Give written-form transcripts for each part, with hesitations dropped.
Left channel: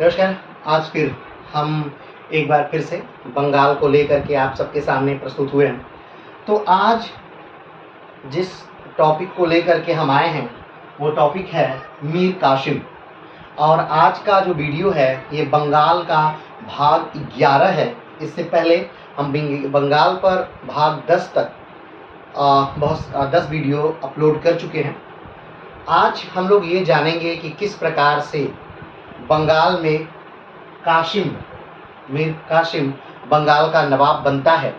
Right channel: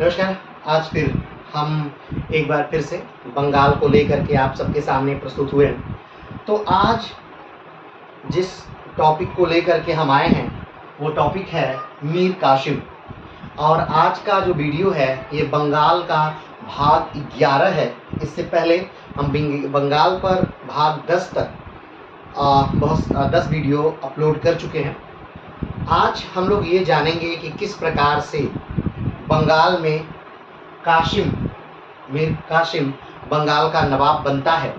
नमस्कार। आज फिर हम एक बार फिर से बंगाल को लेकर के आप सबके सामने प्रस्तुत हुए हैं। तो आज जिस टॉपिक को लेकर के हम आए हैं वो टॉपिक है मीर कासिम। और आज का जो वीडियो है ये बंगाल का भाग 11 है। इससे पहले हम बंगाल पर भाग 10 तक 10 वीडियो अपलोड कर चुके हैं। आज हम लोग ये जानेंगे कि किस प्रकार से बंगाल में मीर कासिम बंगाल का नवाब बनता है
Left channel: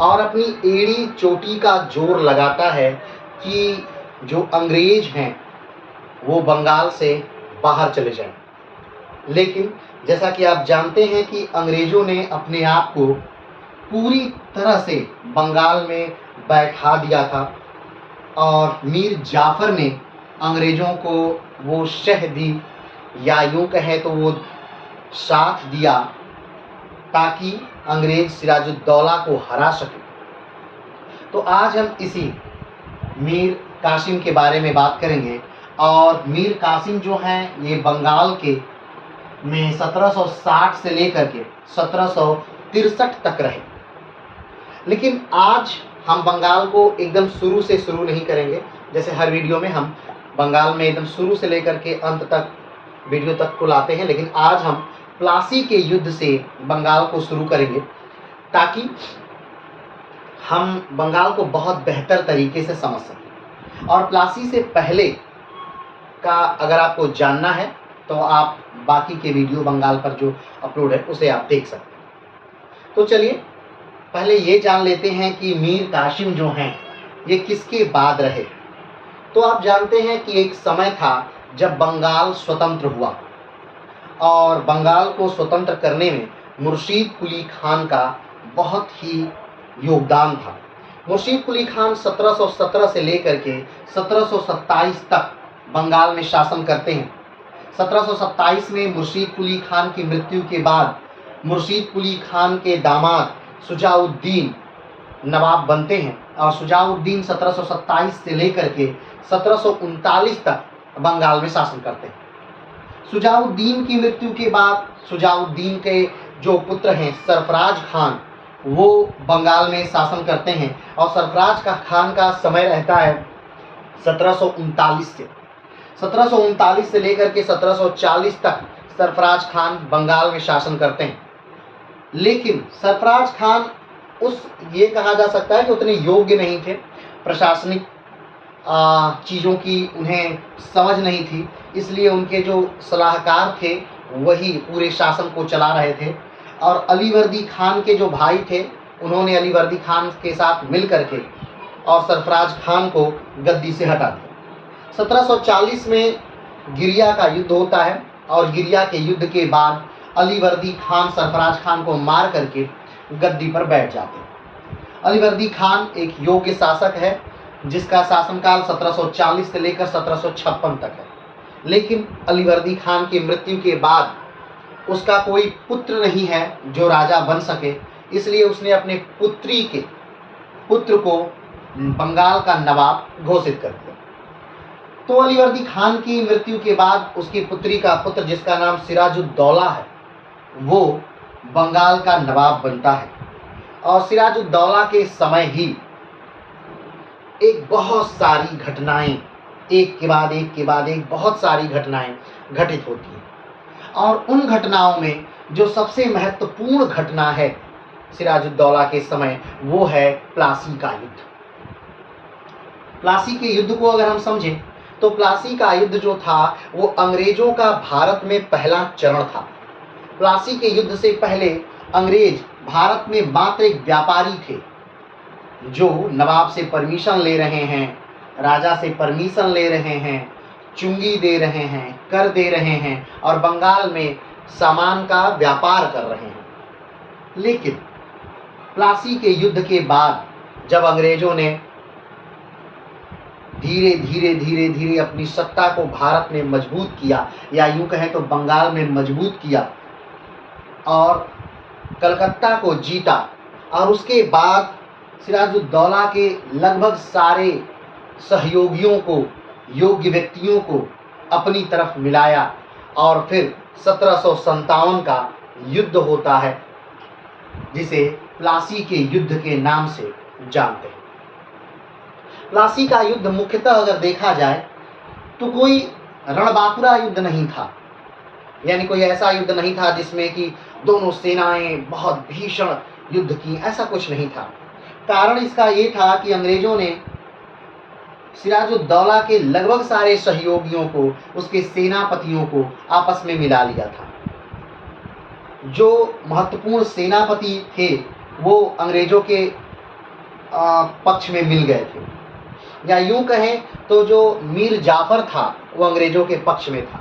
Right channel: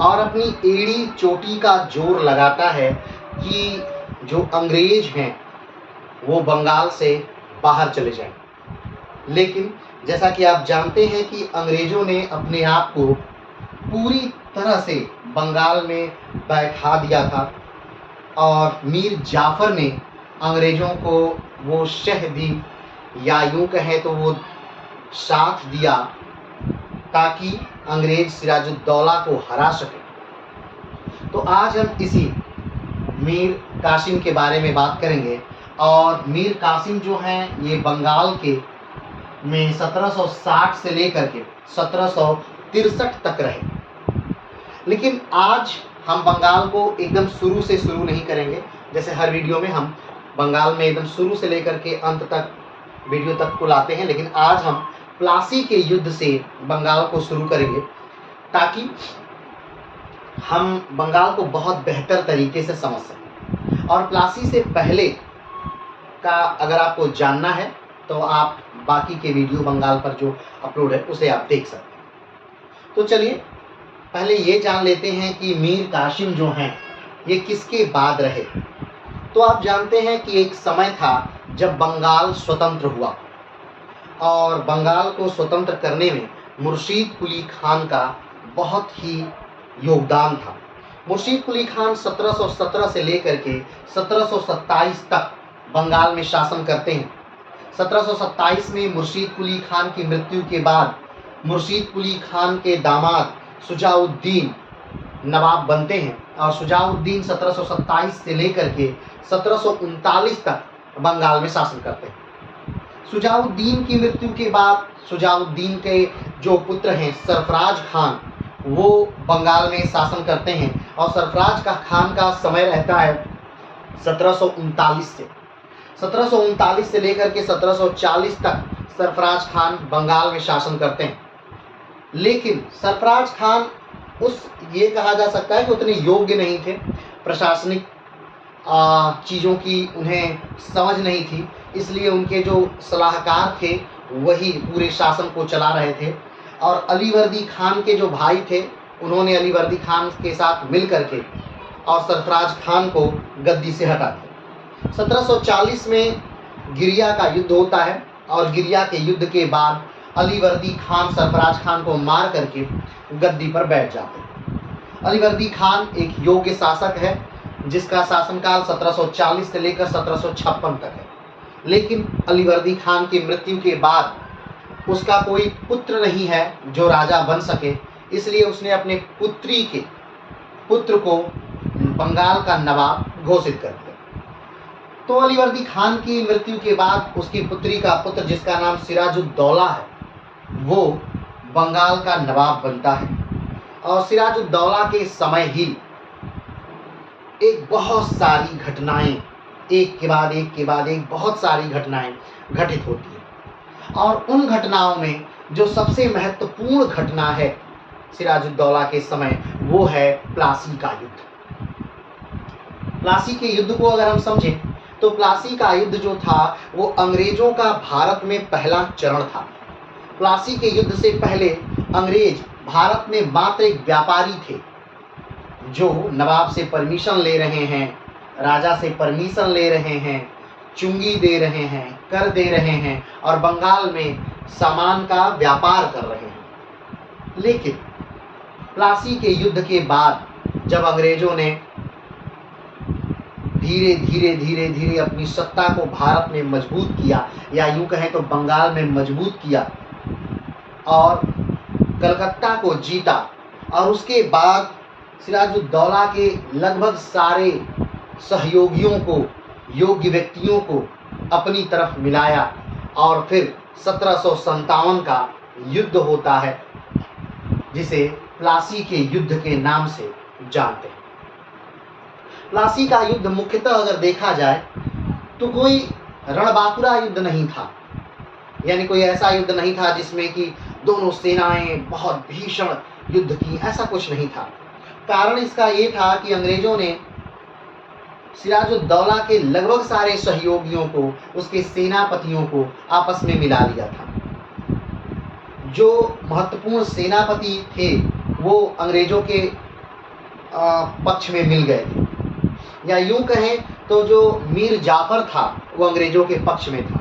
और अपनी एड़ी चोटी का जोर लगाता है कि जो अंग्रेज हैं वो बंगाल से बाहर चले जाएं। लेकिन जैसा कि आप जानते हैं कि अंग्रेज़ों ने अपने आप को पूरी तरह से बंगाल में बैठा दिया था और मीर जाफ़र ने अंग्रेज़ों को वो शह दी या यूँ कहें तो वो साथ दिया ताकि अंग्रेज़ सिराजुद्दौला को हरा सके। तो आज हम इसी मीर कासिम के बारे में बात करेंगे। और मीर कासिम जो हैं ये बंगाल के में 1760 से लेकर के 1763 तक रहे। लेकिन आज हम बंगाल को एकदम शुरू से शुरू नहीं करेंगे। जैसे हर वीडियो में हम बंगाल में एकदम शुरू से लेकर के अंत तक वीडियो तक को लाते हैं, लेकिन आज हम प्लासी के युद्ध से बंगाल को शुरू करेंगे ताकि हम बंगाल को बहुत बेहतर तरीके से समझ सकें। और प्लासी से पहले का अगर आपको जानना है तो आप बाकी के वीडियो बंगाल पर जो अपलोड है उसे आप देख सकते हैं। तो चलिए पहले ये जान लेते हैं कि मीर कासिम जो हैं ये किसके बाद रहे। तो आप जानते हैं कि एक समय था जब बंगाल स्वतंत्र हुआ और बंगाल को स्वतंत्र करने में मुर्शीद कुली खान का बहुत ही योगदान था। मुर्शीद कुली खान 1717 से लेकर के 1727 तक बंगाल में शासन करते हैं। 1727 में मुर्शीद कुली खान की मृत्यु के बाद मुर्शीद कुली खान के दामाद शुजाउद्दीन नवाब बनते हैं और शुजाउद्दीन 1727 से लेकर के 1739 तक बंगाल में शासन करते हैं। शुजाउद्दीन की मृत्यु के बाद शुजाउद्दीन के जो पुत्र हैं सरफराज खान वो बंगाल में शासन करते हैं और सरफराज का खान का समय रहता है 1739 से लेकर के 1740 तक सरफराज खान बंगाल में शासन करते हैं। लेकिन सरफराज खान ये कहा जा सकता है कि उतने योग्य नहीं थे। प्रशासनिक चीज़ों की उन्हें समझ नहीं थी, इसलिए उनके जो सलाहकार थे वही पूरे शासन को चला रहे थे। और अलीवर्दी खान के जो भाई थे उन्होंने अलीवर्दी खान के साथ मिल करके और सरफराज खान को गद्दी से हटा दिया। 1740 में गिरिया का युद्ध होता है और गिरिया के युद्ध के बाद अलीवर्दी खान सरफराज खान को मार करके गद्दी पर बैठ जाते हैं। अलीवर्दी खान एक योग्य शासक है जिसका शासनकाल 1740 से लेकर 1756 तक है। लेकिन अलीवर्दी खान की मृत्यु के बाद उसका कोई पुत्र नहीं है जो राजा बन सके, इसलिए उसने अपने पुत्र को बंगाल का नवाब घोषित कर दिया। तो अलीवर्दी खान की मृत्यु के बाद उसकी पुत्री का पुत्र जिसका नाम सिराजुद्दौला है वो बंगाल का नवाब बनता है। और सिराजुद्दौला के समय ही एक बहुत सारी घटनाएं एक के बाद एक बहुत सारी घटनाएं घटित होती हैं। और उन घटनाओं में जो सबसे महत्वपूर्ण घटना है सिराजुद्दौला के समय वो है प्लासी का युद्ध। प्लासी के युद्ध को अगर हम समझें तो प्लासी का युद्ध जो था वो अंग्रेजों का भारत में पहला चरण था। प्लासी के युद्ध से पहले अंग्रेज भारत में मात्र एक व्यापारी थे जो नवाब से परमिशन ले रहे हैं, राजा से परमिशन ले रहे हैं, चुंगी दे रहे हैं, कर दे रहे हैं और बंगाल में सामान का व्यापार कर रहे हैं। लेकिन प्लासी के युद्ध के बाद जब अंग्रेजों ने धीरे धीरे अपनी सत्ता को भारत में मजबूत किया या यूं कहें तो बंगाल में मजबूत किया और कलकत्ता को जीता और उसके बाद सिराजुद्दौला के लगभग सारे सहयोगियों को, योग्य व्यक्तियों को अपनी तरफ मिलाया और फिर 1757 का युद्ध होता है, जिसे प्लासी के युद्ध के नाम से जानते हैं। प्लासी का युद्ध मुख्यतः अगर देखा जाए तो कोई रणबांकुरा युद्ध नहीं था, यानी कोई ऐसा युद्ध नहीं था जिसमें कि दोनों सेनाएं बहुत भीषण युद्ध की, ऐसा कुछ नहीं था। कारण इसका ये था कि अंग्रेजों ने सिराजुद्दौला के लगभग सारे सहयोगियों को, उसके सेनापतियों को आपस में मिला लिया था। जो महत्वपूर्ण सेनापति थे वो अंग्रेजों के पक्ष में मिल गए थे, या यूं कहें तो जो मीर जाफर था वो अंग्रेजों के पक्ष में था।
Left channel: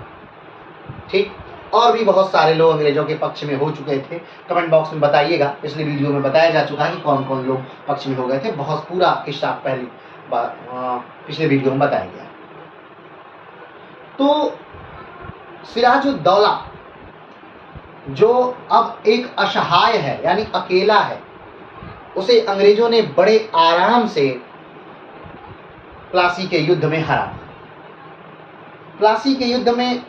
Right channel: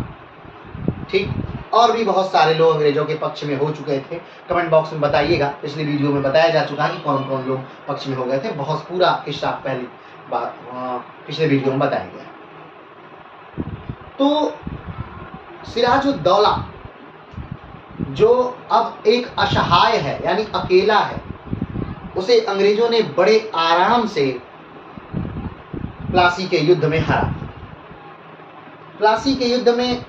ठीक, और भी बहुत सारे लोग अंग्रेजों के पक्ष में हो चुके थे। कमेंट बॉक्स में बताइएगा, पिछले वीडियो में बताया जा चुका है कि कौन कौन लोग पक्ष में हो गए थे। बहुत पूरा किस्सा पहली बार पिछले वीडियो में बताया गया। तो सिराजुद्दौला जो अब एक असहाय है, यानी अकेला है, उसे अंग्रेजों ने बड़े आराम से प्लासी के युद्ध में हरा। प्लासी के युद्ध में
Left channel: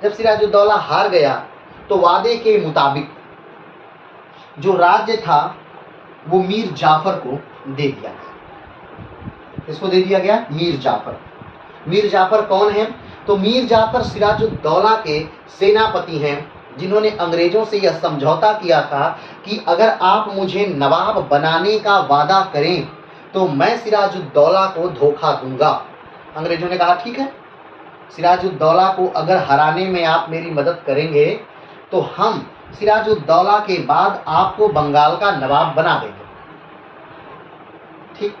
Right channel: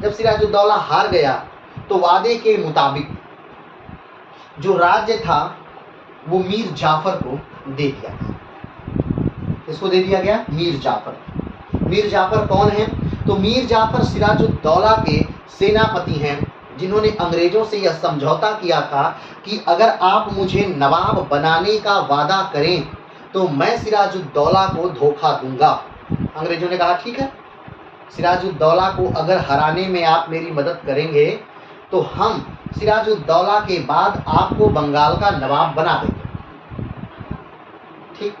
जब सिराजुद्दौला हार गया तो वादे के मुताबिक जो राज्य था वो मीर जाफर को दे दिया गया। किसको दे दिया गया? मीर जाफर। मीर जाफर कौन है? तो मीर जाफर सिराजुद्दौला के सेनापति हैं, जिन्होंने अंग्रेजों से यह समझौता किया था कि अगर आप मुझे नवाब बनाने का वादा करें तो मैं सिराजुद्दौला को धोखा दूंगा। अंग्रेजों ने कहा ठीक है, सिराजुद्दौला को अगर हराने में आप मेरी मदद करेंगे तो हम सिराजुद्दौला के बाद आपको बंगाल का नवाब बना देंगे। ठीक,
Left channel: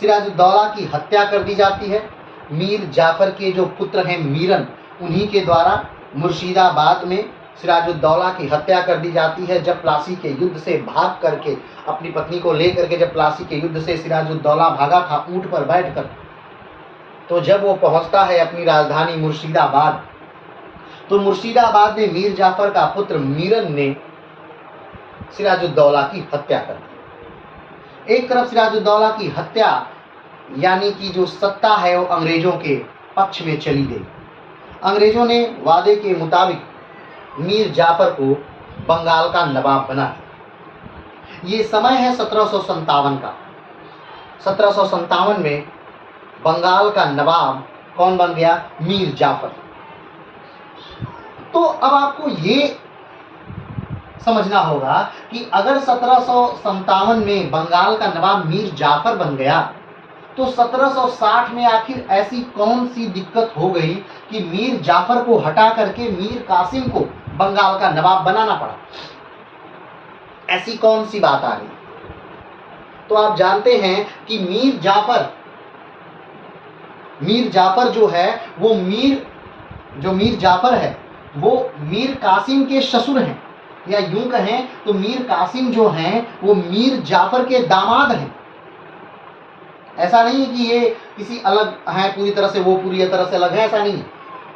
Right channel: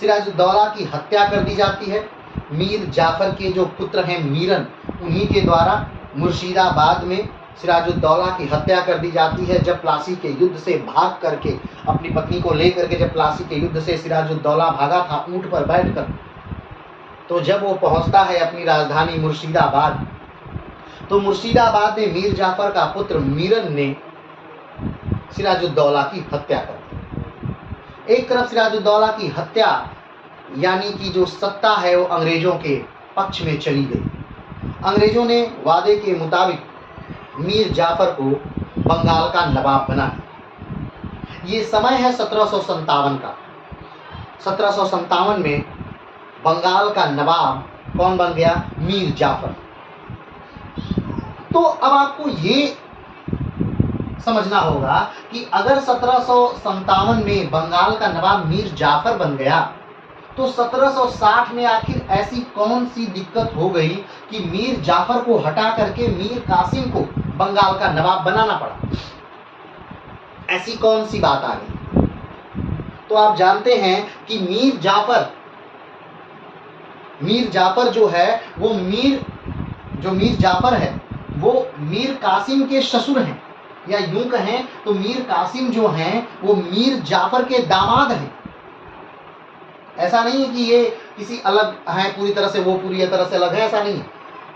सिराजुद्दौला की हत्या कर दी जाती है। मीर जाफर के जो पुत्र हैं मीरन, उन्हीं के द्वारा मुर्शिदाबाद में सिराजुद्दौला की हत्या कर दी जाती है। जब प्लासी के युद्ध से भाग करके, अपनी पत्नी को लेकर के जब प्लासी के युद्ध से सिराजुद्दौला भागा था ऊंट पर बैठकर, तो जब वो पहुंचता है अपनी राजधानी मुर्शिदाबाद, तो मुर्शिदाबाद में मीर जाफर का पुत्र मीरन ने सिराजुद्दौला की हत्या कर दी। एक तरफ सिराजुद्दौला की हत्या यानी कि जो सत्ता है वो अंग्रेजों के पक्ष में चली गई। अंग्रेजों ने वादे के मुताबिक मीर जाफर को बंगाल का नवाब बना दिया। ये समय है 1757 का। 1757 में बंगाल का नवाब कौन बन गया? मीर जाफर। तो अब आपको ये समझना होगा कि अगर 1757 में बंगाल का नवाब मीर जाफर बन गया तो 1760 में आखिर ऐसी कौन सी दिक्कत हो गई कि मीर जाफर को हटा करके मीर कासिम को बंगाल का नवाब बनाना पड़ा? ऐसी कौन सी बात आ गई? तो आप जानते हैं कि मीर जाफर जो है वो मीर जाफर है वो मीर कासिम के ससुर हैं, या यूं कहें तो मीर कासिम जो हैं वो मीर जाफर के दामाद हैं। ऐसा नहीं है कि ये किसी अलग है पूरी तरह से, वो पूरी तरह से अलग है, ऐसा नहीं है।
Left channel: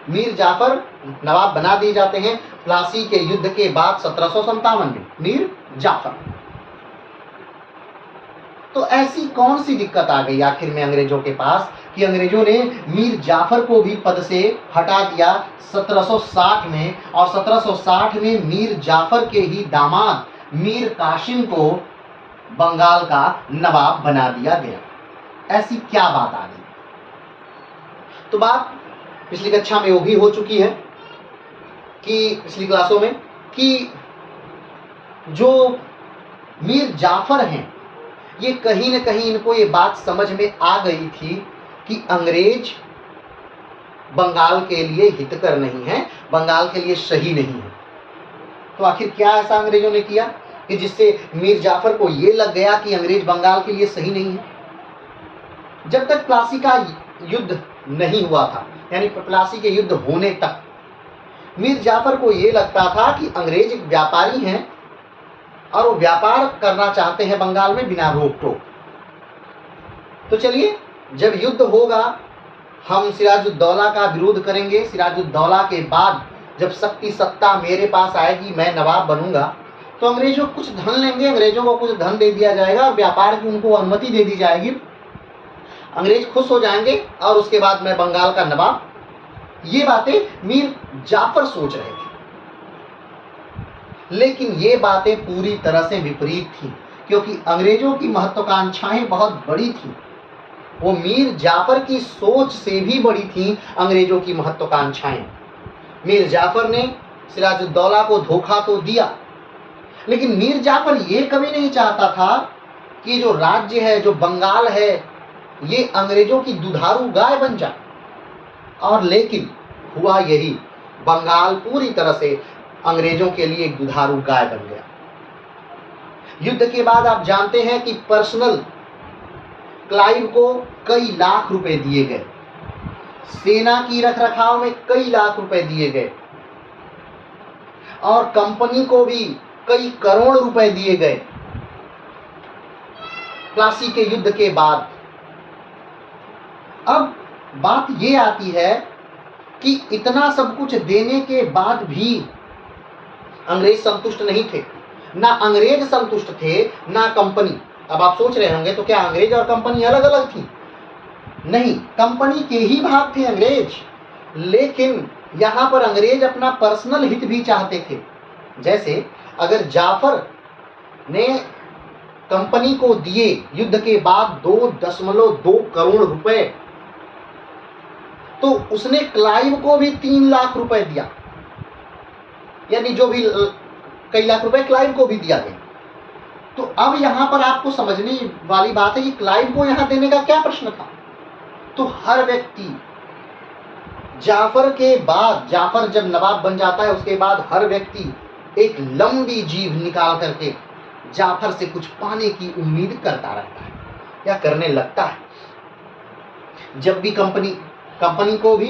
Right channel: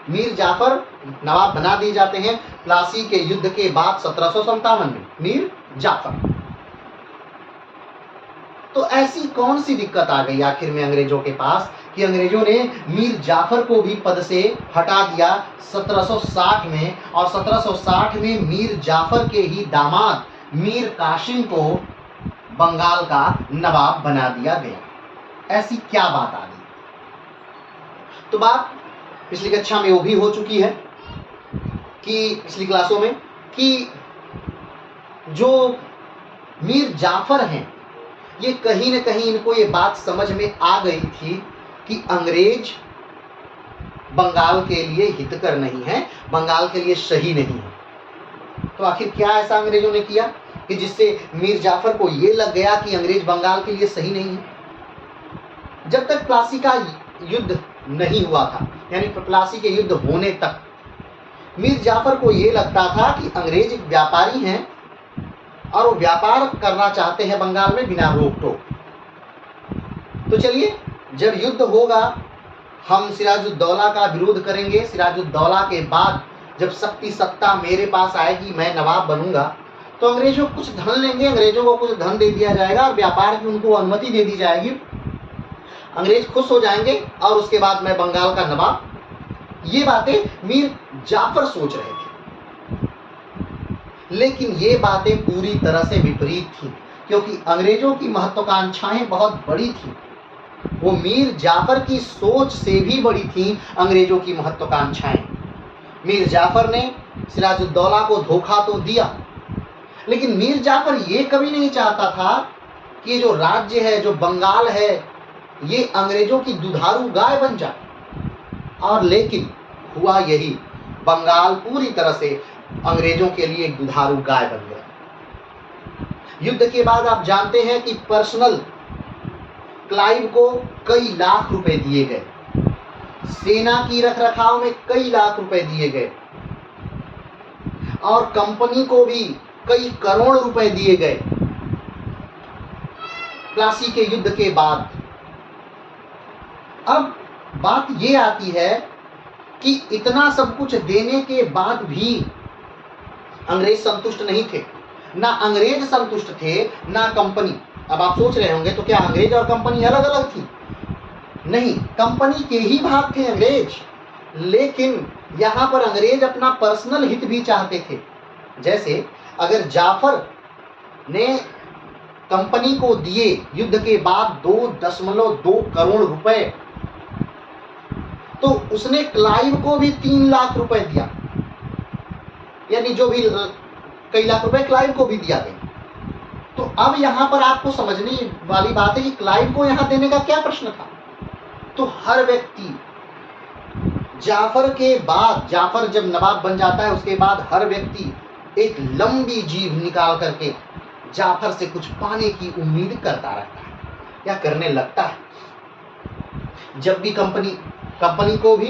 मीर जाफर नवाब बना दिए जाते हैं प्लासी के युद्ध के बाद 1757 में, मीर जाफर। तो ऐसी कौन सी दिक्कत आ गई आखिर में अंग्रेजों के पास कि अंग्रेजों ने मीर जाफर को भी पद से हटा दिया 1760 में, और 1760 में मीर जाफर के ही दामाद मीर कासिम को बंगाल का नवाब बना दिया गया। ऐसी क्या बात आ गई? तो बात पिछली कक्षा में वो भी हो चुकी है कि पिछली क्लासों में कि जो मीर जाफर हैं ये कहीं न कहीं इनको ये बात समझ में आ गई थी कि अंग्रेज बंगाल के लिए हितकर नहीं है, बंगाल के लिए सही नहीं है। तो आखिर क्या ऐसा अंग्रेजों ने किया कि जिससे मीर जाफर को ये लग गया कि अंग्रेज बंगाल के लिए सही नहीं है? जब तक प्लासी का युद्ध नहीं हुआ था, यानी प्लासी के युद्ध होने तक मीर जाफर को ये लगता था कि अंग्रेज एक व्यापारी हैं और वो व्यापार करना चाहते हैं बंगाल में बिना रोक टोक। तो चलिए, जब युद्ध होगा हम सिराजुद्दौला का विरोध करेंगे, सिराजुद्दौला के बाद जब शक्ति सत्ता मेरे पास आएगी, मैं नवाब बनूंगा, तो अंग्रेजों कुछ धन लेंगे, अंग्रेजों को कुछ धन दे दिया जाएगा और व्यापार की उनको अनुमति दे दी जाएगी, अंग्रेज खुश हो जाएंगे और उसके बाद मैं बंगाल का नवाब ये बातें मीर जाफर सोच रहे थे, लेकिन ये बातें पूरी तरह से विपरीत थी, क्योंकि अंग्रेजों की महत्वाकांक्षाएं बहुत बड़ी थी। वो मीर जाफर की सोच से भी बड़ी थी अंग्रेजों की महत्वाकांक्षाएं। मीर जाफर ने सिराजुद्दौला को धोखा तो दिया, लेकिन मीर जाफर ये कभी नहीं चाहता था कि जो राज्य है, जो बंगाल है, ये अंग्रेजों की दुधारू गाय बन जाए। और लेकिन हुआ यही, बंगाल पूरी तरह से अंग्रेजों के लिए एक दुधारू गाय बन गया। युद्ध के बाद आप जानते हैं कि पर्सनल क्लाइव को कई लाख रुपए दिए गए, सेना की रखरखाव में कई लाख रुपए दिए गए, और कंपनी को भी कई करोड़ रुपए दिए गए। प्लासी के युद्ध के बाद अब बात ये आती है कि इतना सब कुछ देने के बाद भी अंग्रेज संतुष्ट नहीं थे। ना अंग्रेज संतुष्ट थे, ना कंपनी। अब आप सोच रहे होंगे तो क्या अंग्रेज और कंपनी अलग अलग थी? नहीं, कंपनी के ही भाग थे अंग्रेज, लेकिन यहां पर अंग्रेज अपना पर्सनल हित भी चाहते थे। जैसे अगर जाफर ने कंपनी को दिए युद्ध के बाद 2.2 करोड़ रुपए, तो उसने क्लाइव को भी 3 लाख रुपए दिया, यानी जो भी कई लाख रुपए क्लाइव को भी दिया गया। तो अब यहां पर आपको समझने वाली बात है कि क्लाइव को यहां देने का क्या प्रश्न था। तो हर व्यक्ति जाफर के बाद, जाफर जब नवाब बन जाता है उसके बाद हर व्यक्ति एक लंबी जीभ निकाल करके जाफर से कुछ पाने की उम्मीद करता रहता है या करने लगता है। जब भी कंपनी को भी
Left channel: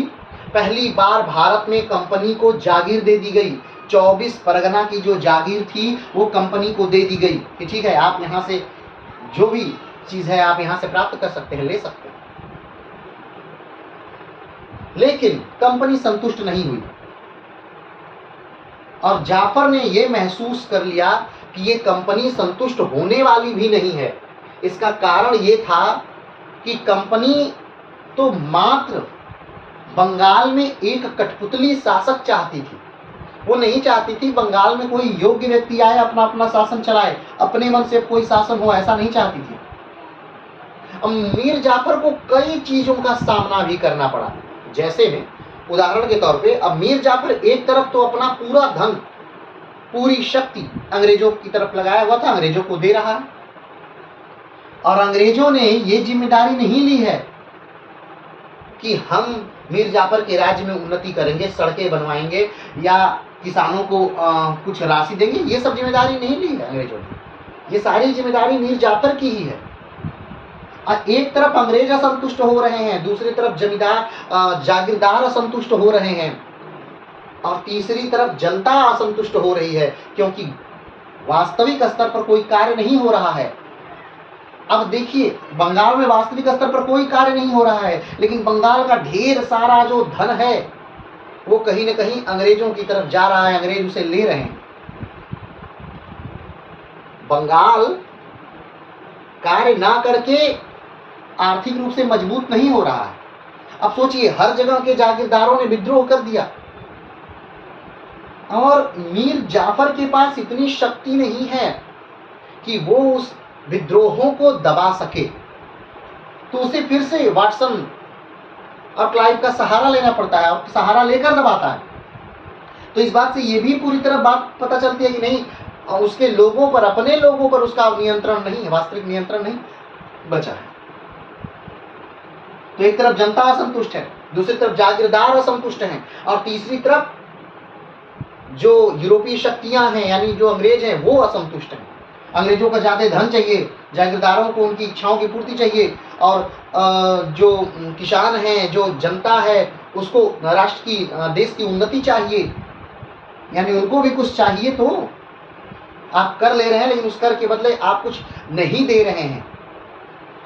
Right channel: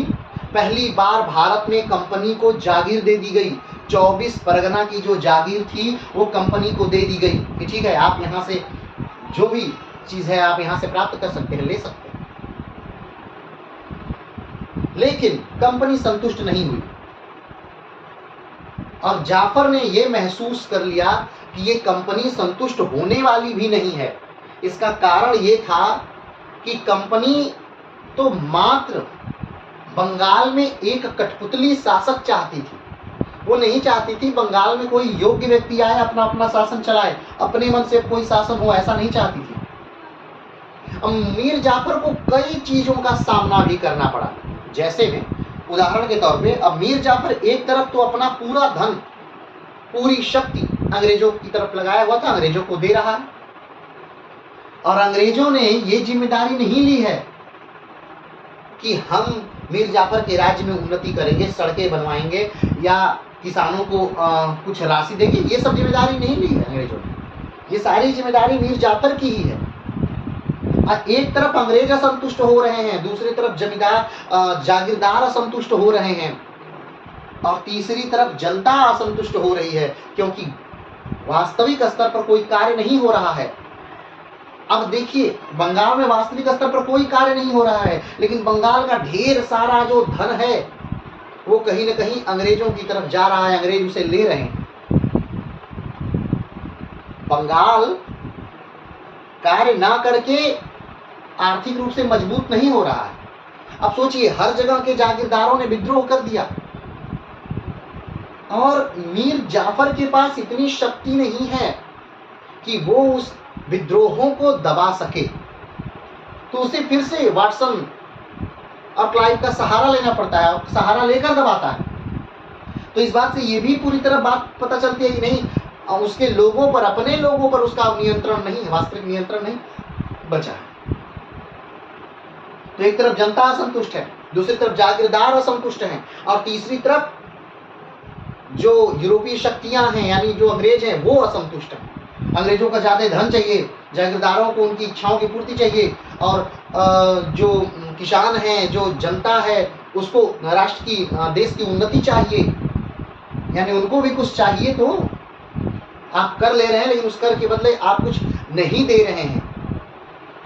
पहली बार भारत में कंपनी को जागीर दे दी गई, 24 परगना की जो जागीर थी वो कंपनी को दे दी गई कि ठीक है, आप यहाँ से जो भी चीज़ है आप यहाँ से प्राप्त कर सकते हैं, ले सकते हैं। लेकिन कंपनी संतुष्ट नहीं हुई और जाफर ने यह महसूस कर लिया कि ये कंपनी संतुष्ट होने वाली भी नहीं है। इसका कारण ये था कि कंपनी तो मात्र बंगाल में एक कठपुतली शासक चाहती थी। वो नहीं चाहती थी बंगाल में कोई योग्य व्यक्ति आए, अपना अपना शासन चलाए, अपने मन से कोई शासन हो, ऐसा नहीं चाहती थी। अब मीर जाफर को कई चीजों का सामना भी करना पड़ा। जैसे में उदाहरण के तौर पे, अब मीर जाफर एक तरफ तो अपना पूरा धन, पूरी शक्ति अंग्रेजों की तरफ लगाया हुआ था, अंग्रेजों को दे रहा है, और अंग्रेजों ने ये जिम्मेदारी नहीं ली है कि हम मीर जाफर के राज्य में उन्नति करेंगे, सड़कें बनवाएंगे या किसानों को कुछ राशि देंगे। ये सब जिम्मेदारी नहीं ली है अंग्रेजों ने, ये सारी जिम्मेदारी मीर जाफर की ही है। एक तरफ अंग्रेज असंतुष्ट हो रहे हैं, दूसरी तरफ जमींदार जागीरदार असंतुष्ट हो रहे हैं, और तीसरी तरफ जनता असंतुष्ट हो रही है क्योंकि वास्तविक स्तर पर कोई कार्य नहीं हो रहा है। अब देखिए, बंगाल में वास्तविक स्तर पर कोई कार्य नहीं हो रहा है, लेकिन बंगाल का ढेर सारा जो धन है वो कहीं ना कहीं अंग्रेजों की तरफ जा रहा है, अंग्रेज उसे ले रहे हैं। बंगाल कार्य ना करके आर्थिक रूप से मजबूत नहीं हो रहा है। अब सोचिए, हर जगह के जागीरदारों ने विद्रोह कर दिया और मीर जाफर के पास इतनी शक्ति नहीं है कि वो उस विद्रोहों को दबा सके, तो उसे फिर से वाटसन और क्लाइव का सहारा लेना पड़ता है और सहारा लेकर दबाता है। तो इस बात से ये भी पूरी तरह बात पता चलती है कि नहीं, उसके लोगों पर, अपने लोगों पर उसका नियंत्रण नहीं है, वास्तविक नियंत्रण नहीं बचा है। तो एक तरफ जनता असंतुष्ट है, दूसरी तरफ जागीरदार असंतुष्ट हैं, और तीसरी तरफ जो यूरोपीय शक्तियां हैं यानी जो अंग्रेज हैं वो असंतुष्ट हैं। अंग्रेजों का ज्यादा धन चाहिए, जागीरदारों को उनकी इच्छाओं की पूर्ति चाहिए, और जो किसान हैं, जो जनता है, उसको राष्ट्र की, देश की उन्नति चाहिए, यानी उनको भी कुछ चाहिए। तो आप कर ले रहे हैं, लेकिन उस कर के बदले आप कुछ नहीं दे रहे हैं।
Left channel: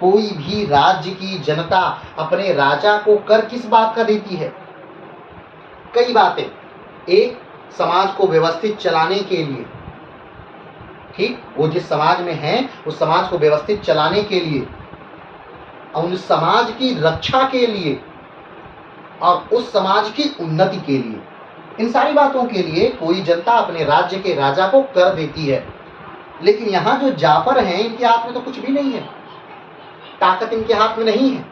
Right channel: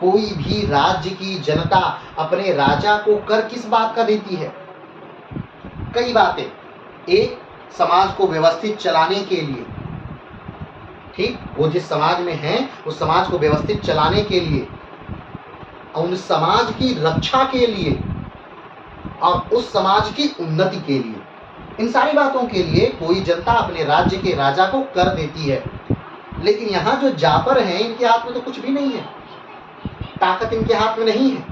कोई भी राज्य की जनता अपने राजा को कर किस बात का देती है? कई बातें, एक, समाज को व्यवस्थित चलाने के लिए, ठीक, वो जिस समाज में है उस समाज को व्यवस्थित चलाने के लिए, और उस समाज की रक्षा के लिए, और उस समाज की उन्नति के लिए, इन सारी बातों के लिए कोई जनता अपने राज्य के राजा को कर देती है। लेकिन यहाँ जो जाफर हैं, इनके हाथ में तो कुछ भी नहीं है, ताकत इनके हाथ में नहीं है।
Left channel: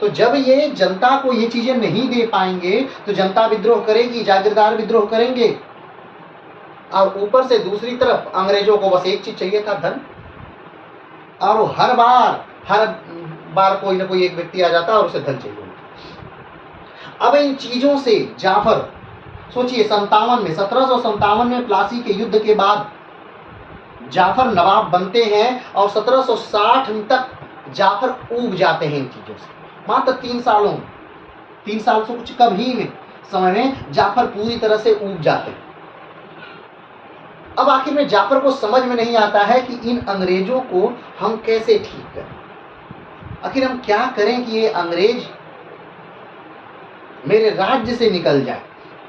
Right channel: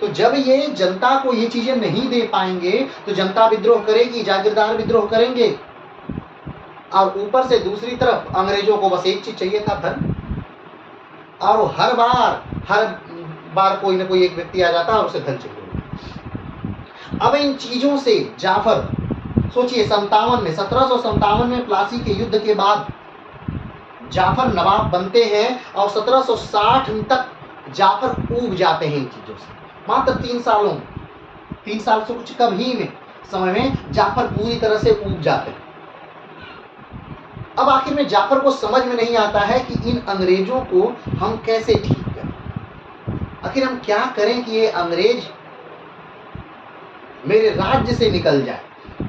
तो जब ये जनता को ये चीजें नहीं दे पाएंगे तो जनता विद्रोह करेगी, जागीरदार विद्रोह करेंगे। और ऊपर से दूसरी तरफ अंग्रेजों को बस एक चीज चाहिए था, धन। और हर बार कोई ना कोई एक व्यक्ति आ जाता और उसे धन चाहिए। अब इन चीजों से जाफर, सोचिए 1757 में प्लासी के युद्ध के बाद जाफर नवाब बनते हैं और 1760 तक जाफर ऊब जाते हैं इन चीजों से। मात्र 3 सालों में, 3 साल से कुछ कम ही में समय में जाफर पूरी तरह से ऊब जाते हैं। अब आखिर में जाफर को समझ में नहीं आता है कि इन अंग्रेजों को हम कैसे ठीक करें, आखिर हम क्या करें कि ये अंग्रेज मेरे राज्य से निकल जाए,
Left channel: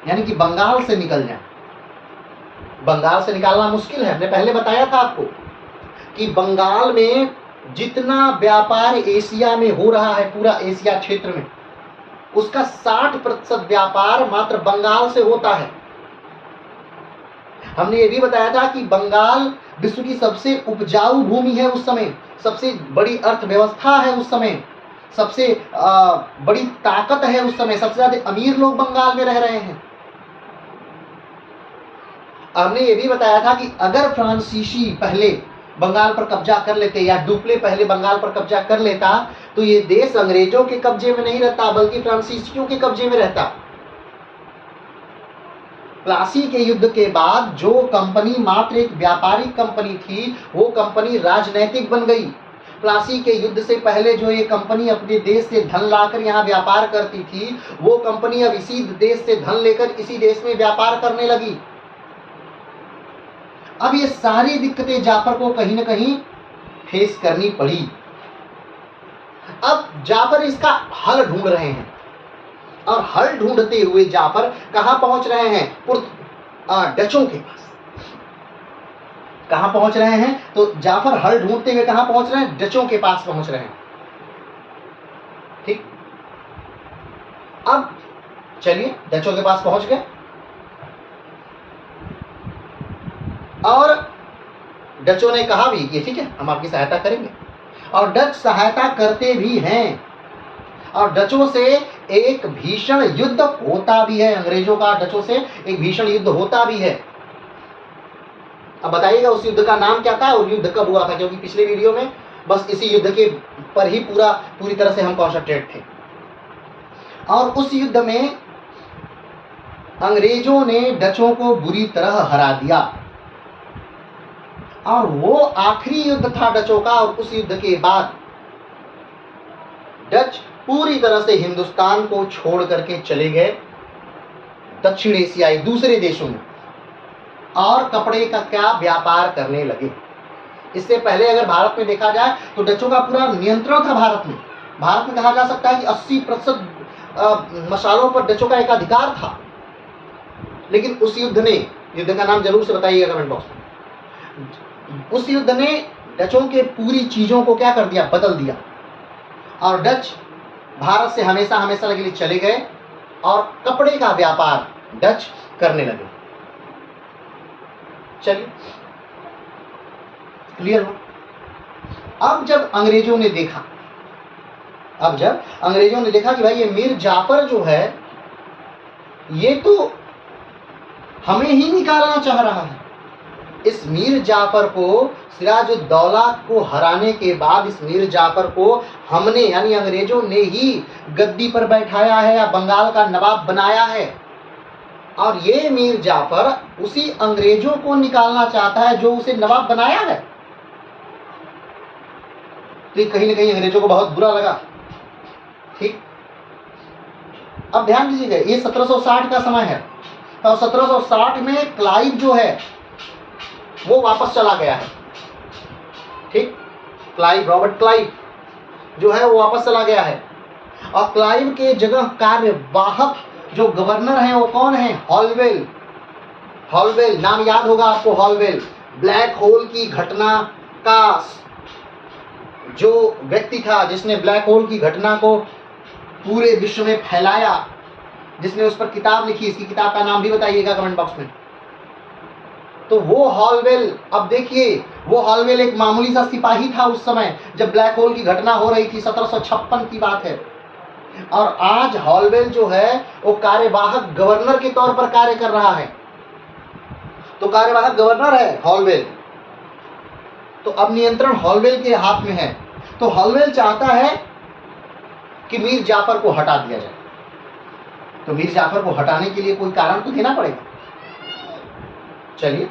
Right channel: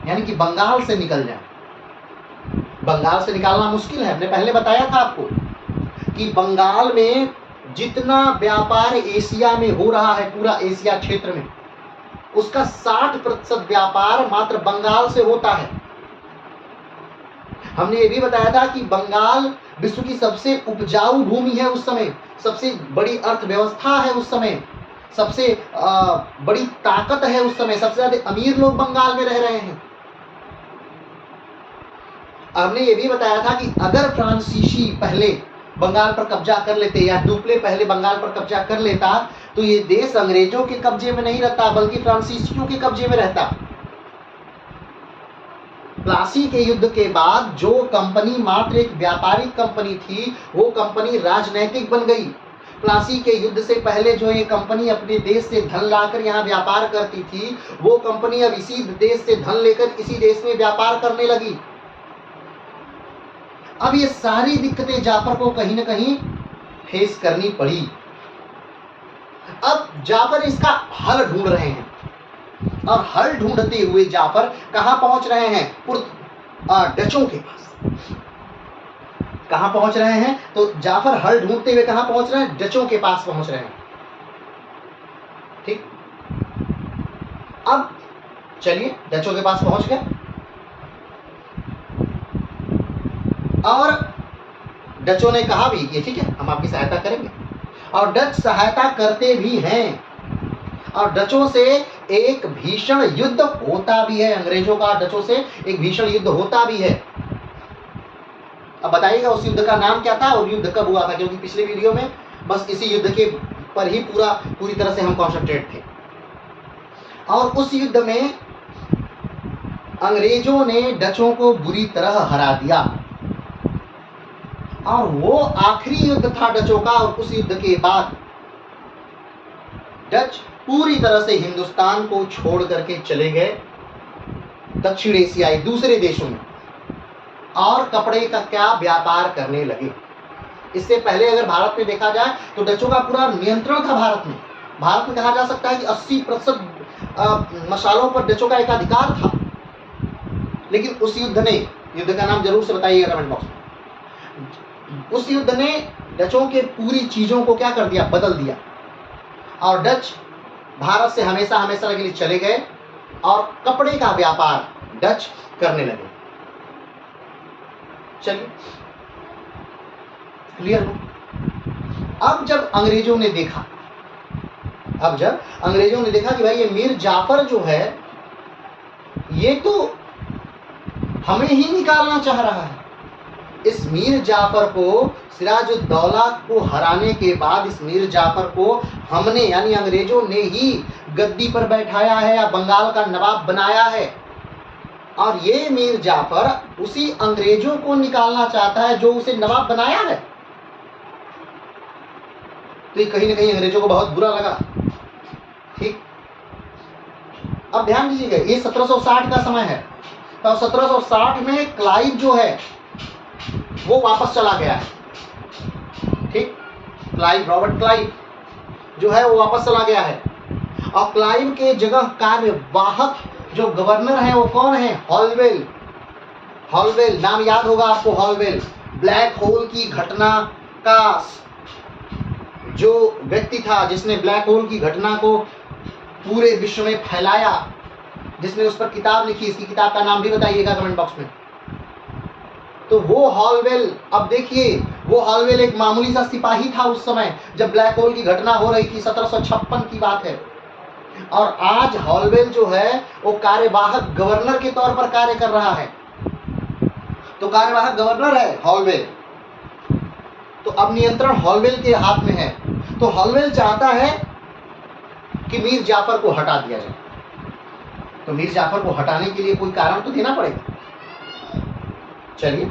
यानी कि बंगाल से निकल जाए। बंगाल से निकालना मुश्किल है, हमने पहले बताया था आपको कि बंगाल में जितना व्यापार एशिया में हो रहा है, पूरा एशिया क्षेत्र में, उसका 60% व्यापार मात्र बंगाल से होता है। हमने ये भी बताया था कि बंगाल विश्व की सबसे उपजाऊ भूमि है उस समय, सबसे बड़ी अर्थव्यवस्था है उस समय, सबसे बड़ी ताकत है उस समय, सबसे ज्यादा अमीर लोग बंगाल में रह रहे हैं। हमने ये भी बताया था कि अगर फ्रांसीसी पहले बंगाल पर कब्जा कर लेते या डुप्ले पहले बंगाल पर कब्जा कर लेता तो ये देश अंग्रेजों के कब्जे में नहीं रहता बल्कि फ्रांसीसियों के कब्जे में रहता। प्लासी के युद्ध के बाद जो कंपनी मात्र एक व्यापारिक कंपनी थी, वो कंपनी राजनैतिक बन गई। प्लासी के युद्ध से पहले जो ये कंपनी अपने देश से धन लाकर यहाँ व्यापार करती थी, वो कंपनी अब इसी देश से धन लेकर इसी देश में व्यापार करने लगी। अब ये सारी दिक्कतें जाफर को कहीं ना कहीं फेस करनी पड़ी। अब जाफर इसका हल ढूंढ रहे हैं और हल ढूंढते हुए जाफर कहां पहुंच रहे हैं? डचों के पास। कहां पहुंच रहे हैं? तो जाफर हल ढूंढते हुए कहां पहुंच रहे हैं? डचों के पास पहुंच रहे हैं। ठीक, अब चलिए डचों के पास पहुंच गए और डचों ने कहा भी कि ठीक है, हम आपकी सहायता करेंगे, और डच सहायता करते भी हैं। और डचों से एक भीषण युद्ध होता भी है, अंग्रेजों का डचों से एक भीषण युद्ध होता भी है। अब बताइएगा उस युद्ध का नाम क्या था और युद्ध कब हुआ था, क्योंकि पिछले वीडियो में बस इसी युद्ध के पर ही पूरी तरह से हम कॉन्सेंट्रेट थे। और उस युद्ध में अंग्रेजों ने डचों को बुरी तरह हरा दिया और वो आखिरी युद्ध था डचों का। और उस युद्ध के बाद डच पूरी तरह से हिंदुस्तान को छोड़ करके चले गए दक्षिण एशियाई दूसरे देशों में और कपड़े का क्या व्यापार करने लगे। इससे पहले अगर भारत में देखा जाए तो डचों का पूरा नियंत्रण था भारत में। भारत में कहा जा सकता है कि 80% मसालों पर डचों का एकाधिकार था। लेकिन उस युद्ध ने, युद्ध का नाम जरूर से बताइएगा कमेंट बॉक्स में, उस युद्ध ने डचों के पूरी चीजों को क्या कर दिया? बदल दिया। और डच भारत से हमेशा हमेशा के लिए चले गए और कपड़े का व्यापार डच करने लगे। चलिए क्लियर हो? अब जब अंग्रेजों ने देखा कि भाई ये मीर जाफर जो है ये तो हमें ही निकालना चाह रहा है, इस मीर जाफर को, सिराजुद्दौला को हराने के बाद इस मीर जाफर को हमने यानी अंग्रेजों ने ही गद्दी पर बैठाया है या बंगाल का नवाब बनाया है। और ये मीर जाफर उसी अंग्रेजों को निकालना चाहता है जो उसे नवाब बनाया है। तो कहीं ना कहीं अंग्रेजों को बहुत बुरा लगा। ठीक, अब ध्यान दीजिएगा, ये 1760 का समय है। तो 1760 में क्लाइव जो है वो वापस चला गया है। ठीक, क्लाइव, रॉबर्ट क्लाइव जो है वो वापस चला गया है। और क्लाइव के जगह कार्यवाहक जो गवर्नर है वो कौन है? हॉलवेल। हॉलवेल नाम याद होगा आपको, हॉलवेल। ब्लैक होल की घटना का जो व्यक्ति था जिसने ब्लैक होल की घटना को पूरे विश्व में फैलाया, जिसने उस पर किताब लिखी, इसकी किताब का नाम भी बताइएगा कमेंट बॉक्स में। तो वो हॉलवेल, अब देखिए वो हॉलवेल एक मामूली सा सिपाही था उस समय जब ब्लैक होल की घटना हो रही थी, 1756 की बात है। और आज हॉलवेल जो है वो कार्यवाहक गवर्नर के तौर पर कार्य कर रहा है। तो कार्यवाहक गवर्नर है हॉलवेल, तो अब नियंत्रण हॉलवेल के हाथ में है। तो हॉलवेल चाहता है कि मीर जाफर को हटा दिया जाए। तो मीर जाफर को हटाने के लिए कोई कारण तो देना पड़ेगा। चलिए,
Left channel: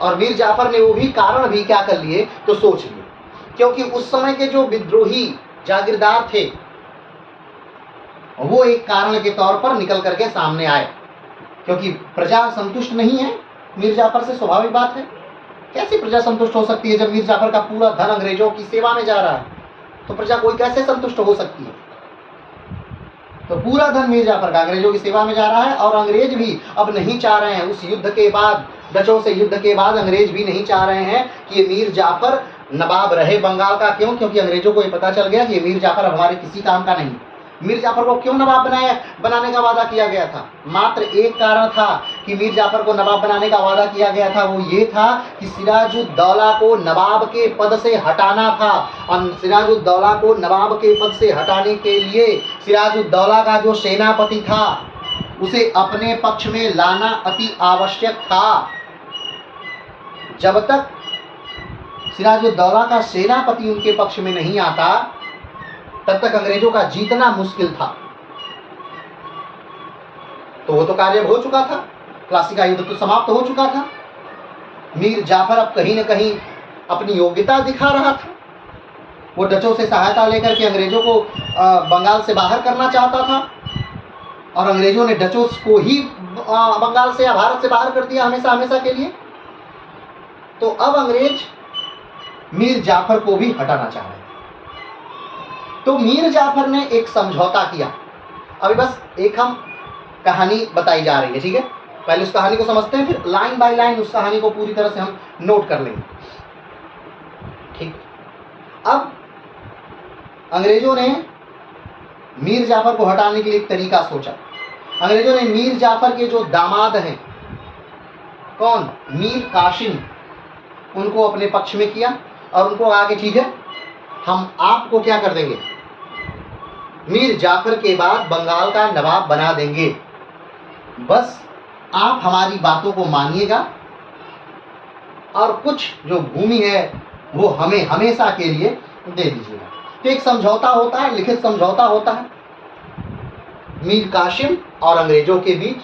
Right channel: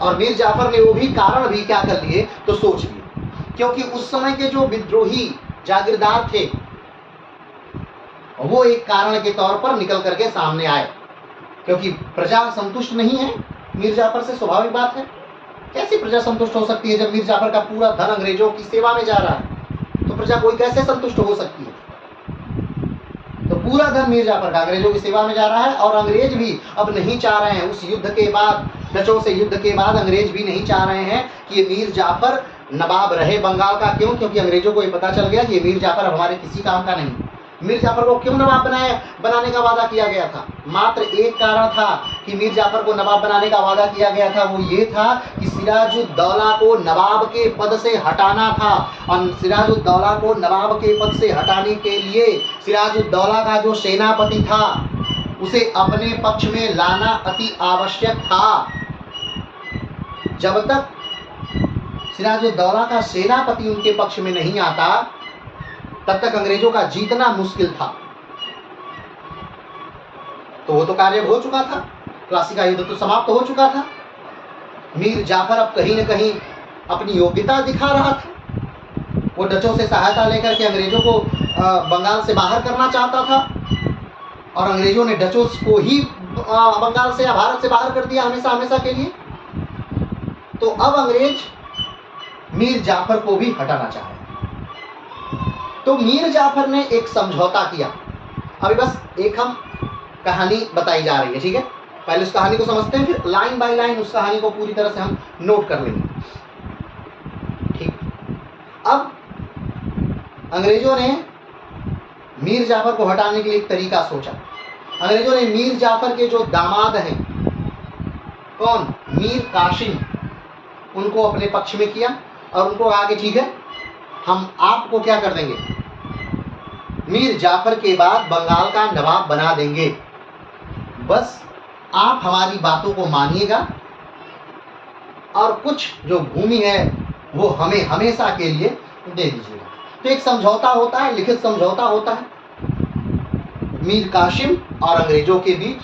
और मीर जाफर ने वो भी कारण भी क्या कर लिए, तो सोच लिए। क्योंकि उस समय के जो विद्रोही जागीरदार थे वो एक कारण के तौर पर निकल करके सामने आए, क्योंकि प्रजा संतुष्ट नहीं है मीर जाफर से, स्वाभाविक बात है। कैसे प्रजा संतुष्ट हो सकती है जब मीर जाफर का पूरा धन अंग्रेजों की सेवा में जा रहा है? तो प्रजा कोई कैसे संतुष्ट हो सकती है? तो पूरा धन मीर जाफर का अंग्रेजों की सेवा में जा रहा है, और अंग्रेज भी अब नहीं चाह रहे हैं, उस युद्ध के बाद, डचों से युद्ध के बाद अंग्रेज भी नहीं चाह रहे हैं कि ये मीर जाफर नवाब रहे बंगाल का। क्यों? क्योंकि अंग्रेजों को ये पता चल गया कि ये मीर जाफर अब हमारे किसी काम का नहीं। मीर जाफर को क्यों नवाब बनाने का वादा किया गया था? मात्र एक कारण था कि मीर जाफर को नवाब बनाने का वादा किया गया था, वो ये था कि सिराजुद्दौला को नवाब के पद से हटाना था। और सिराजुद्दौला को नवाब के पद से हटाने के लिए सिराजुद्दौला का जो सेनापति था उसे अपने पक्ष में लाना अति आवश्यक था। जब तक सिराजुद्दौला का सेनापति उनके पक्ष में नहीं आता तब तक अंग्रेजों का जीतना मुश्किल था। तो वो तो कार्य हो चुका था, प्लासी का युद्ध तो समाप्त हो चुका था। मीर जाफर अब कहीं न कहीं अपनी योग्यता दिखा रहा था। वो डचों से सहायता लेकर के अंग्रेजों को बंगाल से बाहर करना चाहता था, और अंग्रेजों ने डचों को ही बंगाल से या भारत से बाहर कर दिया हमेशा हमेशा के लिए। तो अब अंग्रेज मीर जाफर को भी हटाना चाह रहे हैं। तो मीर जाफर ने एक समझौता किया। अभी बस एक हम कहानी बताई जा रही है, ठीक है? पहले उस कहानी को समझते हैं, फिर लाइन बाय लाइन उस कहानी को पूरी तरह से हम नोट कर लेंगे, ठीक? अब अंग्रेजों ने मीर जाफर को हटाने के लिए एक तरीका सोचा। अंग्रेजों ने मीर जाफर के जो दामाद हैं, कौन? मीर कासिम, उनको अपने पक्ष में किया और उनको आगे, ठीक है, हम आपको क्या कर देंगे, मीर जाफर के बाद बंगाल का नवाब बना देंगे, बस आप हमारी बातों को मानिएगा और कुछ जो भूमि है वो हमें हमेशा के लिए दे दीजिएगा। तो एक समझौता होता है, लिखित समझौता होता है मीर कासिम और अंग्रेजों के बीच,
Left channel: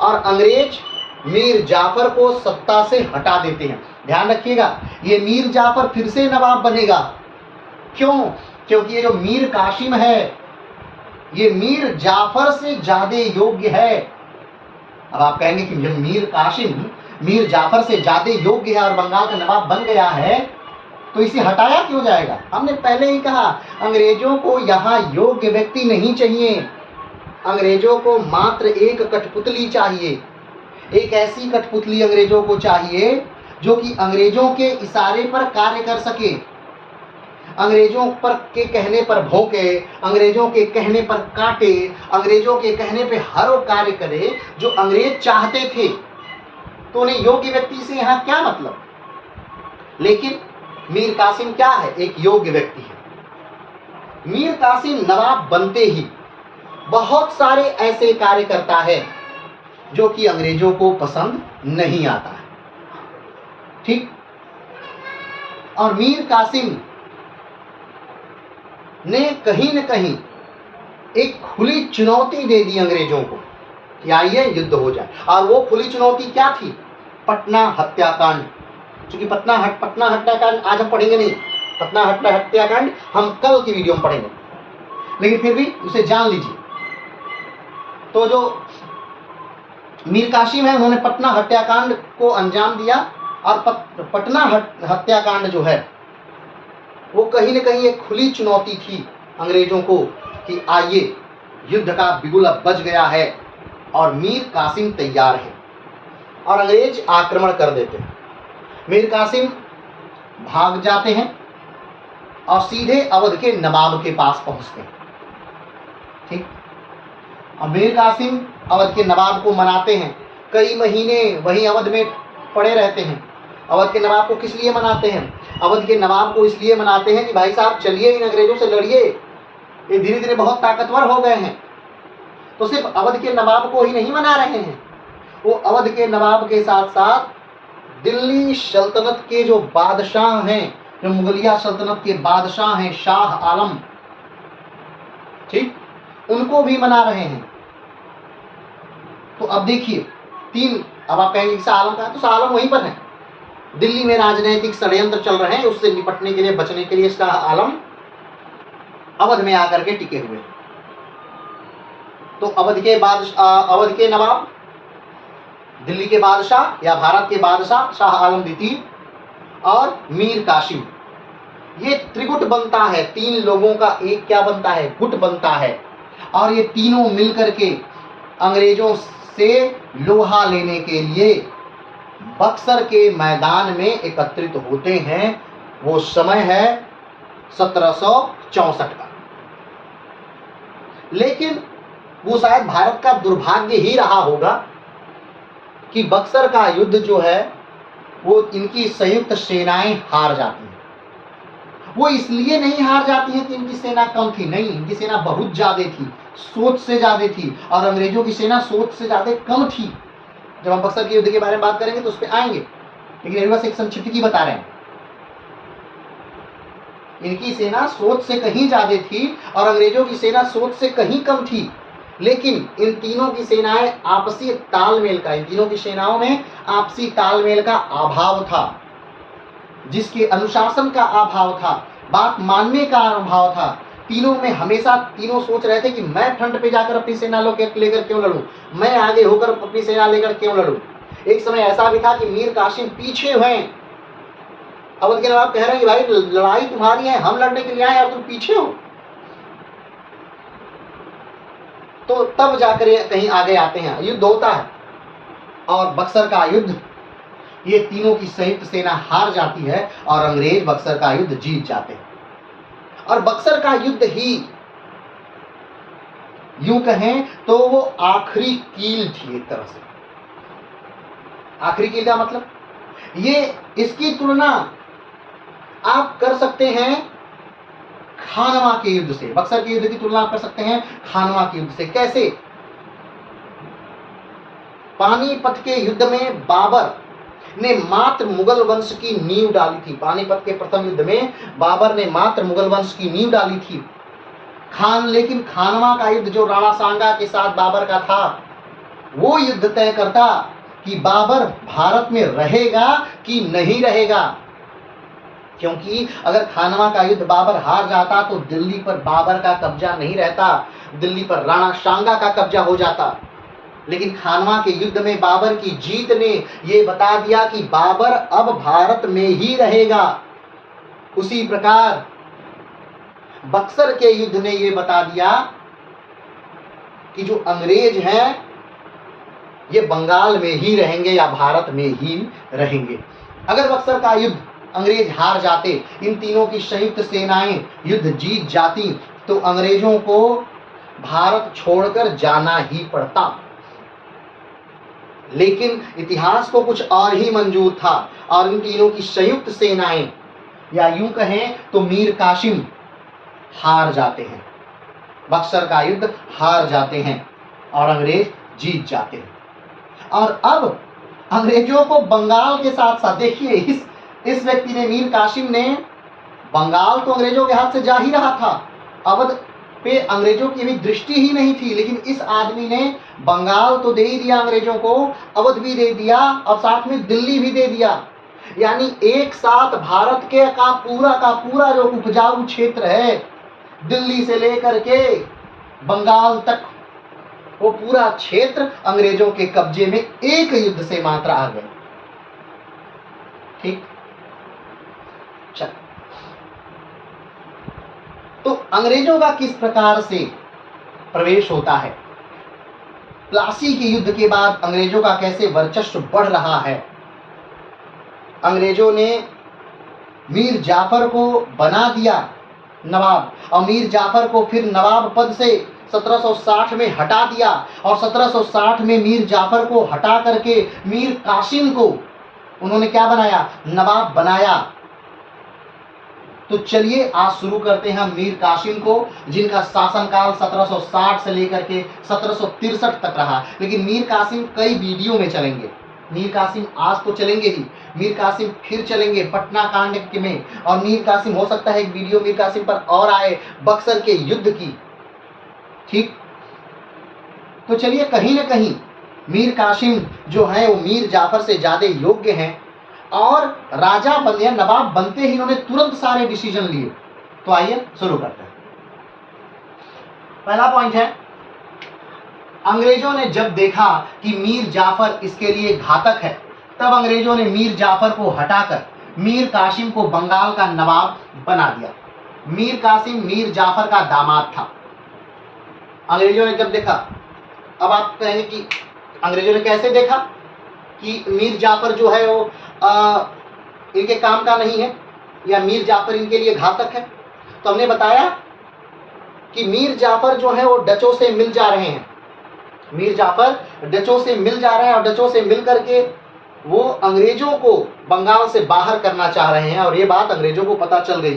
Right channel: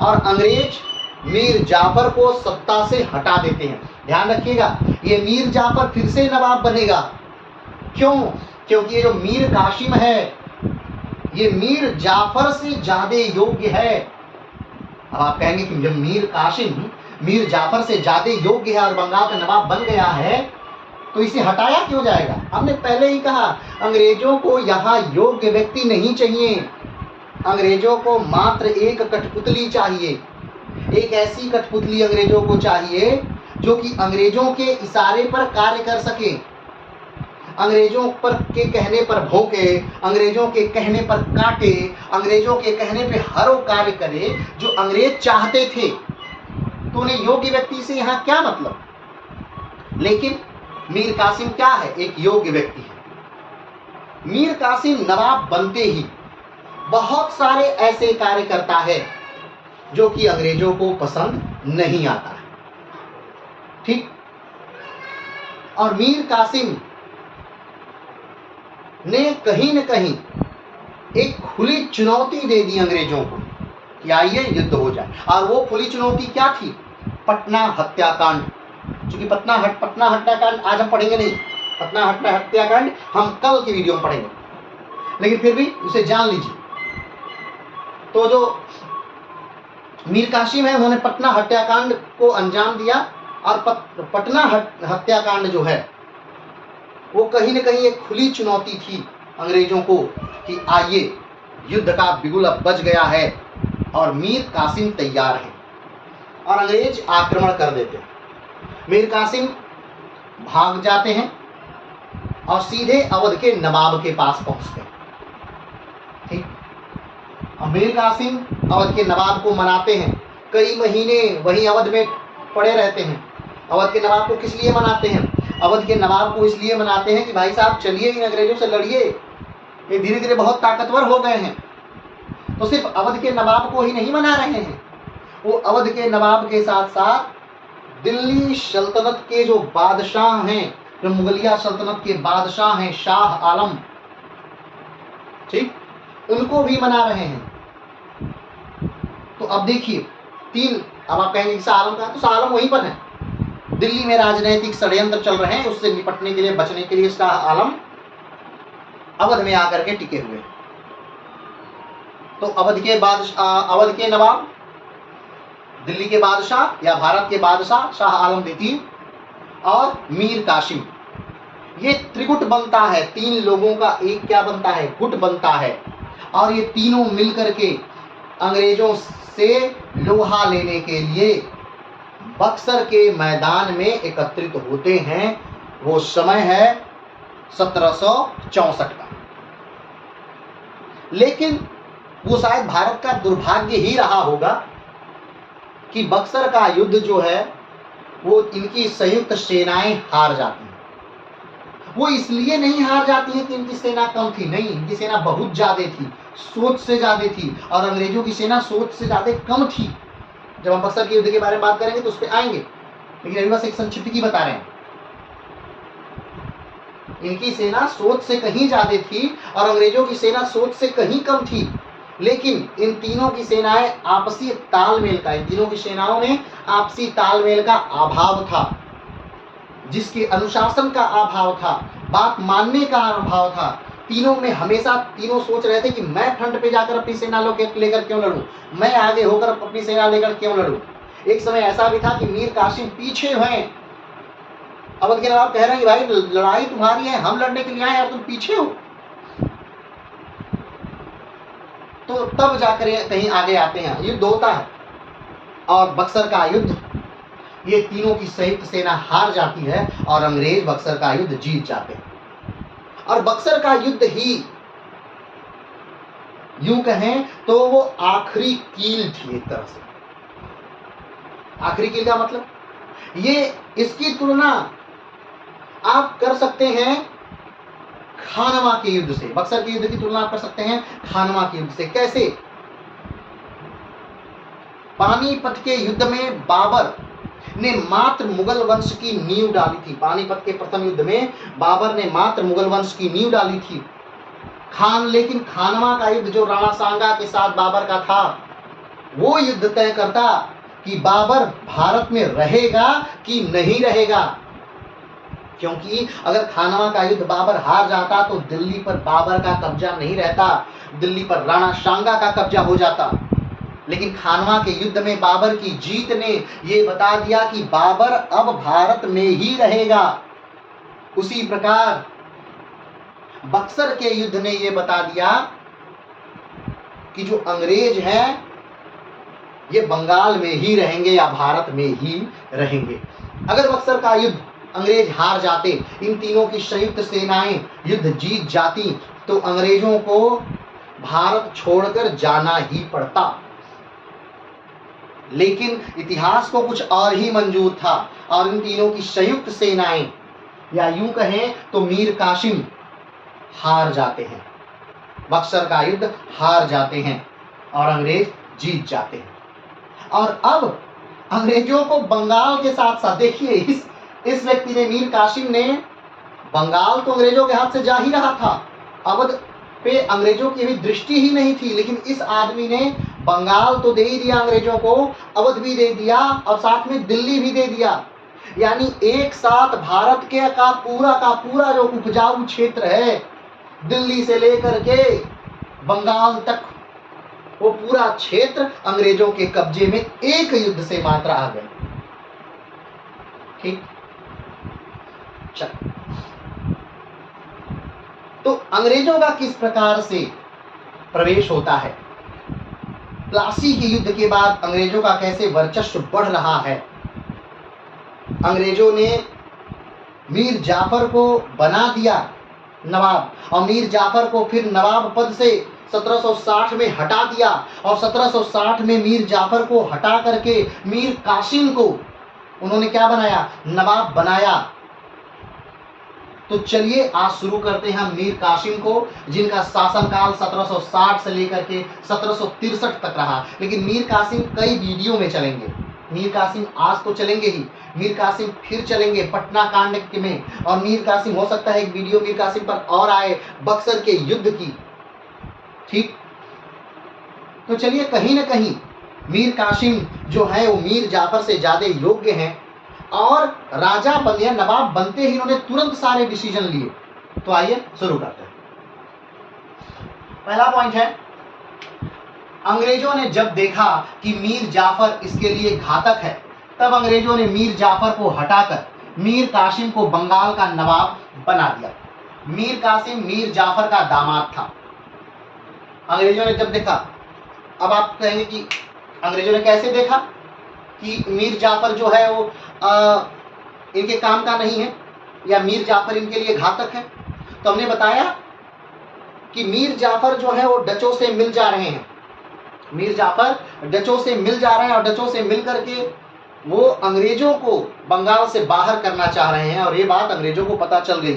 और अंग्रेज मीर जाफर को सत्ता से हटा देते हैं। ध्यान रखिएगा, ये मीर जाफर फिर से नवाब बनेगा। क्यों? क्योंकि ये जो मीर कासिम है ये मीर जाफर से ज्यादा योग्य है। अब आप कहेंगे कि जब मीर कासिम मीर जाफर से ज्यादा योग्य है और बंगाल का नवाब बन गया है तो इसे हटाया क्यों जाएगा? हमने पहले ही कहा, अंग्रेजों को यहाँ योग्य व्यक्ति नहीं चाहिए, अंग्रेजों को मात्र एक कठपुतली चाहिए। एक ऐसी कठपुतली अंग्रेजों को चाहिए जो कि अंग्रेजों के इशारे पर कार्य कर सके, अंग्रेजों पर के कहने पर भौंके, अंग्रेजों के कहने पर काटे, अंग्रेजों के कहने पे हर वो कार्य करे जो अंग्रेज चाहते थे। तो उन्हें योग्य व्यक्ति से यहाँ क्या मतलब? लेकिन मीर कासिम क्या है? एक योग्य व्यक्ति है। मीर कासिम नवाब बनते ही बहुत सारे ऐसे कार्य करता है जो कि अंग्रेजों को पसंद नहीं आता है, ठीक? और मीर कासिम ने कहीं न कहीं एक खुली चुनौती दे दी अंग्रेजों को कि आइए युद्ध हो जाए। और वो खुली चुनौती क्या थी? पटना हत्याकांड। क्योंकि पटना हत्याकांड आज हम पढ़ेंगे नहीं, पटना हत्याकांड हम कल की वीडियो में पढ़ेंगे, लेकिन फिर भी उसे जान लीजिए। तो जो मीर कासिम है उन्होंने पटना हत्याकांड को अंजाम दिया, और पटना हत्याकांड जो है वो कहीं न कहीं एक खुली चुनौती थी अंग्रेजों को कि आइए युद्ध का बिगुल अब बज गया है और मीर कासिम तैयार है, और अंग्रेज आक्रमण कर देते हैं। मीर कासिम भाग जाते हैं और सीधे अवध के नवाब के पास पहुंचते हैं। ठीक। मीर कासिम अवध के नवाब को मनाते हैं, कई महीने वहीं अवध में पड़े रहते हैं। अवध के नवाब को किस लिए मनाते हैं? अवध के नवाब को इसलिए मनाते हैं कि भाई साहब चलिए इन अंग्रेजों से लड़िए, ये धीरे धीरे बहुत ताकतवर हो गए हैं। तो सिर्फ अवध के नवाब को ही नहीं मना रहे हैं, वो अवध के नवाब के साथ साथ दिल्ली सल्तनत के जो बादशाह हैं, जो मुगलिया सल्तनत के बादशाह हैं, शाह आलम, ठीक, उनको भी मना रहे हैं। तो अब देखिए तीन, अब आप कहेंगे शाह आलम का, तो शाह आलम वहीं पर है। दिल्ली में राजनीतिक षड्यंत्र चल रहे हैं, उससे निपटने के लिए, बचने के लिए शाह आलम अवध में आकर के टिके हुए। तो अवध के नवाब, दिल्ली के बादशाह या भारत के बादशाह शाह आलम द्वितीय और मीर कासिम, ये त्रिगुट बनता है। तीन लोगों का एक क्या बनता है? गुट बनता है। और ये तीनों मिलकर के अंग्रेजों से लोहा लेने के लिए बक्सर के मैदान में एकत्रित होते हैं। वो समय है 1764 का। लेकिन वो शायद भारत का दुर्भाग्य ही रहा होगा कि बक्सर का युद्ध जो है वो इनकी संयुक्त सेनाएं हार जाती हैं। वो इसलिए नहीं हार जाती हैं कि इनकी सेना कम थी, नहीं, इनकी सेना बहुत ज्यादा थी, सोच से ज्यादा थी, और अंग्रेजों की सेना सोच से ज्यादा कम थी। जब हम बक्सर के युद्ध के बारे में बात करेंगे तो उस पर आएंगे, लेकिन अभी बस एक संक्षिप्त की बता रहे हैं। इनकी सेना सोच से कहीं ज्यादा थी और अंग्रेजों की सेना सोच से कहीं कम थी। लेकिन इन तीनों की सेनाएं आपसी तालमेल का, इन तीनों की सेनाओं में आपसी तालमेल का अभाव था, जिसके अनुशासन का अभाव था, बात मानने का अभाव था। तीनों में हमेशा तीनों सोच रहे थे कि मैं फ्रंट पे जाकर अपनी सेना लेकर क्यों लड़ूं, मैं आगे होकर अपनी सेना लेकर क्यों लड़ूं। एक समय ऐसा भी था कि मीर कासिम पीछे हैं, अवध के नवाब कह रहे हैं कि भाई लड़ाई तुम्हारी है, हम लड़ने के लिए आए और तुम पीछे हो। तो तब जाकर कहीं आगे आते हैं, युद्ध होता है और बक्सर का युद्ध, ये तीनों की संयुक्त सेना हार जाती है और अंग्रेज बक्सर का युद्ध जीत जाते हैं। और बक्सर का युद्ध ही यूं कहें तो वो आखिरी कील थी एक तरह से। आखिरी कील का मतलब, ये इसकी तुलना आप कर सकते हैं खानवा के युद्ध से। बक्सर के युद्ध की तुलना आप कर सकते हैं खानवा के युद्ध से। कैसे? पानीपत के युद्ध में बाबर ने मात्र मुगल वंश की नींव डाली थी। पानीपत के प्रथम युद्ध में बाबर ने मात्र मुगल वंश की नींव डाली थी। लेकिन खानवा का युद्ध जो राणा सांगा के साथ बाबर का था, वो युद्ध तय करता कि बाबर भारत में रहेगा कि नहीं रहेगा। क्योंकि अगर खानवा का युद्ध बाबर हार जाता तो दिल्ली पर बाबर का कब्जा नहीं रहता, दिल्ली पर राणा सांगा का कब्जा हो जाता। लेकिन खानवा के युद्ध में बाबर की जीत ने ये बता दिया कि बाबर अब भारत में ही रहेगा। उसी प्रकार बक्सर के युद्ध ने ये बता दिया कि जो अंग्रेज हैं ये बंगाल में ही रहेंगे या भारत में ही रहेंगे। अगर बक्सर का युद्ध अंग्रेज हार जाते, इन तीनों की संयुक्त सेनाएं युद्ध जीत जाती, तो अंग्रेजों को भारत छोड़कर जाना ही पड़ता। लेकिन इतिहास को कुछ और ही मंजूर था और इन तीनों की संयुक्त सेनाएं, या यूं कहें तो मीर कासिम हार जाते हैं, बक्सर का युद्ध हार जाते हैं और अंग्रेज जीत जाते हैं। और अब अंग्रेजों को बंगाल के साथ साथ, देखिए इस व्यक्ति ने, मीर कासिम ने, बंगाल तो अंग्रेजों के हाथ से जा ही रहा था, अवध पे अंग्रेजों की भी दृष्टि ही नहीं थी, लेकिन इस आदमी ने बंगाल तो दे ही दिया अंग्रेजों को, अवध भी दे दिया और साथ में दिल्ली भी दे दिया। यानी एक साथ भारत के का पूरा जो उपजाऊ क्षेत्र है, दिल्ली से लेकर के बंगाल तक, वो पूरा क्षेत्र अंग्रेजों के कब्जे में एक युद्ध से मात्र आ गए। ठीक, चल, तो अंग्रेजों का किस प्रकार से प्रवेश होता है, प्लासी के युद्ध के बाद अंग्रेजों का कैसे वर्चस्व बढ़ रहा है। अंग्रेजों ने मीर जाफर को बना दिया नवाब और मीर जाफर को फिर नवाब पद से 1760 में हटा दिया और 1760 में मीर जाफर को हटा करके मीर कासिम को उन्होंने क्या बनाया, नवाब बनाया। तो चलिए आज शुरू करते हैं मीर कासिम को, जिनका शासनकाल 1760 से लेकर के 1763 तक रहा। लेकिन मीर कासिम कई वीडियो में चलेंगे, मीर कासिम आज तो चलेंगे ही, मीर कासिम फिर चलेंगे पटना कांड में, और मीर कासिम हो सकता है एक वीडियो मीर कासिम पर और आए, बक्सर के युद्ध की। ठीक, तो चलिए कहीं ना कहीं मीर कासिम जो है वो मीर जाफर से ज्यादा योग्य हैं, और राजा बने, नवाब बनते ही इन्होंने तुरंत सारे डिसीजन लिए। तो आइए शुरू करते हैं। पहला पॉइंट है, अंग्रेजों ने जब देखा कि मीर जाफर इसके लिए घातक है, तब अंग्रेजों ने मीर जाफर को हटाकर मीर कासिम को बंगाल का नवाब बना दिया। मीर कासिम मीर जाफर का दामाद था। अंग्रेजों ने जब देखा, अब आप कहेंगे कि अंग्रेजों ने कैसे देखा कि मीर जाफर जो है वो इनके काम का नहीं है, या मीर जाफर इनके लिए घातक है। तो हमने बताया कि मीर जाफर जो है वो डचों से मिल जा रहे हैं, मीर जाफर डचों से मिल जा रहे हैं, और डचों से मिल करके वो अंग्रेजों को बंगाल से बाहर करना चाह रहे हैं। और ये बात अंग्रेजों को पता चल गई।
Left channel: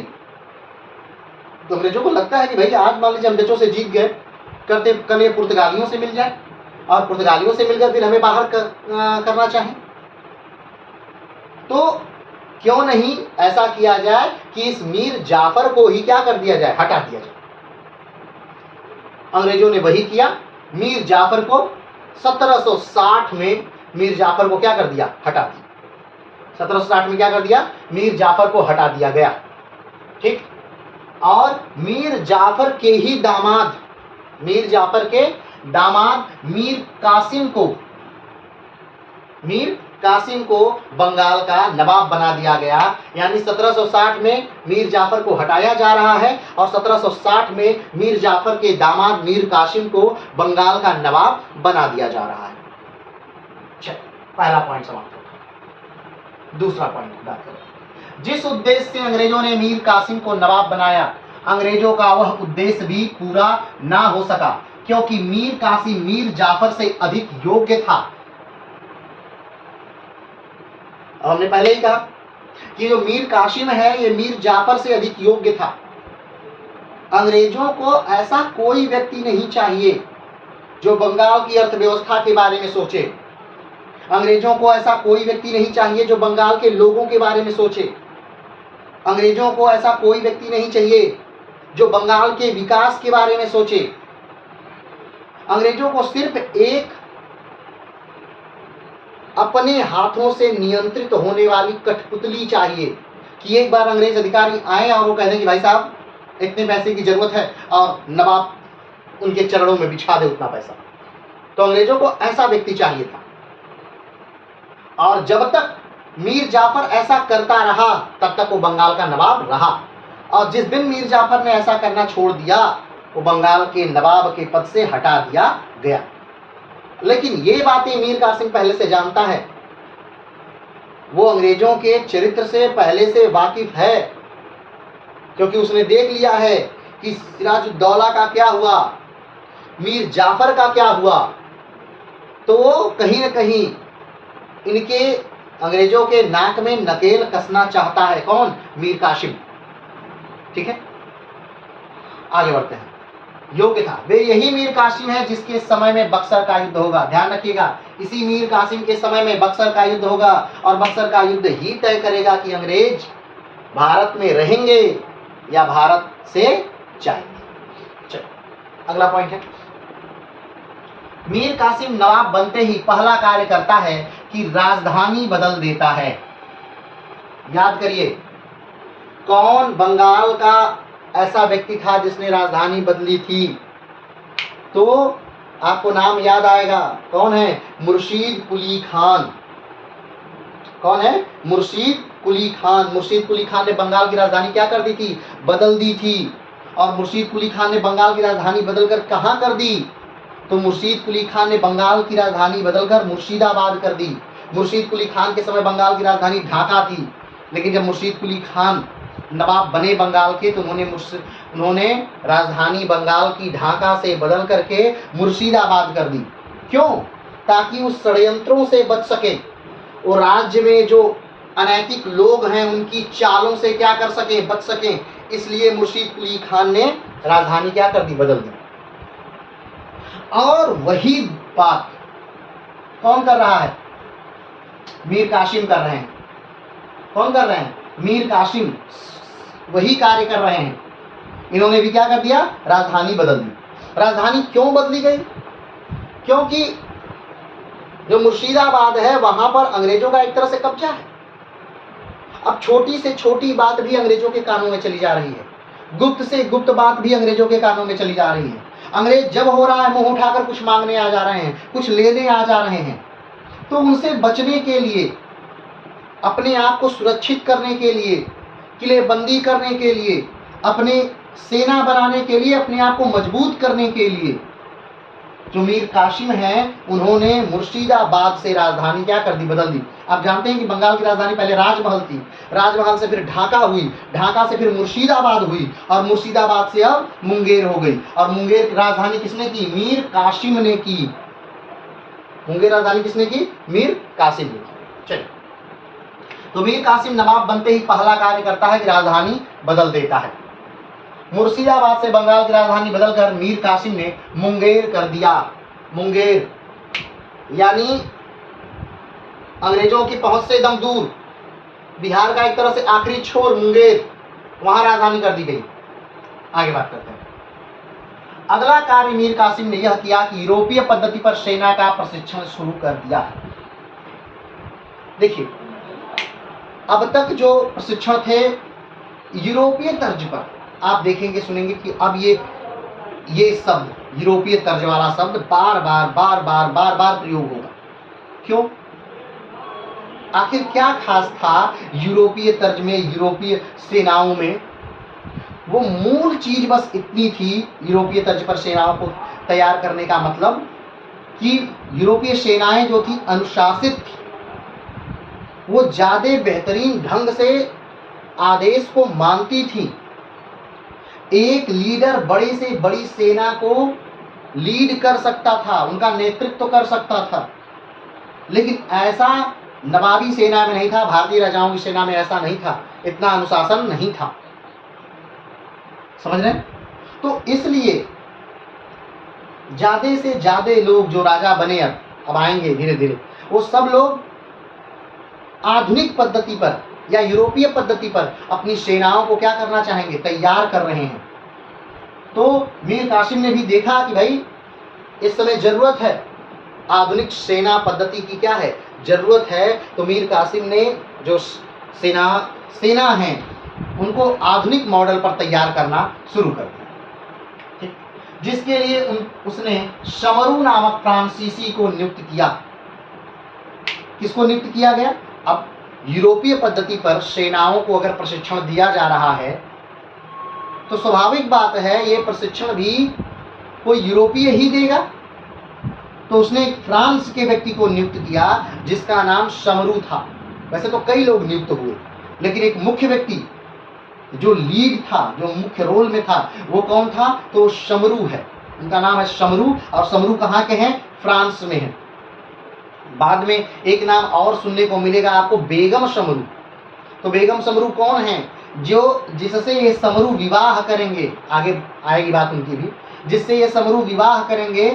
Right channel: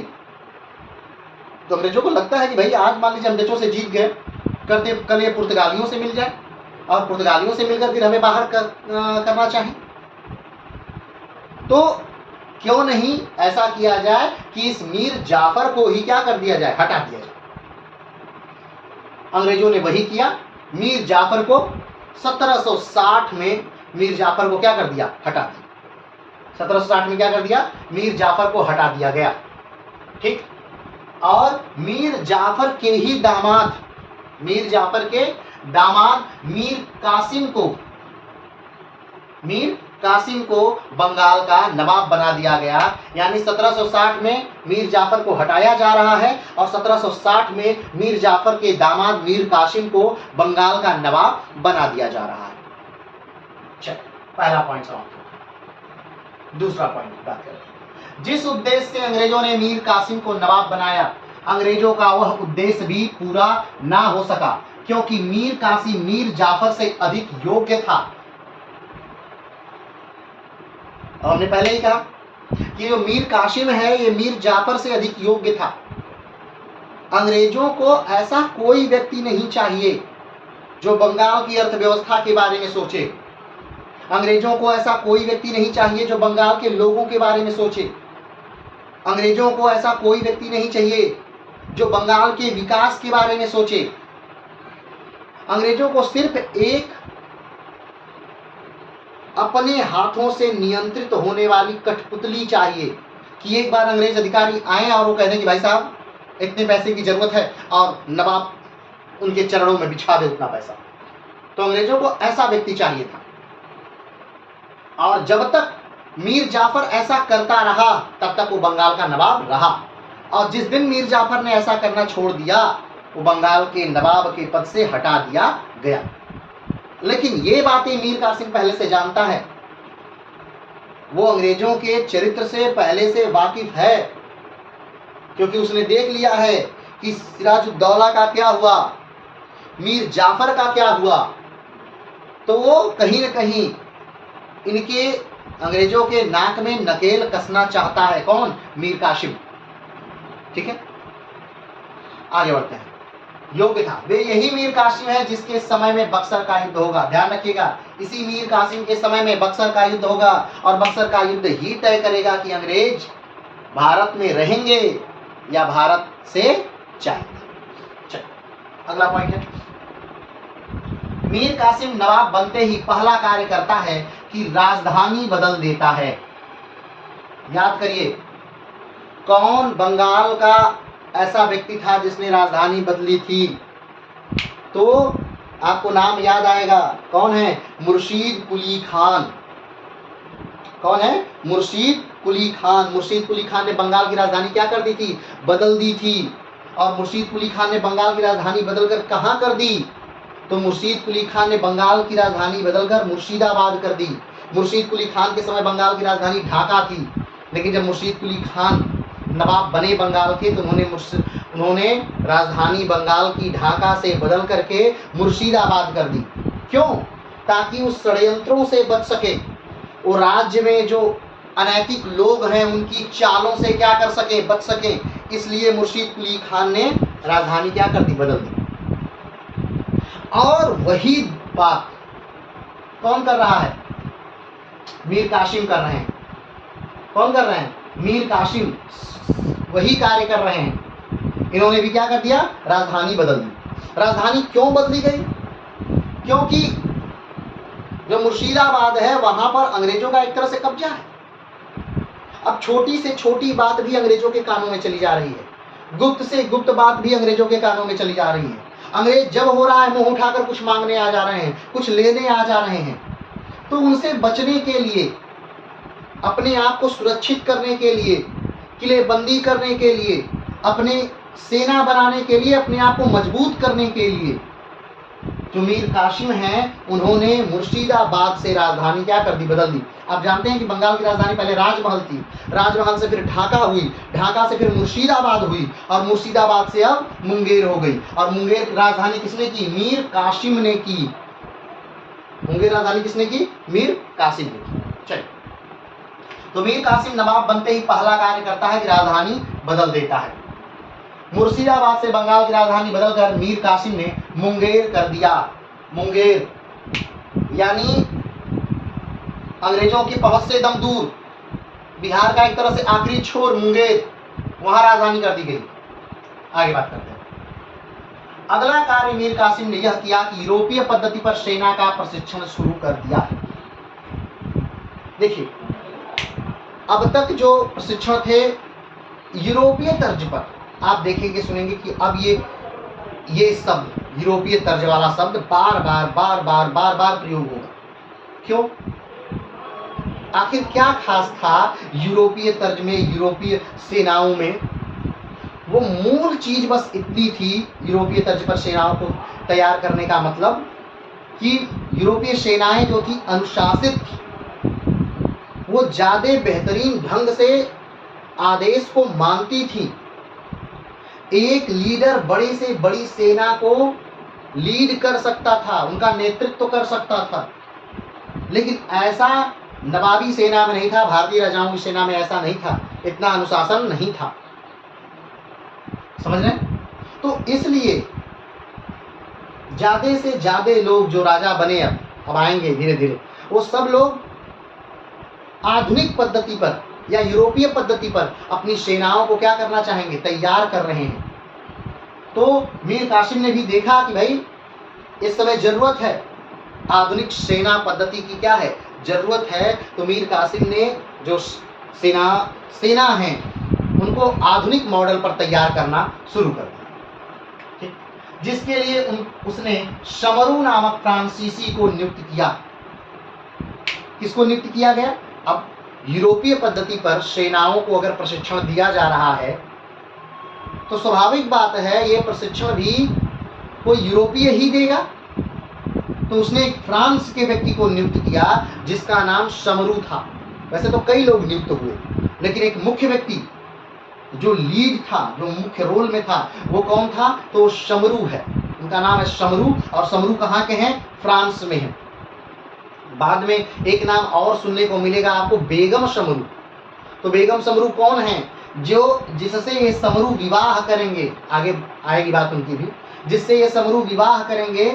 तो अंग्रेजों को लगता है कि भाई आज मान लीजिए हम डचों से जीत गए, करते कल ये पुर्तगालियों से मिल जाए, और पुर्तगालियों से मिलकर फिर हमें बाहर करना चाहे, तो क्यों नहीं ऐसा किया जाए कि इस मीर जाफर को ही क्या कर दिया जाए, हटा दिया जाए। अंग्रेजों ने वही किया, मीर जाफर को 1760 में मीर जाफर को क्या कर दिया, हटा दिया। 1760 में क्या कर दिया, मीर जाफर को हटा दिया गया। ठीक, और मीर जाफर के ही दामाद, मीर जाफर के दामाद मीर कासिम को बंगाल का नवाब बना दिया गया। यानी 1760 में मीर जाफर को हटाया जा रहा है, और 1760 में मीर जाफर के दामाद मीर कासिम को बंगाल का नवाब बना दिया जा रहा है। चलिए पहला पॉइंट समाप्त हो। दूसरा पॉइंट बात करें, जिस उद्देश्य से अंग्रेजों ने मीर कासिम को नवाब बनाया, अंग्रेजों का वह उद्देश्य भी पूरा ना हो सका, क्योंकि मीर कासिम मीर जाफर से अधिक योग्य था। और हमने पहले ही कहा कि जो मीर कासिम है ये मीर जाफर से अधिक योग्य था। अंग्रेजों को ऐसा कोई व्यक्ति नहीं चाहिए जो बंगाल की अर्थव्यवस्था के बारे में सोचे। अंग्रेजों को ऐसा कोई व्यक्ति नहीं चाहिए जो बंगाल के लोगों के बारे में सोचे। अंग्रेजों को ऐसा कोई व्यक्ति नहीं चाहिए जो बंगाल के विकास के बारे में सोचे। अंग्रेजों को सिर्फ एक अपने हाथों से नियंत्रित होने वाली कठपुतली चाहिए, कि एक बार अंग्रेज अधिकारी आए और वो कह दें कि भाई साहब इतने पैसे की जरूरत है, और नवाब उनके चरणों में बिछा दे उतना पैसा। तो अंग्रेजों को ऐसा व्यक्ति चाहिए था। और जब तक मीर जाफर ऐसा करता रहा तब तक वो बंगाल का नवाब रहा, और जिस दिन मीर जाफर ने ऐसा करना छोड़ दिया वो बंगाल के नवाब के पद से हटा दिया गया। लेकिन ये बातें मीर कासिम पहले से जानता है, वो अंग्रेजों के चरित्र से पहले से वाकिफ है, क्योंकि उसने देख लिया है कि सिराजुद्दौला का क्या हुआ, मीर जाफर का क्या हुआ। तो वो कहीं न कहीं इनके अंग्रेजों के नाक में नकेल कसना चाहता है। कौन? मीर कासिम। ठीक है, आगे बढ़ते हैं। योग्य था, वे यही मीर कासिम है जिसके समय में बक्सर का युद्ध होगा। ध्यान रखिएगा, इसी मीर कासिम के समय में बक्सर का युद्ध होगा, और बक्सर का युद्ध ही तय करेगा कि अंग्रेज भारत में रहेंगे या भारत से जाएंगे। चलिए अगला पॉइंट है, मीर कासिम नवाब बनते ही पहला कार्य करता है कि राजधानी बदल देता है। याद करिए, कौन बंगाल का ऐसा व्यक्ति था जिसने राजधानी बदली थी? तो आपको नाम याद आएगा, कौन है? मुर्शीद कुली खान। कौन है? मुर्शीद कुली खान। मुर्शीद कुली खान ने बंगाल की राजधानी क्या कर दी थी? बदल दी थी। और मुर्शीद कुली खान ने बंगाल की राजधानी बदलकर कहाँ कर दी? तो मुर्शीद कुली खान ने बंगाल की राजधानी बदलकर मुर्शिदाबाद कर दी। मुर्शीद कुली खान के समय बंगाल की राजधानी ढाका थी, लेकिन जब मुर्शीद कुली खान नवाब बने बंगाल के तो उन्होंने उन्होंने राजधानी बंगाल की ढाका से बदल करके मुर्शिदाबाद कर दी। क्यों? ताकि उस षड्यंत्रों से बच सके, वो राज्य में जो अनैतिक लोग हैं उनकी चालों से क्या कर सके, बच सके। इसलिए मुर्शीद कुली खान ने राजधानी क्या कर दी, बदल दी। और वही बात कौन कर रहा है? मीर कासिम कर रहे हैं। कौन कर रहे हैं? मीर कासिम वही कार्य कर रहे हैं। इन्होंने भी क्या कर दिया, राजधानी बदल दी। राजधानी क्यों बदली गई? क्योंकि जो मुर्शिदाबाद है वहां पर अंग्रेजों का एक तरह से कब्जा है। अब छोटी से छोटी बात भी अंग्रेजों के कानों में चली जा रही है, गुप्त से गुप्त बात भी अंग्रेजों के कानों में चली जा रही है। अंग्रेज जब हो रहा है मुंह उठाकर कुछ मांगने आ जा रहे हैं, कुछ लेने आ जा रहे हैं, तो उनसे बचने के लिए, अपने आप को सुरक्षित करने के लिए, किलेबंदी करने के लिए, अपने सेना बनाने के लिए, अपने आप को मजबूत करने के लिए जो मीर कासिम हैं उन्होंने मुर्शिदाबाद से राजधानी क्या कर दी, बदल दी। आप जानते हैं कि बंगाल की राजधानी पहले राजमहल थी, राजमहल से फिर ढाका हुई, ढाका से फिर मुर्शिदाबाद हुई, और मुर्शिदाबाद से अब मुंगेर हो गई। और मुंगेर की राजधानी किसने की? मीर कासिम ने की। मुंगेर राजधानी किसने की? मीर कासिम ने। चलिए, तो मीर कासिम नवाब बनते ही पहला कार्य करता है कि राजधानी बदल देता है। मुर्शिदाबाद से बंगाल की राजधानी बदलकर मीर कासिम ने मुंगेर कर दिया। मुंगेर यानी अंग्रेजों की पहुंच से एकदम दूर, बिहार का एक तरह से आखिरी छोर मुंगेर, वहां राजधानी कर दी गई। आगे बात करते हैं। अगला कार्य मीर कासिम ने यह किया कि यूरोपीय पद्धति पर सेना का प्रशिक्षण शुरू कर दिया। देखिए, अब तक जो प्रशिक्षण थे यूरोपीय तर्ज पर, आप देखेंगे सुनेंगे कि अब ये शब्द, यूरोपीय तर्ज वाला शब्द बार बार प्रयोग होगा। क्यों? आखिर क्या खास था यूरोपीय तर्ज में, यूरोपीय सेनाओं में? वो मूल चीज बस इतनी थी यूरोपीय तर्ज पर सेनाओं को तैयार करने का मतलब कि यूरोपीय सेनाएं जो थी अनुशासित थी, वो ज्यादा बेहतरीन ढंग से आदेश को मानती थी। एक लीडर बड़ी से बड़ी सेना को लीड कर सकता था, उनका नेतृत्व कर सकता था, लेकिन ऐसा नवाबी सेना में नहीं था, भारतीय राजाओं की सेना में ऐसा नहीं था, इतना अनुशासन नहीं था। समझ रहे हैं? तो इसलिए ज्यादा से ज्यादा लोग जो राजा बने, अब आएंगे धीरे धीरे, वो सब लोग आधुनिक पद्धति पर या यूरोपीय पद्धति पर अपनी सेनाओं को क्या करना चाहेंगे, तैयार कर रहे हैं। तो मीर कासिम ने भी देखा कि भाई इस समय जरूरत है आधुनिक सेना पद्धति की, क्या है, जरूरत है। तो मीर कासिम ने जो सेना है उनको आधुनिक मॉडल पर तैयार करना शुरू कर दिया। ठीक, जिसके लिए उसने शमरू नामक फ्रांसीसी को नियुक्त किया। किसको नियुक्त किया गया? अब यूरोपीय पद्धति पर सेनाओं को अगर प्रशिक्षण दिया जा रहा है तो स्वाभाविक बात है ये प्रशिक्षण भी कोई यूरोपीय ही देगा। तो उसने एक फ्रांस के व्यक्ति को नियुक्त किया जिसका नाम शमरू था। वैसे तो कई लोग नियुक्त हुए, लेकिन एक मुख्य व्यक्ति जो लीड था, जो मुख्य रोल में था, वो कौन था? तो शमरू है। उनका नाम है शमरू, और शमरू कहाँ के हैं? फ्रांस में है। बाद में एक नाम और सुनने को मिलेगा आपको, बेगम शमरू। तो बेगम शमरू कौन है? जो जिससे ये शमरू विवाह करेंगे, आगे आएगी बात उनकी भी, जिससे ये शमरू विवाह करेंगे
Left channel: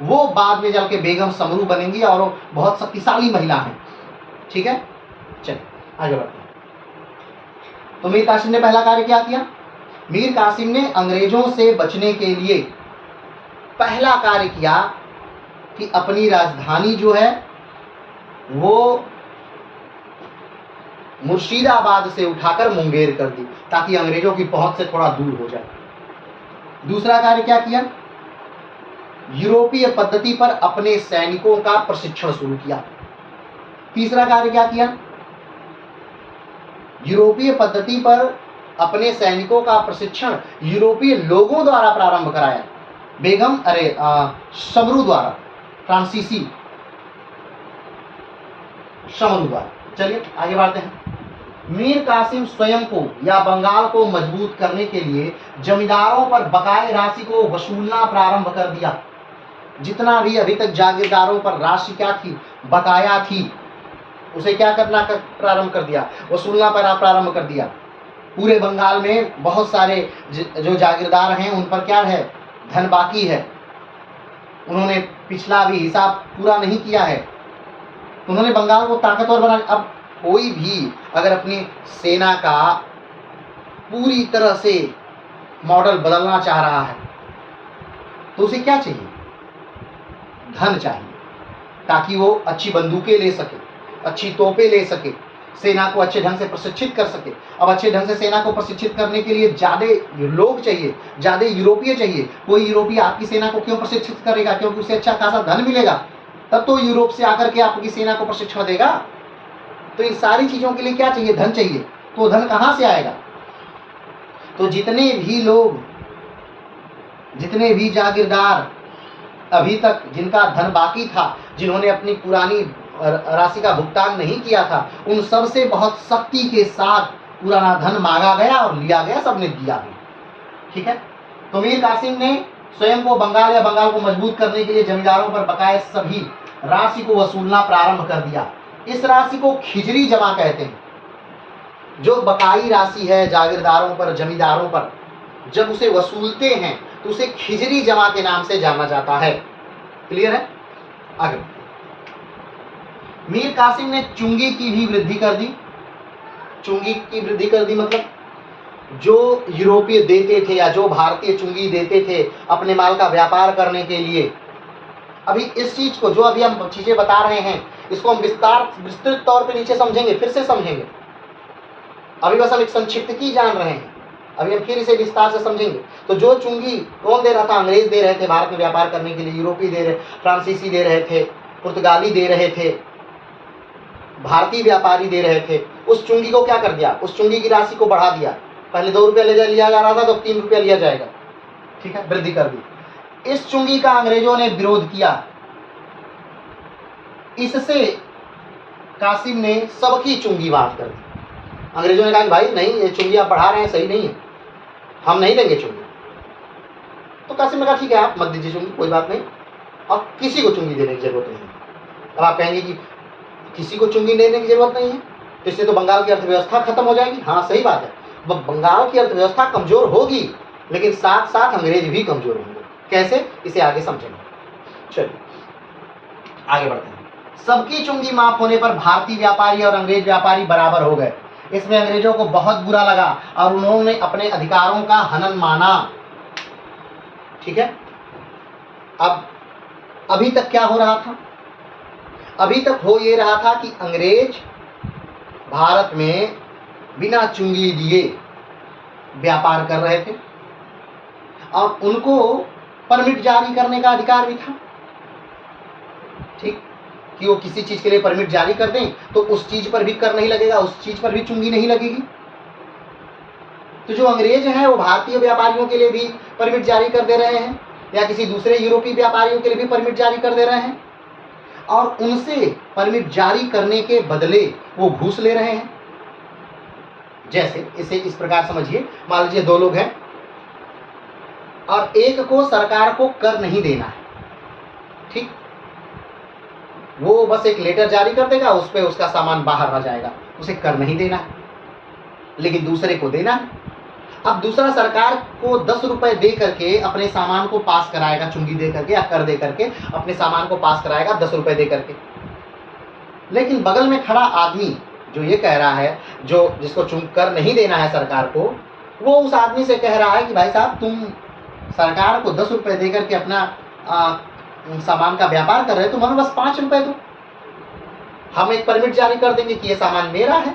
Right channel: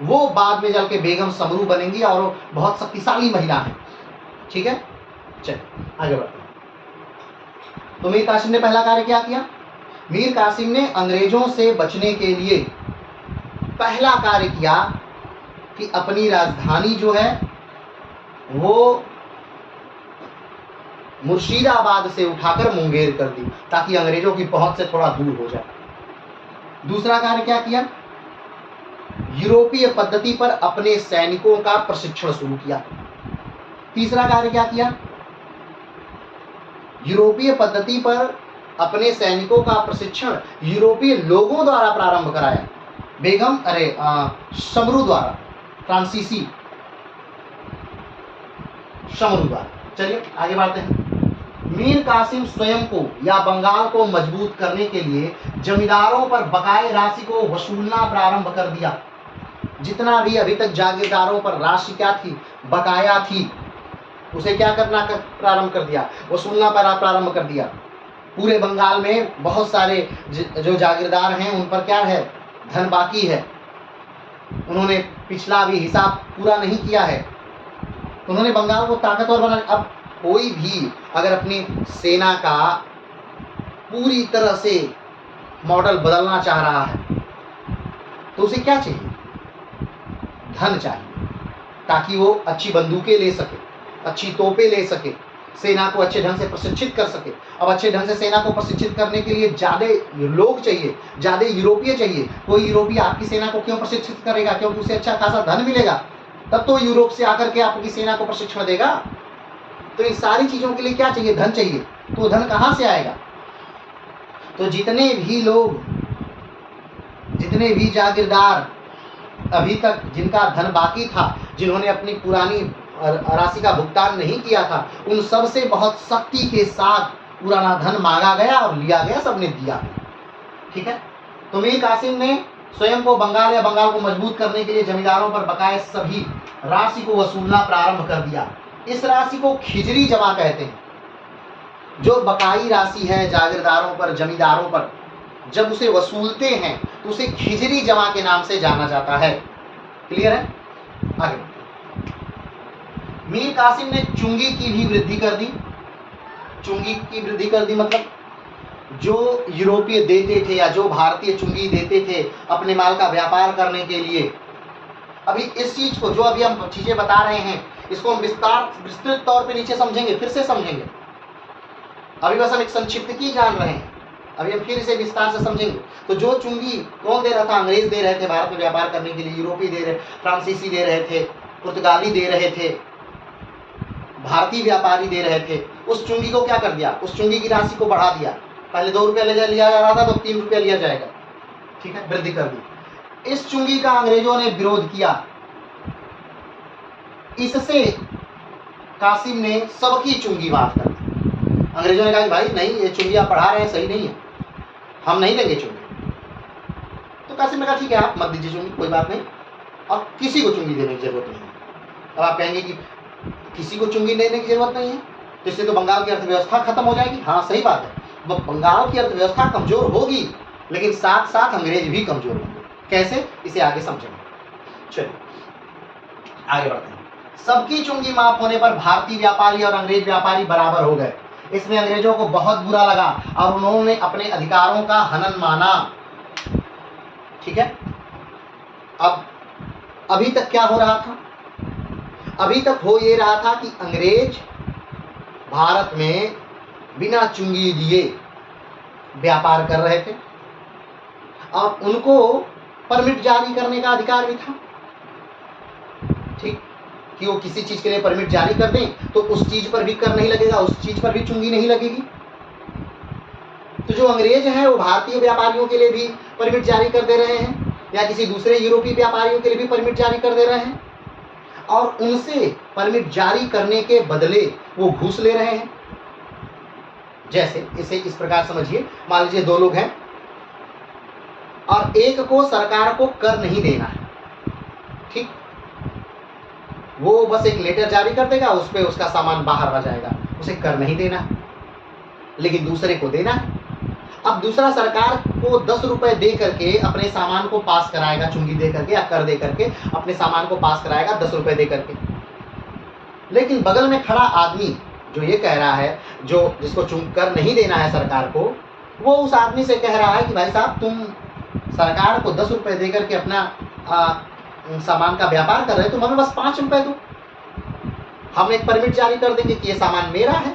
वो बाद में चल के बेगम शमरू बनेंगी, और वो बहुत शक्तिशाली महिला है। ठीक है, चलिए आगे बढ़ते हैं। तो मीर कासिम ने पहला कार्य क्या किया? मीर कासिम ने अंग्रेजों से बचने के लिए पहला कार्य किया कि अपनी राजधानी जो है वो मुर्शिदाबाद से उठाकर मुंगेर कर दी, ताकि अंग्रेजों की पहुंच से थोड़ा दूर हो जाए। दूसरा कार्य क्या किया? यूरोपीय पद्धति पर अपने सैनिकों का प्रशिक्षण शुरू किया। तीसरा कार्य क्या किया? यूरोपीय पद्धति पर अपने सैनिकों का प्रशिक्षण यूरोपीय लोगों द्वारा प्रारंभ कराया, शमरू द्वारा, फ्रांसीसी शमरू द्वारा। चलिए आगे बढ़ते हैं। मीर कासिम स्वयं को या बंगाल को मजबूत करने के लिए जमींदारों पर बकाए राशि को वसूलना प्रारंभ कर दिया। जितना भी अभी तक जागीरदारों पर राशि क्या थी, बकाया थी, उसे क्या करना प्रारंभ कर दिया, वसूलना प्रारंभ कर दिया। पूरे बंगाल में बहुत सारे जो जागीरदार हैं उन पर क्या है, धन बाकी है, उन्होंने पिछला भी हिसाब पूरा नहीं किया है। उन्होंने बंगाल को ताकतवर बना। अब कोई भी अगर अपनी सेना का पूरी तरह से मॉडल बदलना चाह रहा है तो उसे क्या चाहिए, धन चाहिए, ताकि वो अच्छी बंदूकें ले सके, अच्छी तोपें ले सके, सेना को अच्छे ढंग से प्रशिक्षित कर सके। अब अच्छे ढंग से सेना को प्रशिक्षित करने के लिए ज़्यादा लोग चाहिए, ज़्यादा यूरोपीय चाहिए। कोई यूरोपीय आपकी सेना को क्यों प्रशिक्षित करेगा, क्योंकि उसे अच्छा खासा धन मिलेगा, तब तो यूरोप से आकर के आपकी सेना को प्रशिक्षण देगा। तो इन सारी चीज़ों के लिए क्या चाहिए, धन चाहिए। तो धन कहाँ से आएगा? तो जितने भी लोग, जितने भी जागीरदार अभी तक जिनका धन बाकी था, जिन्होंने अपनी पुरानी राशि का भुगतान नहीं किया था, उन सब से बहुत सख्ती के साथ पुराना धन मांगा गया और लिया गया, सबने दिया भी। ठीक है। तो मीर कासिम ने स्वयं को बंगाल या बंगाल को मजबूत करने के लिए जमींदारों पर बकाए सभी राशि को वसूलना प्रारंभ कर दिया। इस राशि को खिजरी जमा कहते हैं। जो बकाई राशि है जागीरदारों पर, जमींदारों पर, जब उसे वसूलते हैं तो उसे खिजरी जमा के नाम से जाना जाता है। क्लियर है? आगे मीर कासिम ने चुंगी की भी वृद्धि कर दी। चुंगी की वृद्धि कर दी मतलब जो यूरोपीय देते थे या जो भारतीय चुंगी देते थे अपने माल का व्यापार करने के लिए। अभी इस चीज को, जो अभी हम चीजें बता रहे हैं, इसको हम विस्तृत तौर पे नीचे समझेंगे, फिर से समझेंगे। अभी बस हम एक संक्षिप्त की जान रहे हैं, अभी हम फिर इसे विस्तार से समझेंगे। तो जो चुंगी कौन दे रहा था? अंग्रेज दे रहे थे भारत में व्यापार करने के लिए, यूरोपीय दे रहे, फ्रांसीसी दे रहे थे, पुर्तगाली दे रहे थे, भारतीय व्यापारी दे रहे थे। उस चुंगी को क्या कर दिया? उस चुंगी की राशि को बढ़ा दिया। पहले 2 रुपया लिया जा रहा था, तो 3 रुपया लिया जाएगा। ठीक है, वृद्धि कर दी। इस चुंगी का अंग्रेजों ने विरोध किया। इससे कासिम ने सबकी चुंगी माफ कर दी। अंग्रेजों ने कहा कि भाई नहीं, ये चुंगी आप बढ़ा रहे हैं, सही नहीं है, हम नहीं देंगे चुंगी। तो कासिम ने कहा ठीक है, आप मत दीजिए चुंगी, कोई बात नहीं, और किसी को चुंगी देने की जरूरत नहीं है। अब आप कहेंगे कि किसी को चुंगी देने की जरूरत नहीं है, तो इससे तो बंगाल की अर्थव्यवस्था खत्म हो जाएगी। हाँ, सही बात है, बंगाल की अर्थव्यवस्था कमजोर होगी, लेकिन साथ साथ अंग्रेज भी कमजोर होंगे। कैसे, इसे आगे समझेंगे। चलिए आगे बढ़ते हैं। सबकी चुंगी माफ होने पर भारतीय व्यापारी और अंग्रेज व्यापारी बराबर हो गए। इसमें अंग्रेजों को बहुत बुरा लगा और उन्होंने अपने अधिकारों का हनन माना। ठीक है। अब अभी तक क्या हो रहा था? अभी तक हो ये रहा था कि अंग्रेज भारत में बिना चुंगी दिए व्यापार कर रहे थे और उनको परमिट जारी करने का अधिकार भी था। ठीक, कि वो किसी चीज के लिए परमिट जारी कर दें तो उस चीज पर भी कर नहीं लगेगा, उस चीज पर भी चुंगी नहीं लगेगी। तो जो अंग्रेज हैं वो भारतीय व्यापारियों के लिए भी परमिट जारी कर दे रहे हैं या किसी दूसरे यूरोपीय व्यापारियों के लिए भी परमिट जारी कर दे रहे हैं, और उनसे परमिट जारी करने के बदले वो घूस ले रहे हैं। जैसे इसे इस प्रकार समझिए, मान लीजिए 2 लोग हैं और एक को सरकार को कर नहीं देना है। ठीक, वो बस एक लेटर जारी कर देगा, उस पर उसका सामान बाहर रह जाएगा, उसे कर नहीं देना है, लेकिन दूसरे को देना है। अब दूसरा सरकार को 10 रुपए दे करके अपने सामान को पास कराएगा, चुंगी दे करके या कर दे करके अपने सामान को पास कराएगा 10 रुपए दे करके। लेकिन बगल में खड़ा आदमी जो ये कह रहा है, जो जिसको कर नहीं देना है सरकार को, वो उस आदमी से कह रहा है कि भाई साहब, तुम सरकार को 10 रुपए दे करके अपना सामान का व्यापार कर रहे हो, तुम हमें बस 5 रुपए दो, हम एक परमिट जारी कर देंगे कि ये सामान मेरा है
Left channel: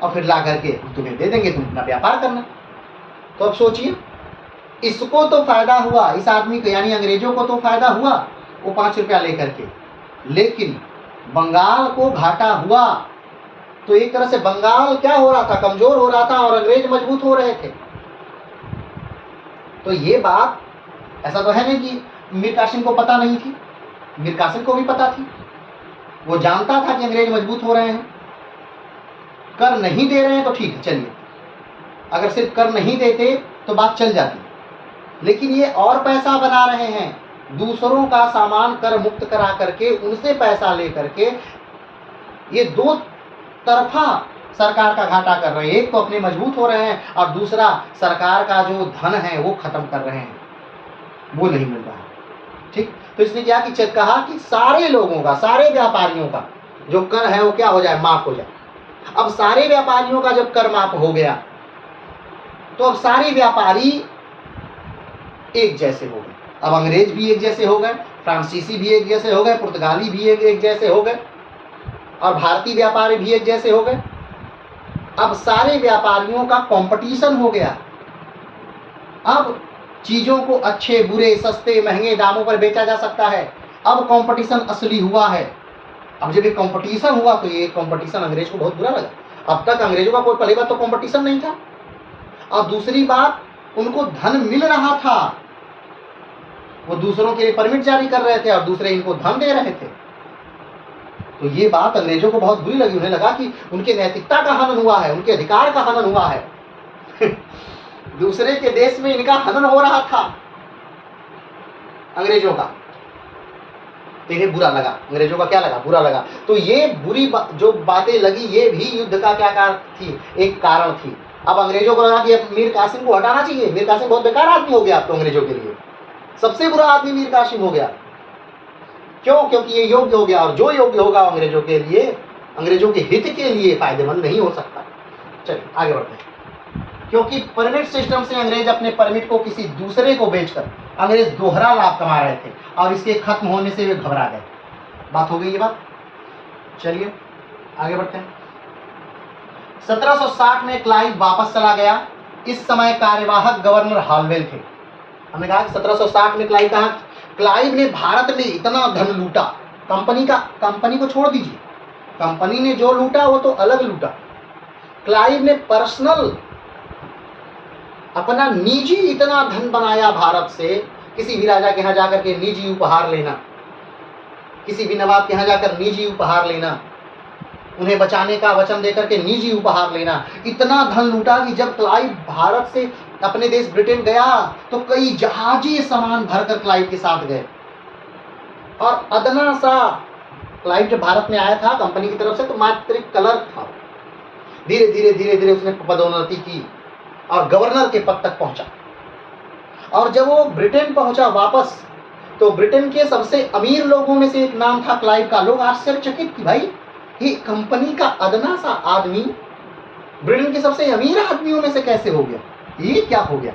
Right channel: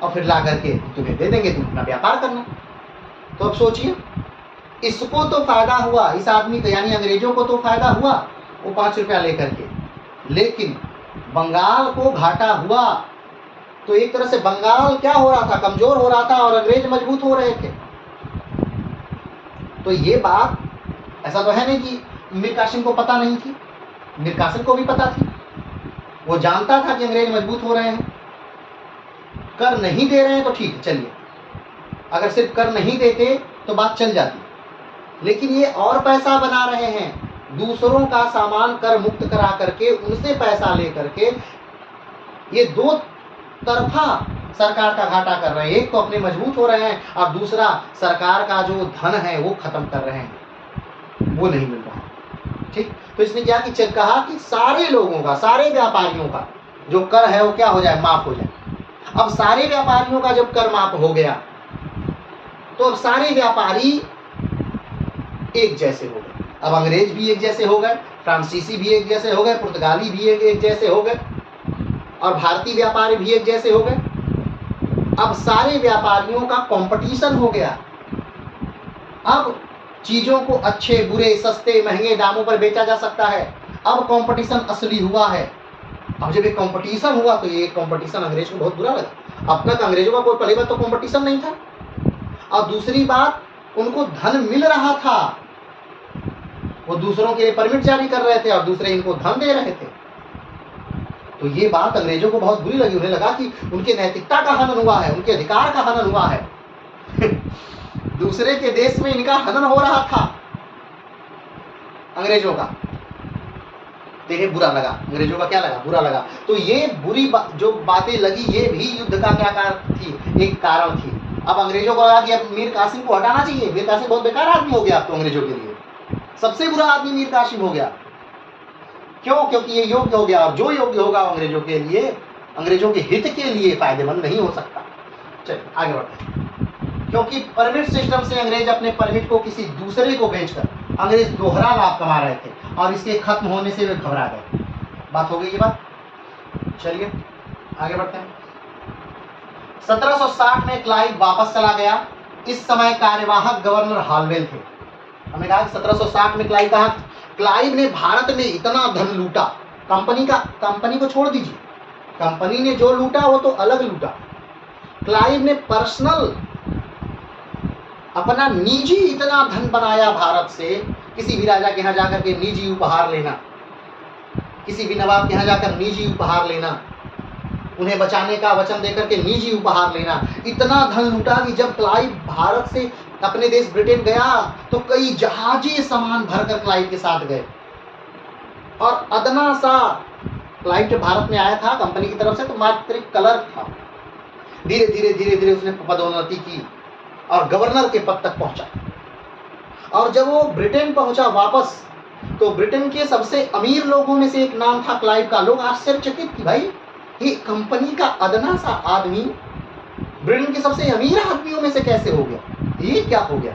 और फिर ला करके तुम्हें दे देंगे, तुम अपना व्यापार करना। तो अब सोचिए, इसको तो फायदा हुआ, इस आदमी को यानी अंग्रेजों को तो फायदा हुआ वो 5 रुपया लेकर के, लेकिन बंगाल को घाटा हुआ। तो एक तरह से बंगाल क्या हो रहा था, कमजोर हो रहा था और अंग्रेज मजबूत हो रहे थे। तो ये बात ऐसा तो है नहीं कि मीर कासिम को पता नहीं थी, मीर कासिम को भी पता थी, वो जानता था कि अंग्रेज मजबूत हो रहे हैं। कर नहीं दे रहे हैं तो ठीक है, चलिए, अगर सिर्फ कर नहीं देते तो बात चल जाती, लेकिन ये और पैसा बना रहे हैं, दूसरों का सामान कर मुक्त करा करके उनसे पैसा ले करके ये दो तरफा सरकार का घाटा कर रहे हैं। एक तो अपने मजबूत हो रहे हैं और दूसरा सरकार का जो धन है वो खत्म कर रहे हैं, वो नहीं मिल रहा है। ठीक, तो इसने क्या कि कहा कि सारे लोगों का, सारे व्यापारियों का जो कर है वो क्या हो जाए, माफ हो जाए। अब सारे व्यापारियों का जब कर माफ हो गया तो अब सारे व्यापारी एक जैसे हो गए। अब अंग्रेज भी एक जैसे हो गए, फ्रांसीसी भी एक जैसे हो गए, पुर्तगाली भी एक जैसे हो गए और भारतीय व्यापारी भी एक जैसे हो गए। अब सारे व्यापारियों का कंपटीशन हो गया। अब चीजों को अच्छे बुरे सस्ते महंगे दामों पर बेचा जा सकता है। अब कंपटीशन असली हुआ है। अब जब ये कंपटीशन हुआ तो ये कंपटीशन अंग्रेज को बहुत बुरा लगा। अब तक अंग्रेजों का कोई पहली बात तो कंपटीशन नहीं था और दूसरी बात उनको धन मिल रहा था, वो दूसरों के लिए परमिट जारी कर रहे थे और दूसरे इनको धन दे रहे थे। तो ये बात अंग्रेजों को बहुत बुरी लगी। उन्हें लगा कि उनकी नैतिकता का हनन हुआ है, उनके अधिकार का हनन हुआ है। दूसरे के देश में इनका हनन हो रहा था अंग्रेजों का, तो इन्हें बुरा लगा। अंग्रेजों का क्या लगा, बुरा लगा। तो ये बुरी जो बातें लगी ये भी युद्ध का क्या कारण थी, एक कारण थी। अब अंग्रेजों को लगा कि अब मीर कासिम को हटाना चाहिए। मीर कासिम बहुत बेकार आदमी हो गया अब तो अंग्रेजों के लिए, सबसे बुरा आदमी मीर कासिम हो गया। क्यों? क्योंकि ये योग्य हो गया और जो योग्य होगा अंग्रेजों के लिए, अंग्रेजों के हित के लिए फायदेमंद नहीं हो सकता। चलिए आगे बढ़ते हैं। क्योंकि परमिट सिस्टम से अंग्रेज अपने परमिट को किसी दूसरे को बेचकर अंग्रेज दोहरा लाभ कमा रहे थे और इसके खत्म होने से वे घबरा गए। बात हो गई ये बात। चलिए आगे बढ़ते हैं। 1760 में क्लाइव वापस चला गया। इस समय कार्यवाहक गवर्नर हालवेल थे। हमने कहा 1760 में क्लाइव कहा, क्लाइव ने भारत में इतना धन लूटा, कंपनी को छोड़ दीजिए, कंपनी ने जो लूटा वो तो अलग लूटा। क्लाइव ने पर्सनल अपना निजी इतना धन बनाया भारत से। किसी भी राजा के यहाँ जाकर के निजी उपहार लेना, किसी भी नवाब के यहाँ जाकर निजी उपहार लेना, उन्हें बचाने का वचन देकर के निजी उपहार लेना, इतना धन लूटा कि जब क्लाइव भारत से अपने देश ब्रिटेन गया तो कई जहाजी सामान भरकर क्लाइव के साथ गए। और अदना सा क्लाइव जब भारत में आया था कंपनी की तरफ से तो मात्र एक कलर था। धीरे धीरे उसने पदोन्नति की और गवर्नर के पद तक पहुंचा। और जब वो ब्रिटेन पहुंचा वापस तो ब्रिटेन के सबसे अमीर लोगों में से एक नाम था क्लाइव का। लोग आश्चर्यचकित कि भाई ये कंपनी का अदना सा आदमी ब्रिटेन के सबसे अमीर आदमियों में से कैसे हो गया, ये क्या हो गया।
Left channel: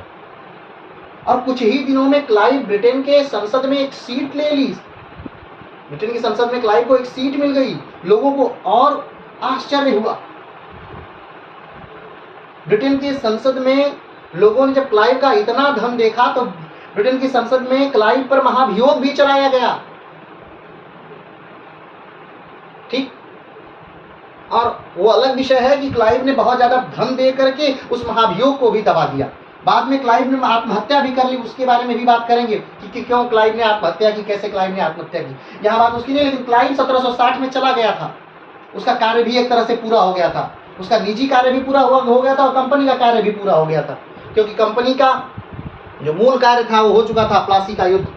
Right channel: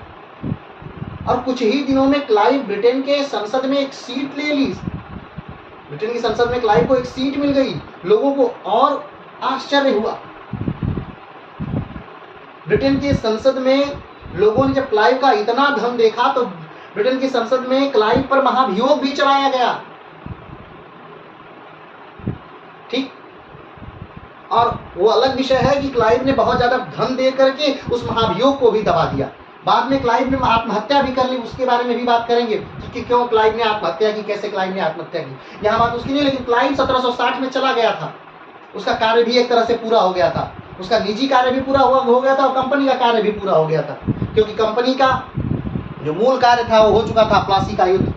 और कुछ ही दिनों में क्लाइव ब्रिटेन के संसद में एक सीट ले ली। ब्रिटेन की संसद में क्लाइव को एक सीट मिल गई। लोगों को और आश्चर्य हुआ। ब्रिटेन की संसद में लोगों ने जब क्लाइव का इतना धन देखा तो ब्रिटेन की संसद में क्लाइव पर महाभियोग भी चलाया गया। ठीक, और वो अलग विषय है कि क्लाइव ने बहुत ज्यादा धन दे करके उस महाभियोग को भी दबा दिया। बाद में क्लाइव ने आत्महत्या भी कर ली, उसके बारे में भी बात करेंगे कि क्यों क्लाइव ने आत्महत्या की, कैसे क्लाइव ने आत्महत्या की। यहाँ बात उसकी नहीं, लेकिन क्लाइव 1760 में चला गया था। उसका कार्य भी एक तरह से पूरा हो गया था। उसका निजी कार्य भी पूरा हो गया था और कंपनी का कार्य भी पूरा हो गया था, क्योंकि कंपनी का जो मूल कार्य था वो हो चुका था, प्लासी का युद्ध।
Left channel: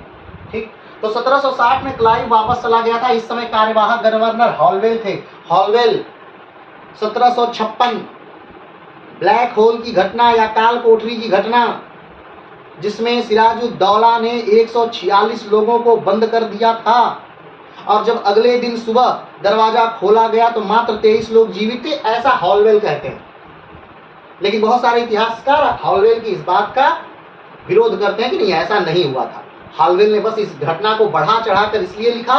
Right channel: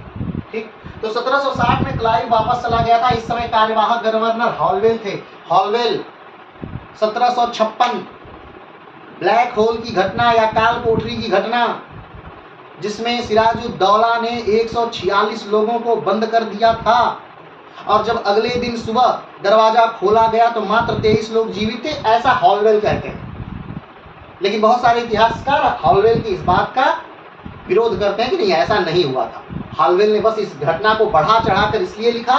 ठीक, तो 1760 में क्लाइव वापस चला गया था। इस समय कार्यवाहक गवर्नर हॉलवेल थे। हॉलवेल 1756 ब्लैक होल की घटना या काल कोठरी की घटना, जिसमें सिराजुद्दौला ने 146 लोगों को बंद कर दिया था और जब अगले दिन सुबह दरवाजा खोला गया तो मात्र 23 लोग जीवित थे, ऐसा हॉलवेल कहते हैं। लेकिन बहुत सारे इतिहासकार हॉलवेल की इस बात का विरोध करते हैं कि नहीं, ऐसा नहीं हुआ था। हॉलवेल ने बस इस घटना को बढ़ा चढ़ाकर इसलिए लिखा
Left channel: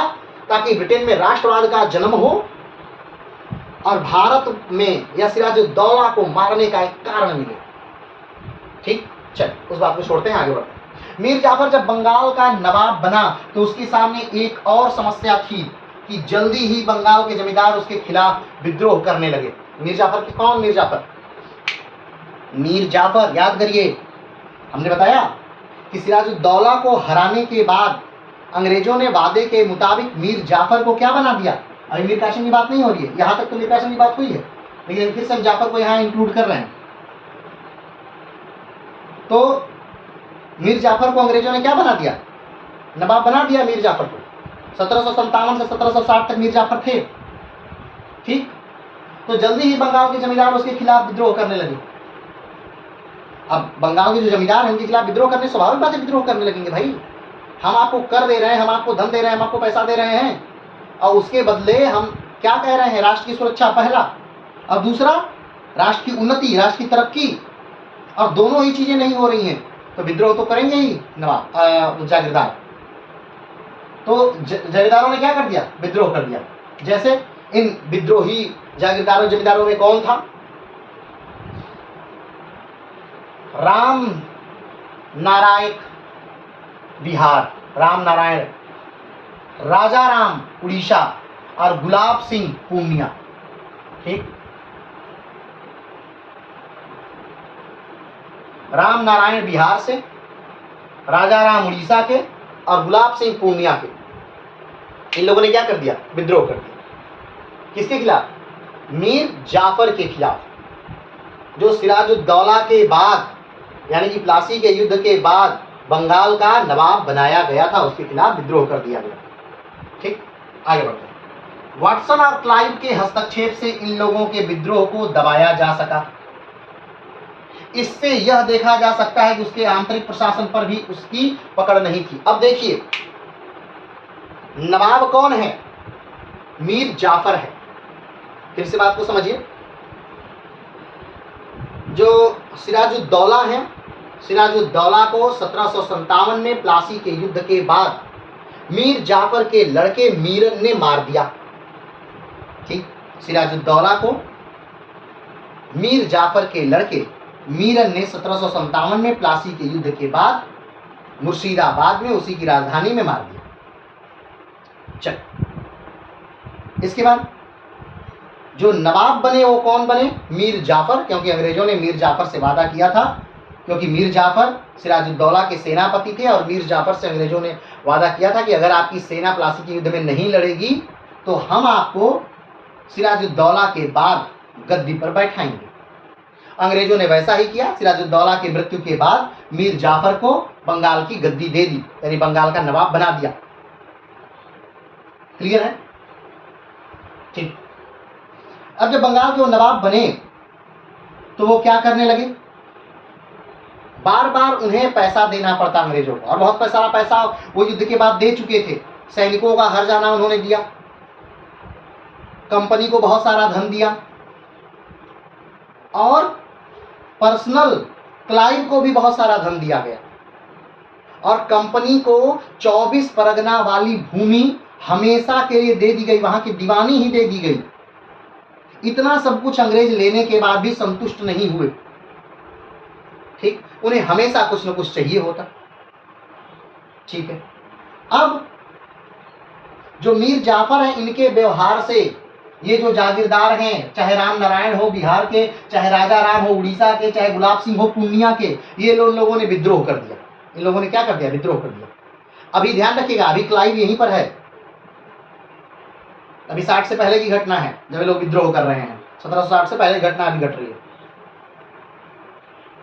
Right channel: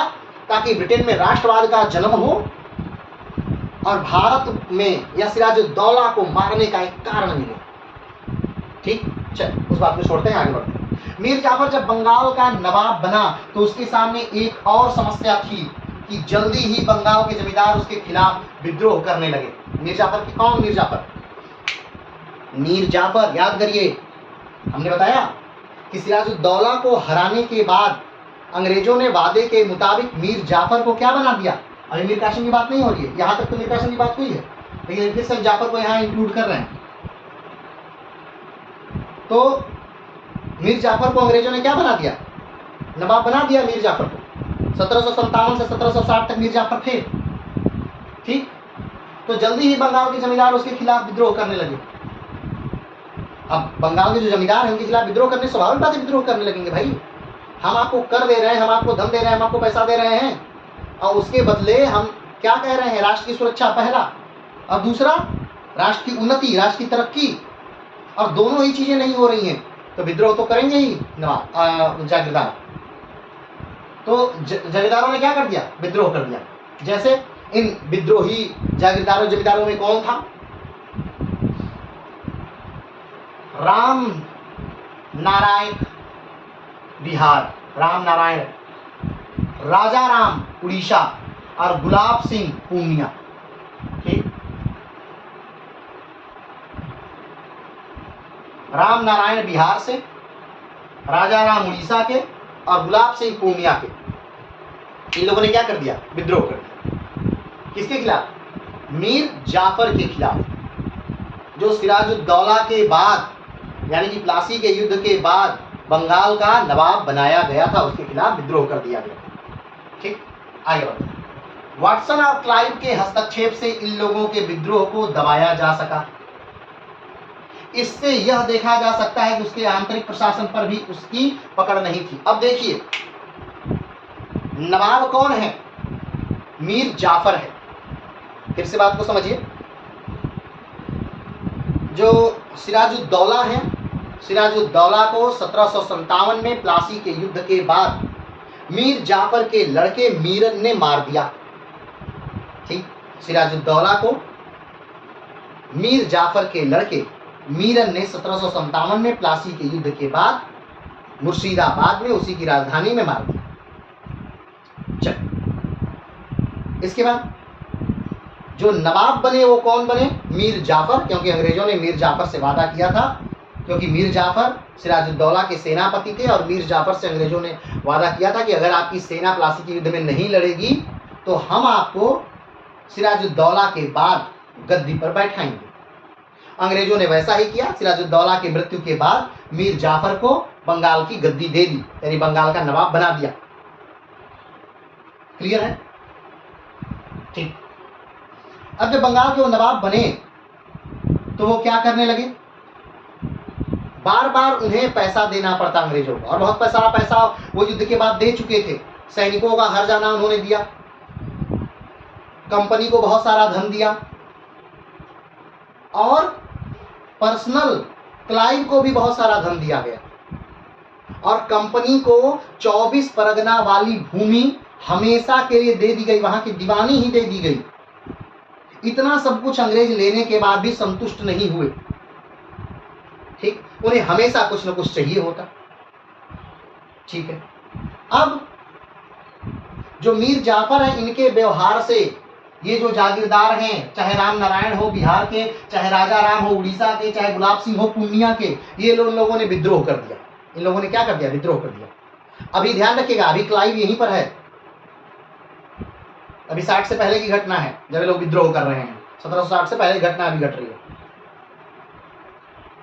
ताकि ब्रिटेन में राष्ट्रवाद का जन्म हो और भारत में या सिराजुद्दौला को मारने का एक कारण मिले। ठीक, चल उस बात को छोड़ते हैं, आगे बढ़ते हैं। मीर जाफर जब बंगाल का नवाब बना तो उसके सामने एक और समस्या थी कि जल्दी ही बंगाल के जमींदार उसके खिलाफ विद्रोह करने लगे। मीर जाफर की कौन? मीर जाफर, मीर जाफर याद करिए, हमने बताया कि सिराजुद्दौला को हराने के बाद अंग्रेजों ने वादे के मुताबिक मीर जाफर को क्या बना दिया। अभी मीर कासिम की बात नहीं हो रही है, यहाँ तक तो मीर कासिम की बात हुई है, लेकिन फिर से हम जाफर को यहाँ इंक्लूड कर रहे हैं। तो मीर जाफर को अंग्रेजों ने क्या बना दिया? नवाब बना दिया मीर जाफर को। 1757 से 1760 तक मीर जाफर थे। ठीक, तो जल्दी ही बंगाल के जमींदार उसके खिलाफ विद्रोह करने लगे। अब बंगाल के जो जमींदार हैं उनके खिलाफ विद्रोह करने, स्वाभाविक बात है विद्रोह करने लगेंगे। भाई हम आपको कर दे रहे हैं, हम आपको धन दे रहे हैं, हम आपको पैसा दे रहे हैं, और उसके बदले हम क्या कह रहे हैं? राष्ट्र की सुरक्षा पहला, और दूसरा राष्ट्र की उन्नति, राष्ट्र की तरक्की, और दोनों ही चीजें नहीं हो रही हैं, तो विद्रोह तो करेंगे ही नवाब जागीरदार। तो जागीरदारों ने क्या कर दिया? विद्रोह कर दिया। जैसे इन विद्रोही जागीरदारों जमींदारों में कौन था? राम नारायण बिहार, राम नारायण, राजा राम उड़ीसा, और गुलाब सिंह पूर्णिया। ठीक, राम नारायण बिहार से, राजा राम उड़ीसा के, और गुलाब सिंह पूर्णिया के, इन लोगों ने क्या कर दिया? विद्रोह कर दिया। किसके खिलाफ? मीर जाफर के खिलाफ, जो सिराजुद्दौला के बाद, यानी कि प्लासी के युद्ध के बाद बंगाल का नवाब बनाया गया था, उसके खिलाफ विद्रोह कर दिया गया। ठीक, आगे बढ़ते हैं। वाटसन और क्लाइव के हस्तक्षेप से इन लोगों के विद्रोह को दबाया जा सका। इससे यह देखा जा सकता है कि उसके आंतरिक प्रशासन पर भी उसकी पकड़ नहीं थी। अब देखिए, नवाब कौन है? मीर जाफर है। फिर से बात को समझिए, जो सिराजुद्दौला है, सिराजुद्दौला को 1757 में प्लासी के युद्ध के बाद मीर जाफर के लड़के मीरन ने मार दिया। ठीक, सिराजुद्दौला को मीर जाफर के लड़के मीरन ने 1757 में प्लासी के युद्ध के बाद मुर्शिदाबाद में, उसी की राजधानी में मार दिया। चल, इसके बाद जो नवाब बने वो कौन बने? मीर जाफर, क्योंकि अंग्रेजों ने मीर जाफर से वादा किया था, क्योंकि मीर जाफर सिराजुद्दौला के सेनापति थे, और मीर जाफर से अंग्रेजों ने वादा किया था कि अगर आपकी सेना प्लासी के युद्ध में नहीं लड़ेगी तो हम आपको सिराजुद्दौला के बाद गद्दी पर बैठाएंगे। अंग्रेजों ने वैसा ही किया। सिराजुद्दौला की मृत्यु के बाद मीर जाफर को बंगाल की गद्दी दे दी, यानी बंगाल का नवाब बना दिया। क्लियर है? ठीक, अब जब बंगाल के वो नवाब बने तो वो क्या करने लगे? बार बार उन्हें पैसा देना पड़ता अंग्रेजों को, और बहुत सारा पैसा वो युद्ध के बाद दे चुके थे। सैनिकों का हर जाना उन्होंने दिया, कंपनी को बहुत सारा धन दिया, और पर्सनल क्लाइव को भी बहुत सारा धन दिया गया, और कंपनी को 24 परगना वाली भूमि हमेशा के लिए दे दी गई, वहां की दीवानी ही दे दी गई। इतना सब कुछ अंग्रेज लेने के बाद भी संतुष्ट नहीं हुए। ठीक, उन्हें हमेशा कुछ न कुछ चाहिए होता। ठीक है, अब जो मीर जाफर हैं, इनके व्यवहार से ये जो जागीरदार हैं, चाहे राम नारायण हो बिहार के, चाहे राजा राम हो उड़ीसा के, चाहे गुलाब सिंह हो पूर्णिया के, ये लोगों ने विद्रोह कर दिया। इन लोगों ने क्या कर दिया? विद्रोह कर दिया। अभी ध्यान रखिएगा, अभी क्लाइव यहीं पर है, अभी 60 से पहले की घटना है जब ये लोग विद्रोह कर रहे हैं। 1760 से पहले घटना अभी घट रही है।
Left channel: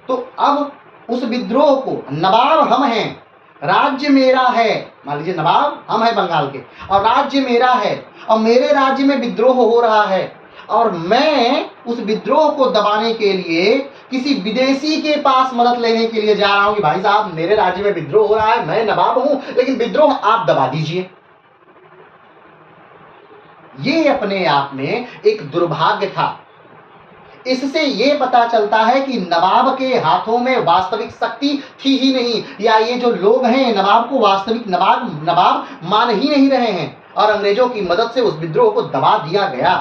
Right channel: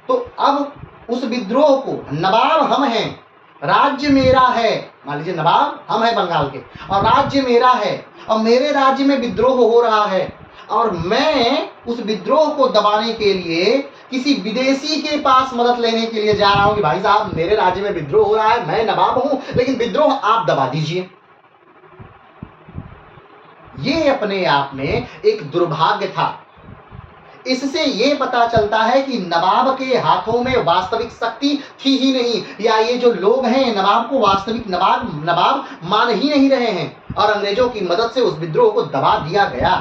तो अब उस विद्रोह को, नवाब हम हैं, राज्य मेरा है, मान लीजिए नवाब हम हैं बंगाल के, और राज्य मेरा है, और मेरे राज्य में विद्रोह हो रहा है, और मैं उस विद्रोह को दबाने के लिए किसी विदेशी के पास मदद लेने के लिए जा रहा हूं कि भाई साहब मेरे राज्य में विद्रोह हो रहा है, मैं नवाब हूं, लेकिन विद्रोह आप दबा दीजिए। ये अपने आप में एक दुर्भाग्य था। इससे ये पता चलता है कि नवाब के हाथों में वास्तविक शक्ति थी ही नहीं, या ये जो लोग हैं नवाब को वास्तविक नवाब मान ही नहीं रहे हैं, और अंग्रेजों की मदद से उस विद्रोह को दबा दिया गया।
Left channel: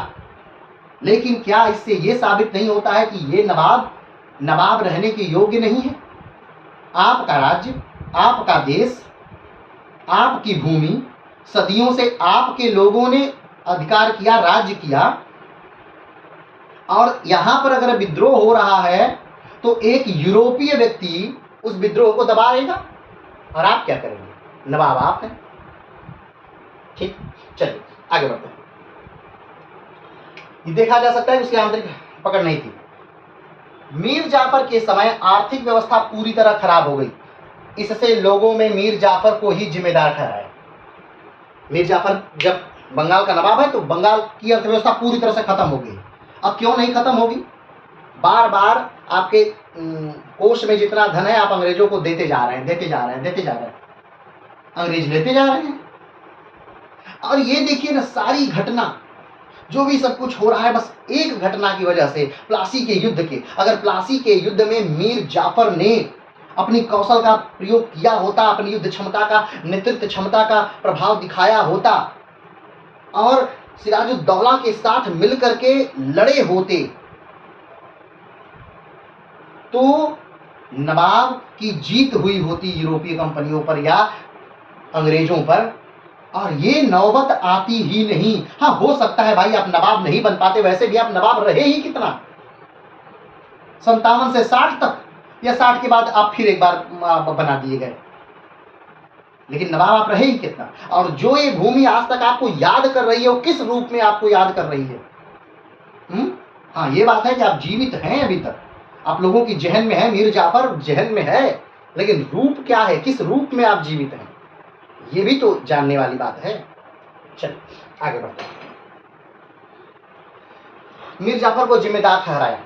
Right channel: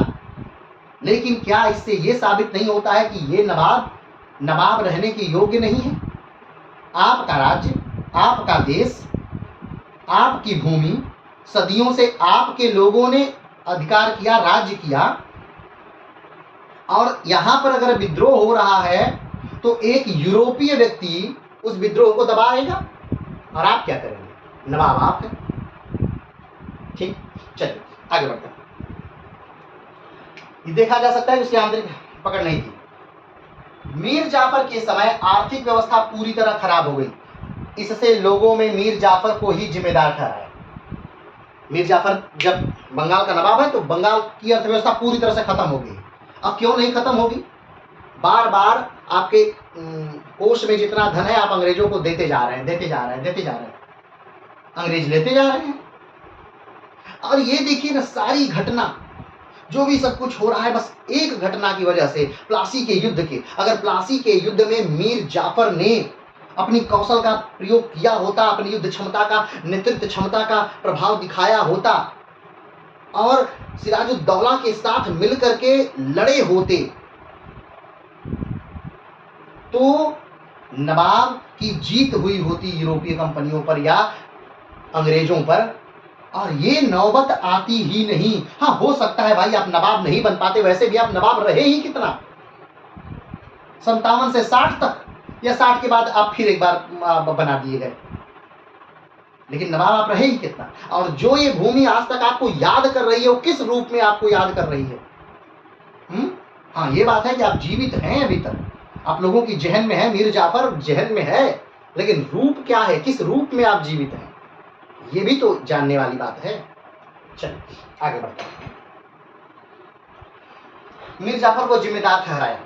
लेकिन क्या इससे ये साबित नहीं होता है कि ये नवाब रहने के योग्य नहीं है? आपका राज्य, आपका देश, आपकी भूमि, सदियों से आपके लोगों ने अधिकार किया, राज्य किया, और यहां पर अगर विद्रोह हो रहा है तो एक यूरोपीय व्यक्ति उस विद्रोह को दबाएगा, और आप क्या करेंगे? नवाब आप हैं। ठीक, चलिए आगे बढ़ते हैं। ये देखा जा सकता है उसके आंतरिक पकड़ नहीं थी। मीर जाफर के समय आर्थिक व्यवस्था पूरी तरह खराब हो गई। इससे लोगों में मीर जाफर को ही जिम्मेदार ठहराया। मीर जाफर जब बंगाल का नवाब है तो बंगाल की अर्थव्यवस्था पूरी तरह से खत्म हो गई। अब क्यों नहीं खत्म होगी? बार बार आपके कोष में जितना धन है आप अंग्रेजों को देते जा रहे हैं, देते जा रहे हैं, देते जा रहे हैं, अंग्रेज लेते जा रहे हैं। और ये देखिए ना, सारी घटना जो भी सब कुछ हो रहा है बस एक घटना की वजह से, प्लासी के युद्ध के। अगर प्लासी के युद्ध में मीर जाफर ने अपनी कौशल का प्रयोग किया होता, अपनी युद्ध क्षमता का, नेतृत्व क्षमता का प्रभाव दिखाया होता और सिराजुद्दौला के साथ मिलकर के लड़े होते, तो नवाब की जीत हुई होती यूरोपीय कंपनियों पर या अंग्रेजों पर, और ये नौबत आती ही नहीं। हाँ, हो सकता है भाई आप नवाब नहीं बन पाते, वैसे भी आप नवाब रहे ही कितना, 57 से 60 तक, या 60 के बाद आप फिर एक बार बना दिए गए, लेकिन नवाब आप रहे ही कितना। और जो ये भूमि आज तक आपको याद कर रही है वो किस रूप में आपको याद कर रही है? हाँ, ये बात है कि आप जीवित हैं अभी तक, आप लोगों की जहन में है, मीर जाफर जहन में है, लेकिन रूप क्या है, किस रूप में आप जीवित हैं, ये भी तो जानने वाली बात है। चलिए आगे बढ़ते हैं। मीर जाफर को जिम्मेदार ठहराया।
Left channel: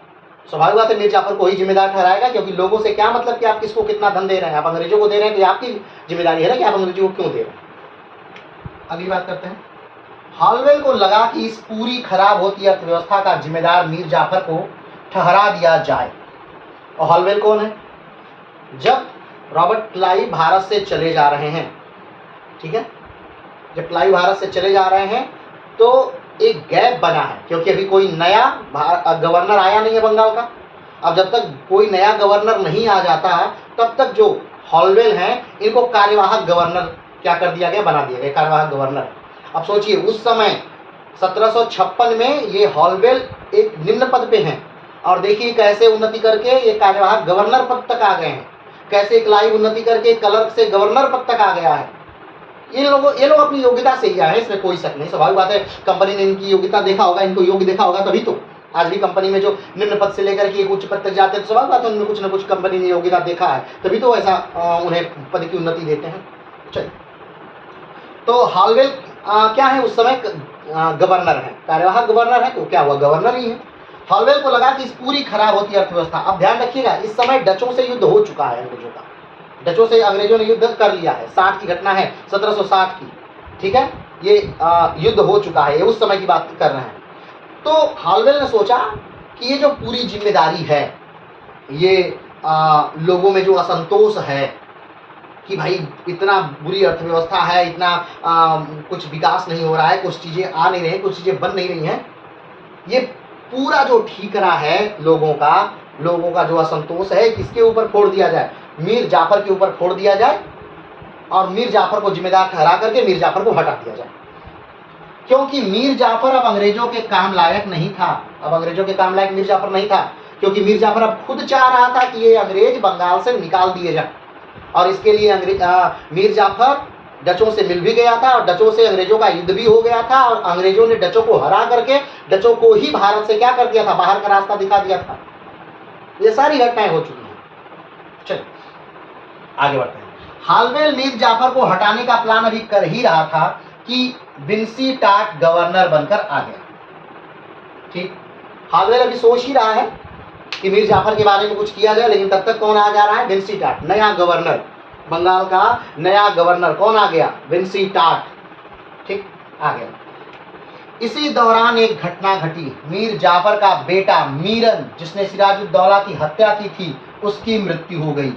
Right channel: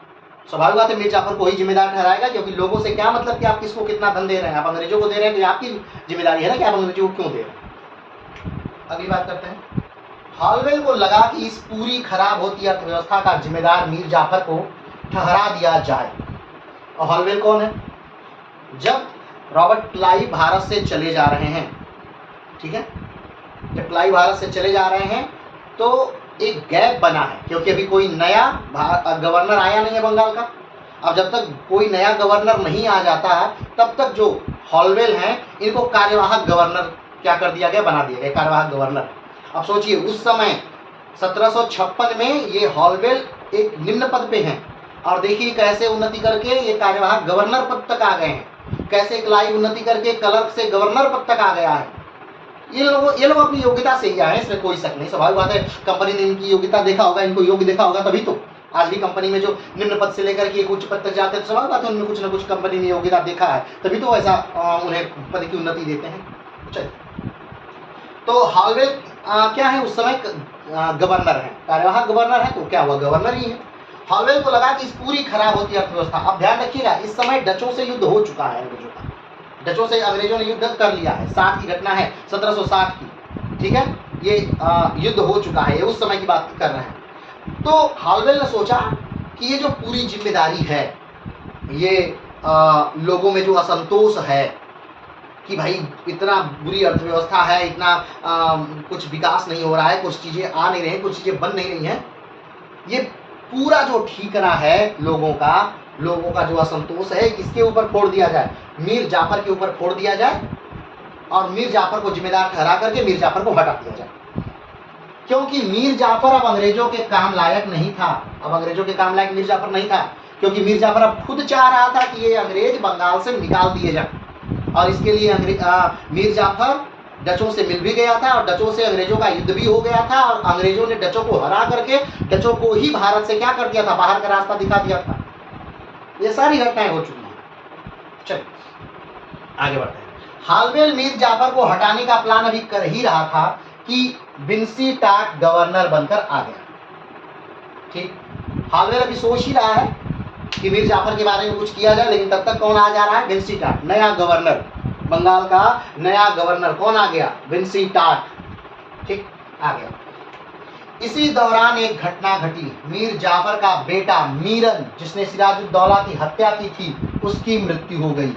स्वाभाविक बात है, मीर जाफर को ही जिम्मेदार ठहराएगा, क्योंकि लोगों से क्या मतलब कि आप किसको कितना धन दे रहे हैं। आप अंग्रेजों को दे रहे हैं तो ये आपकी जिम्मेदारी है ना कि आप अंग्रेजों को क्यों दे रहे हैं। अगली बात करते हैं। हॉलवेल को लगा कि इस पूरी खराब होती अर्थव्यवस्था का जिम्मेदार मीर जाफर को ठहरा दिया जाए। और हॉलवेल कौन है? जब रॉबर्ट क्लाइव भारत से चले जा रहे हैं, ठीक है, जब क्लाइव भारत से चले जा रहे हैं तो एक गैप बना है, क्योंकि अभी कोई नया गवर्नर आया नहीं है बंगाल का। अब जब तक कोई नया गवर्नर नहीं आ जाता है तब तक जो हॉलवेल हैं इनको कार्यवाहक गवर्नर क्या कर दिया गया, बना दिया गया, कार्यवाहक गवर्नर। अब सोचिए उस समय 1756 में ये हॉलवेल एक निम्न पद पे हैं, और देखिए कैसे उन्नति करके ये कार्यवाहक गवर्नर पद तक आ गए हैं, कैसे क्लाइव उन्नति करके क्लर्क से गवर्नर पद तक आ गया है। ये लोग अपनी योग्यता से ही आए, इसमें कोई शक नहीं। स्वाभाविक बात है, कंपनी ने इनकी योग्यता देखा होगा, इनको योग्य देखा होगा, तभी तो आज भी कंपनी में जो निम्न पद से लेकर के एक उच्च पद तक जाते हैं, तो स्वाभाविक बात है उनमें कुछ न कुछ कंपनी ने योग्यता देखा है, तभी तो ऐसा उन्हें पद की उन्नति देते हैं। चलिए, तो हॉलवेल क्या है, उस समय गवर्नर है, कार्यवाहक गवर्नर है, तो क्या हुआ, गवर्नर ही है। हॉलवेल को लगा कि इस पूरी खराब होती अर्थव्यवस्था। अब ध्यान रखिएगा, इस समय डचों से युद्ध हो चुका है, अंग्रेजों का, डचों से अंग्रेजों ने युद्ध कर लिया है। 60 की घटना है, 1760 की, ठीक है, ये युद्ध हो चुका है, ये उस समय की बात कर रहे हैं। तो हॉलवेल ने सोचा कि ये जो पूरी जिम्मेदारी है, ये लोगों में जो असंतोष है कि भाई इतना बुरी अर्थव्यवस्था है, इतना कुछ विकास नहीं हो रहा है, कुछ चीज़ें आ नहीं रही, कुछ चीज़ें बन नहीं रही हैं, ये पूरा जो ठीकरा है लोगों का जो असंतोष है, किसके ऊपर फोड़ दिया जाए, मीर जाफर के ऊपर फोड़ दिया जाए, और मीर जाफर को जिम्मेदार ठहरा करके मीर जाफर को हटा दिया जाए। क्योंकि मीर जाफर अब अंग्रेजों के काम लायक नहीं था, अब अंग्रेजों के काम लायक मीर जाफर नहीं था, क्योंकि मीर जाफर अब खुद चाह रहा था कि ये अंग्रेज बंगाल से निकाल दिए जाए, और इसके लिए मीर जाफर डचों से मिल भी गया था, और डचों से अंग्रेजों का युद्ध भी हो गया था, और अंग्रेजों ने डचों को हरा करके डचों को ही भारत से क्या कर दिया था, बाहर का रास्ता दिखा दिया था। ये सारी घटनाएं हो चुकी हैं। चलिए आगे बढ़ते हैं। हॉलवेल मीर जाफर को हटाने का प्लान अभी कर ही रहा था कि विंसीटाट गवर्नर बनकर आ गया। ठीक, हॉलवेल अभी सोच ही रहा है कि मीर जाफर के बारे में कुछ किया जाए, लेकिन तब तक कौन आ जा रहा है, विंसीटाट, नया गवर्नर, बंगाल का नया गवर्नर कौन आ गया, विंसीटाट, ठीक, आ गया। इसी दौरान एक घटना घटी। मीर जाफर का बेटा मीरन, जिसने सिराजुद्दौला की हत्या की थी, उसकी मृत्यु हो गई।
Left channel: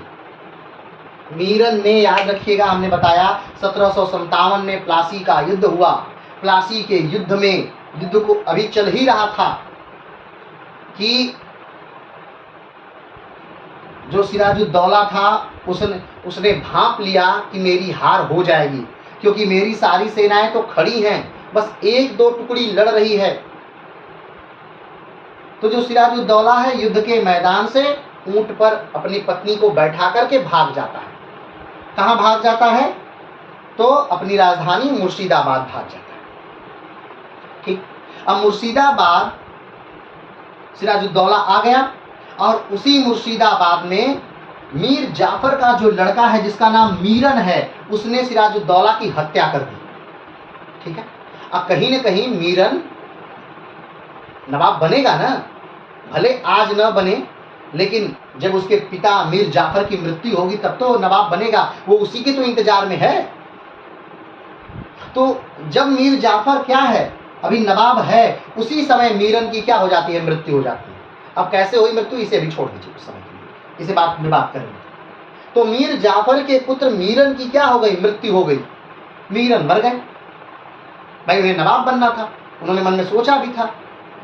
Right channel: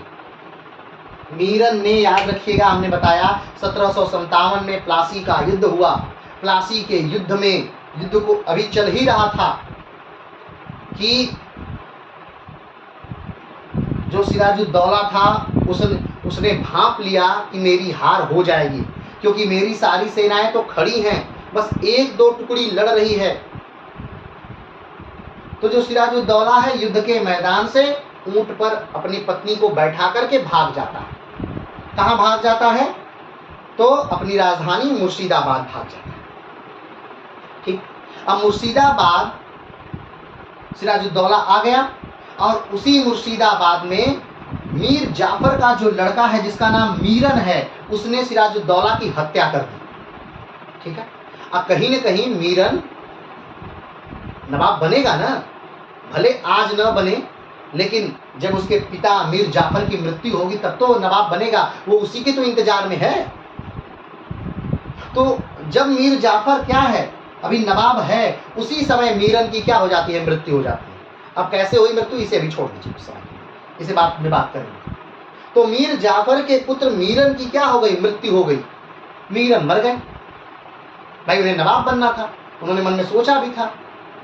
मीरन ने, याद रखिएगा हमने बताया 1757 में प्लासी का युद्ध हुआ। प्लासी के युद्ध में, युद्ध को अभी चल ही रहा था कि जो सिराजुद्दौला था उसने भांप लिया कि मेरी हार हो जाएगी, क्योंकि मेरी सारी सेनाएं तो खड़ी हैं, बस एक दो टुकड़ी लड़ रही है। तो जो सिराजुद्दौला है युद्ध के मैदान से ऊंट पर अपनी पत्नी को बैठा करके भाग जाता है। कहाँ भाग जाता है, तो अपनी राजधानी मुर्शिदाबाद भाग जाता है। ठीक, अब मुर्शिदाबाद सिराजुद्दौला आ गया और उसी मुर्शिदाबाद में मीर जाफर का जो लड़का है जिसका नाम मीरन है, उसने सिराजुद्दौला की हत्या कर दी। ठीक है, अब कहीं न कहीं मीरन नवाब बनेगा ना, भले आज न बने, लेकिन जब उसके पिता मीर जाफर की मृत्यु होगी तब तो नवाब बनेगा, वो उसी के तो इंतजार में है। तो जब मीर जाफर क्या है, अभी नवाब है, उसी समय मीरन की क्या हो जाती है, मृत्यु हो जाती है। अब कैसे हुई मृत्यु, इसे भी छोड़ दीजिए कुछ समय के लिए, इसे बात में बात करेंगे। तो मीर जाफर के पुत्र मीरन की क्या हो गई, मृत्यु हो गई, मीरन मर गए। भाई उन्हें नवाब बनना था, उन्होंने मन में सोचा भी था,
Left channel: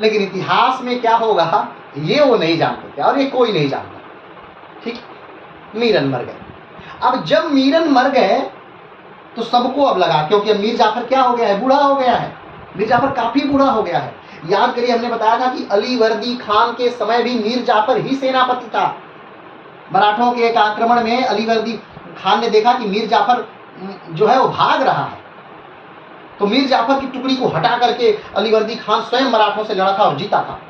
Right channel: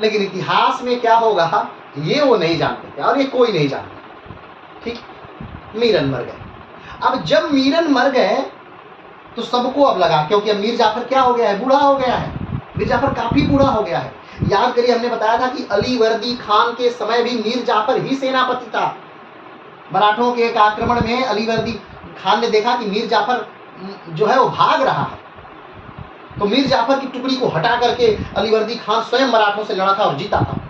लेकिन इतिहास में क्या होगा ये वो नहीं जानते थे और ये कोई नहीं जानता। ठीक, मीरन मर गए। अब जब मीरन मर गए तो सबको अब लगा, क्योंकि अब मीर जाफर क्या हो गया है, बूढ़ा हो गया है, मीर जाफर काफी बूढ़ा हो गया है। याद करिए, हमने बताया था कि अलीवर्दी खान के समय भी मीर जाफर ही सेनापति था। मराठों के एक आक्रमण में अलीवर्दी खान ने देखा कि मीर जाफर जो है वो भाग रहा है, तो मीर जाफर की टुकड़ी को हटा करके अलीवर्दी खान स्वयं मराठों से लड़ा था और जीता था।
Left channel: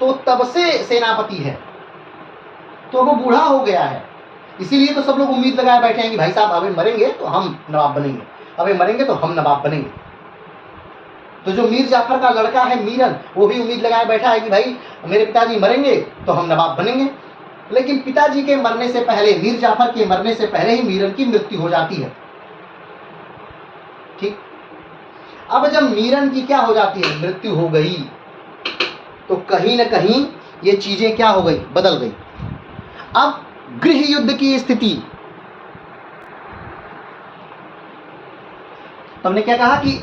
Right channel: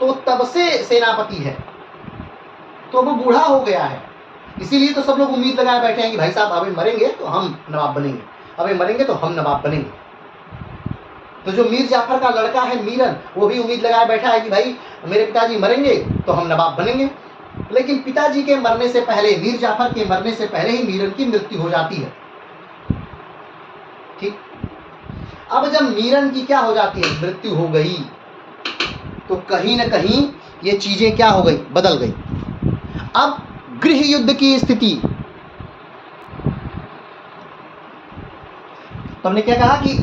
तो तब से सेनापति है, तो वो बूढ़ा हो गया है, इसीलिए तो सब लोग उम्मीद लगाए बैठे हैं कि भाई साहब अबे मरेंगे तो हम नवाब बनेंगे, अबे मरेंगे तो हम नवाब बनेंगे। तो जो मीर जाफर का लड़का है मीरन, वो भी उम्मीद लगाए बैठा है कि भाई मेरे पिताजी मरेंगे तो हम नवाब बनेंगे। लेकिन पिताजी के मरने से पहले, मीर जाफर के मरने से पहले ही मीरन की मृत्यु हो जाती है। ठीक, अब जब मीरन की क्या हो जाती है, मृत्यु हो गई, तो कहीं ना कहीं ये चीजें क्या हो गई, बदल गई। अब गृह युद्ध की स्थिति, तो हमने क्या कहा कि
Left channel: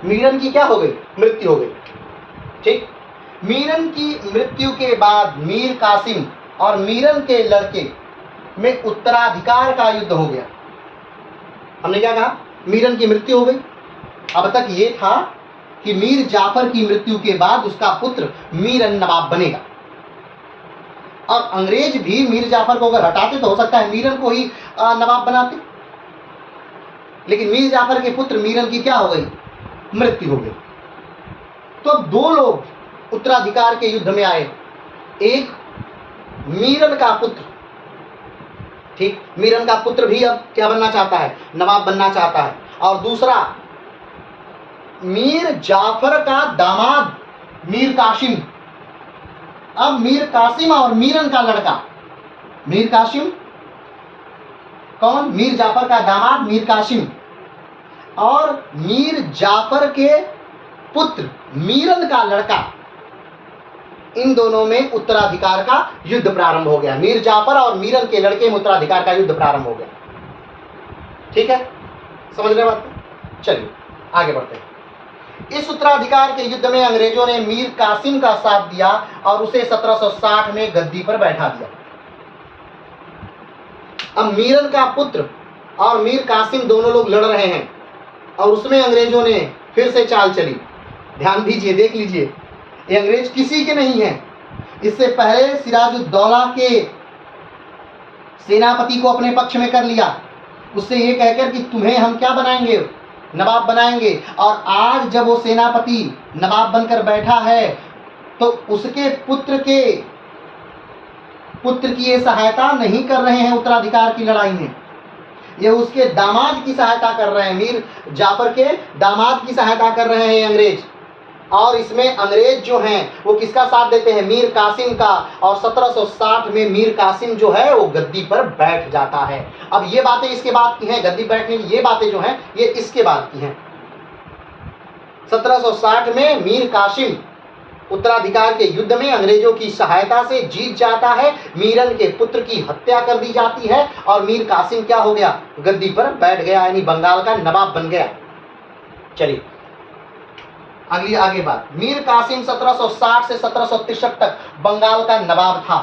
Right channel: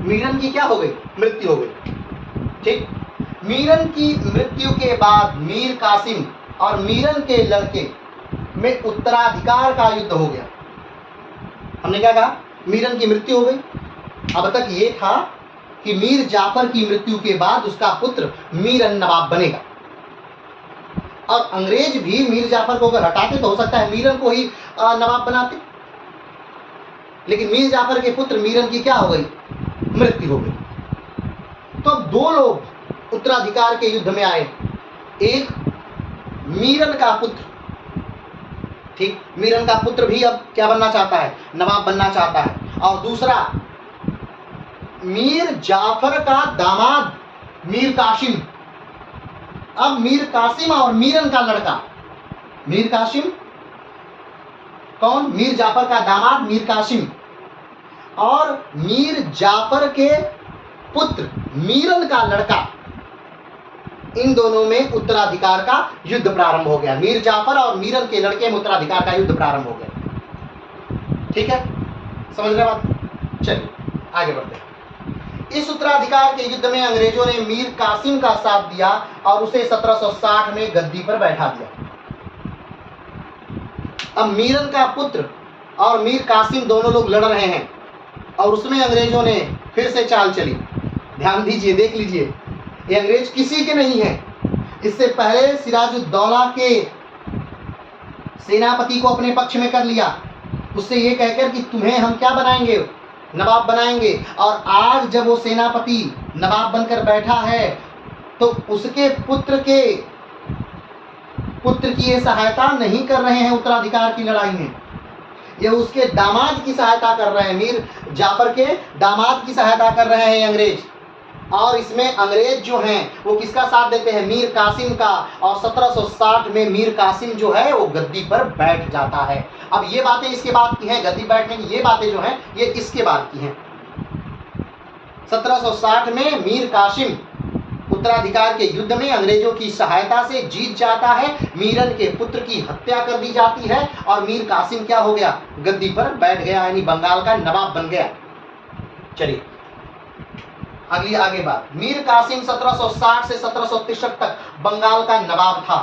मीरन की क्या हो गई, मृत्यु हो गई। ठीक, मीरन की मृत्यु के बाद मीर कासिम और मीरन के लड़के में उत्तराधिकार का युद्ध हो गया। हमने क्या कहा, मीरन की मृत्यु हो गई। अब तक ये था कि मीर जाफर की मृत्यु के बाद उसका पुत्र मीरन नवाब बनेगा, और अंग्रेज भी मीर जाफर को अगर हटाते तो हो सकता है मीरन को ही नवाब बनाते, लेकिन मीर जाफर के पुत्र मीरन की क्या हो गई, मृत्यु हो गई। तो अब दो लोग उत्तराधिकार के युद्ध में आए, एक मीरन का पुत्र, ठीक, मीरन का पुत्र भी अब क्या बनना चाहता है, नवाब बनना चाहता है, और दूसरा मीर जाफर का दामाद मीर कासिम। अब मीर कासिम और मीरन का लड़का, मीर कासिम कौन, मीर जाफर का दामाद मीर कासिम, और मीर जाफर के पुत्र मीरन का लड़का, इन दोनों में उत्तराधिकार का युद्ध प्रारंभ हो गया। मीर जाफर और मीरन के लड़के में उत्तराधिकार का युद्ध प्रारंभ हो गया। ठीक है, समझ रहे बात? चलिए आगे बढ़ते हैं। इस उत्तराधिकार के युद्ध में अंग्रेजों ने मीर कासिम का साथ दिया और उसे 1760 में गद्दी पर बैठा दिया। अब मीरन का पुत्र और मीर कासिम दोनों लोग लड़ रहे हैं, और उसमें अंग्रेजों ने फिर से चाल चली। ध्यान दीजिए, देख लीजिए, ये अंग्रेज किसी के नहीं है। इससे पहले सिराजुद्दौला के सेनापति को अपने पक्ष में कर लिया, उससे ये कहकर कि तुम्हें हम क्या बनाएंगे, नवाब बनाएंगे। और आज जब वो सेनापति नवाब बनकर बैठा है तो उसके पुत्र की ये सहायता नहीं कर रहे हैं उत्तराधिकार की लड़ाई में, ये उसके दामाद की सहायता कर रहे हैं, मीर जाफर के दामाद की सहायता कर रहे हैं अंग्रेज। और इसमें अंग्रेज जो हैं वो किसका साथ देते हैं, मीर कासिम का, और 1760 में मीर कासिम जो है वो गद्दी पर बैठ जाता है। अब ये बातें इसके बाद की हैं, गद्दी बैठने की ये बातें जो हैं ये इसके बाद की हैं। 1760 में मीर कासिम उत्तराधिकार के युद्ध में अंग्रेजों की सहायता से जीत जाता है, मीरन के पुत्र की हत्या कर दी जाती है, और मीर कासिम क्या हो गया, गद्दी पर बैठ गया, यानी बंगाल का नवाब बन गया। चलिए आगे बात। मीर कासिम 1760 से 1763 तक बंगाल का नवाब था।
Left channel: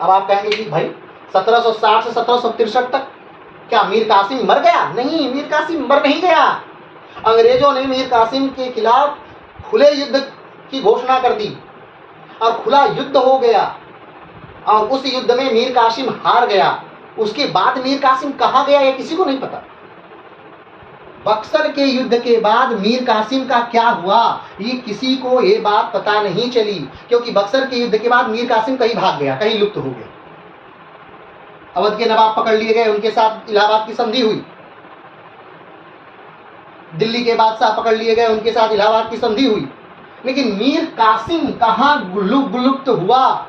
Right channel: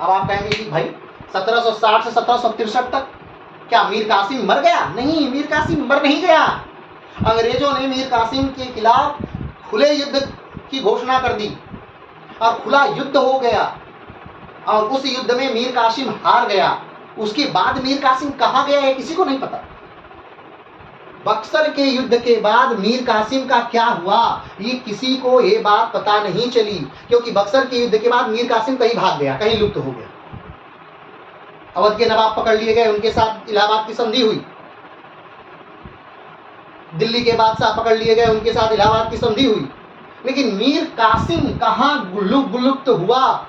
अब आप कहेंगे कि भाई 1760 से 1763 तक क्या मीर कासिम मर गया? नहीं, मीर कासिम मर नहीं गया। अंग्रेजों ने मीर कासिम के खिलाफ खुले युद्ध की घोषणा कर दी और खुला युद्ध हो गया, और उस युद्ध में मीर कासिम हार गया। उसके बाद मीर कासिम कहाँ गया ये किसी को नहीं पता। बक्सर के युद्ध के बाद मीर कासिम का क्या हुआ, ये किसी को ये बात पता नहीं चली, क्योंकि बक्सर के युद्ध के बाद मीर कासिम कहीं भाग गया, कहीं लुप्त हो गया। अवध के नवाब पकड़ लिए गए, उनके साथ इलाहाबाद की संधि हुई। दिल्ली के बादशाह पकड़ लिए गए, उनके साथ इलाहाबाद की संधि हुई। लेकिन मीर कासिम कहाँ विलुप्त हुआ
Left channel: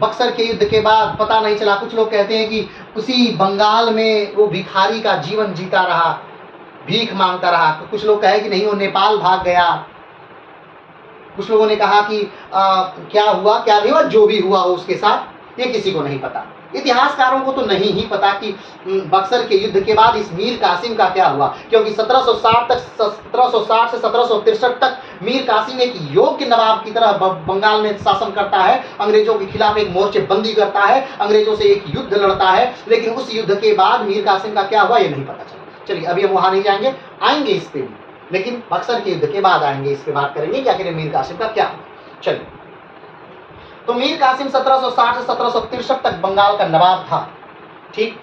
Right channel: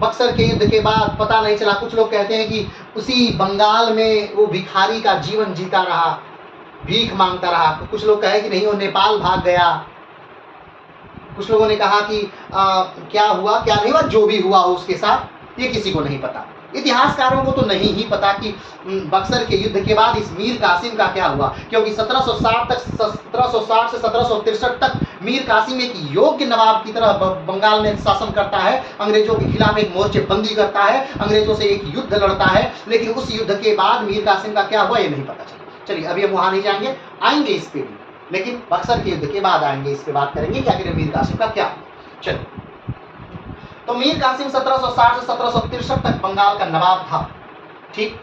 बक्सर के युद्ध के बाद, पता नहीं चला। कुछ लोग कहते हैं कि उसी बंगाल में वो भिखारी का जीवन जीता रहा, भीख मांगता रहा। तो कुछ लोग कहे कि नहीं, वो नेपाल भाग गया। कुछ लोगों ने कहा कि क्या हुआ क्या नहीं हुआ, जो भी हुआ हो उसके साथ, ये किसी को नहीं पता। इतिहासकारों को तो नहीं ही पता कि बक्सर के युद्ध के बाद इस मीर कासिम का क्या हुआ, क्योंकि 1760 से 1763 तक मीर कासिम एक योग्य नवाब की तरह बंगाल में शासन करता है, अंग्रेजों के खिलाफ एक मोर्चेबंदी करता है, अंग्रेजों से एक युद्ध लड़ता है। लेकिन उस युद्ध के बाद मीर कासिम का क्या हुआ ये नहीं पता चला। चलिए अभी हम वहां नहीं जाएंगे, आएंगे इस पे भी, लेकिन बक्सर के युद्ध के बाद आएंगे, इस पे बात करेंगे कि आखिर मीर कासिम का क्या हुआ। चलिए, तो मीर कासिम 1760 से 1763 तक बंगाल का नवाब था। ठीक,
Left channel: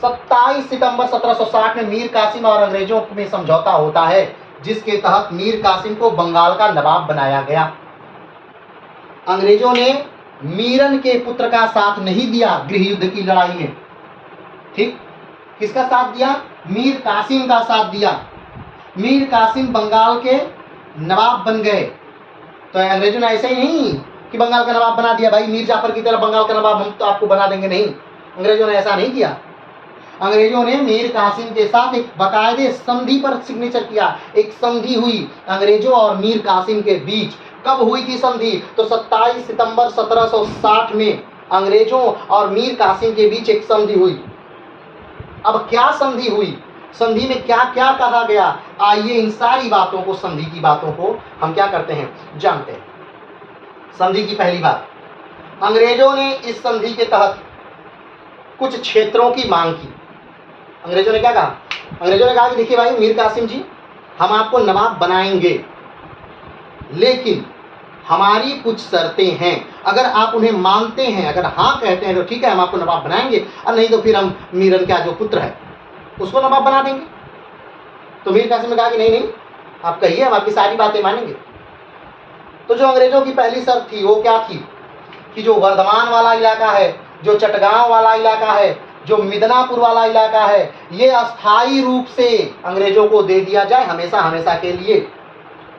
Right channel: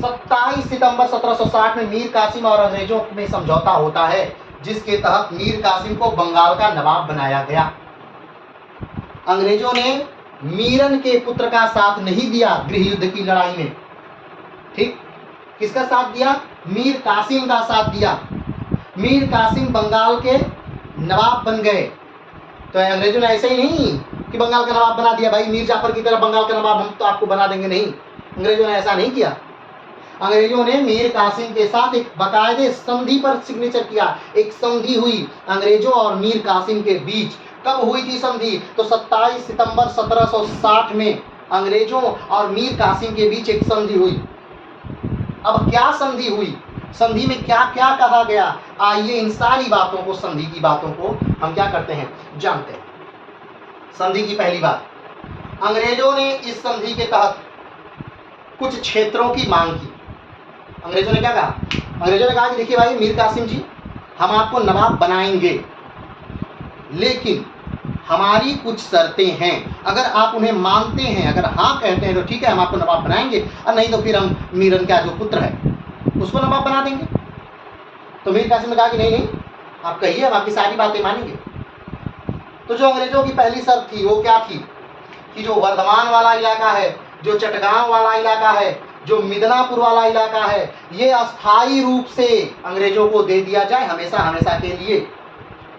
27 सितंबर 1760 में मीर कासिम और अंग्रेजों में समझौता होता है, जिसके तहत मीर कासिम को बंगाल का नवाब बनाया गया। अंग्रेजों ने मीरन के पुत्र का साथ नहीं दिया गृह युद्ध की लड़ाई में। ठीक, किसका साथ दिया? मीर कासिम का साथ दिया। मीर कासिम बंगाल के नवाब बन गए। तो अंग्रेजों ने ऐसे ही नहीं कि बंगाल का नवाब बना दिया, भाई मीर जाफर की तरह बंगाल का नवाब हम तो आपको बना देंगे, नहीं, अंग्रेजों ने ऐसा नहीं किया। अंग्रेजों ने मीर कासिम के साथ एक बाकायदे संधि पर सिग्नेचर किया। एक संधि हुई अंग्रेजों और मीर कासिम के बीच। कब हुई थी संधि? तो 27 सितंबर 1760 में अंग्रेजों और मीर कासिम के बीच एक संधि हुई। अब क्या संधि हुई, संधि में क्या क्या कहा गया, आइए इन सारी बातों को, संधि की बातों को हम क्या करते हैं, जानते हैं। संधि की पहली बात, अंग्रेजों ने इस संधि के तहत कुछ क्षेत्रों की मांग की। अंग्रेजों ने क्या कहा? अंग्रेजों ने कहा कि देखिए भाई मीर कासिम जी, हम आपको नवाब बनाएंगे, लेकिन हमारी कुछ शर्तें हैं। अगर आप उन्हें मानते हैं, अगर हाँ कहते हैं तो ठीक है, हम आपको नवाब बनाएंगे, और नहीं तो फिर हम मीरन का जो पुत्र है उसको नवाब बना देंगे। तो मीर कासिम ने कहा कि नहीं नहीं, आप कहिए, हम आपकी सारी बातें मानेंगे। तो जो अंग्रेजों की पहली शर्त थी वो क्या थी कि जो वर्धमान वाला इलाका है, जो चटगांव वाला इलाका है, जो मिदनापुर वाला इलाका है, ये अस्थायी रूप से अंग्रेजों को दे दिया जाए, हमेशा हमेशा के लिए।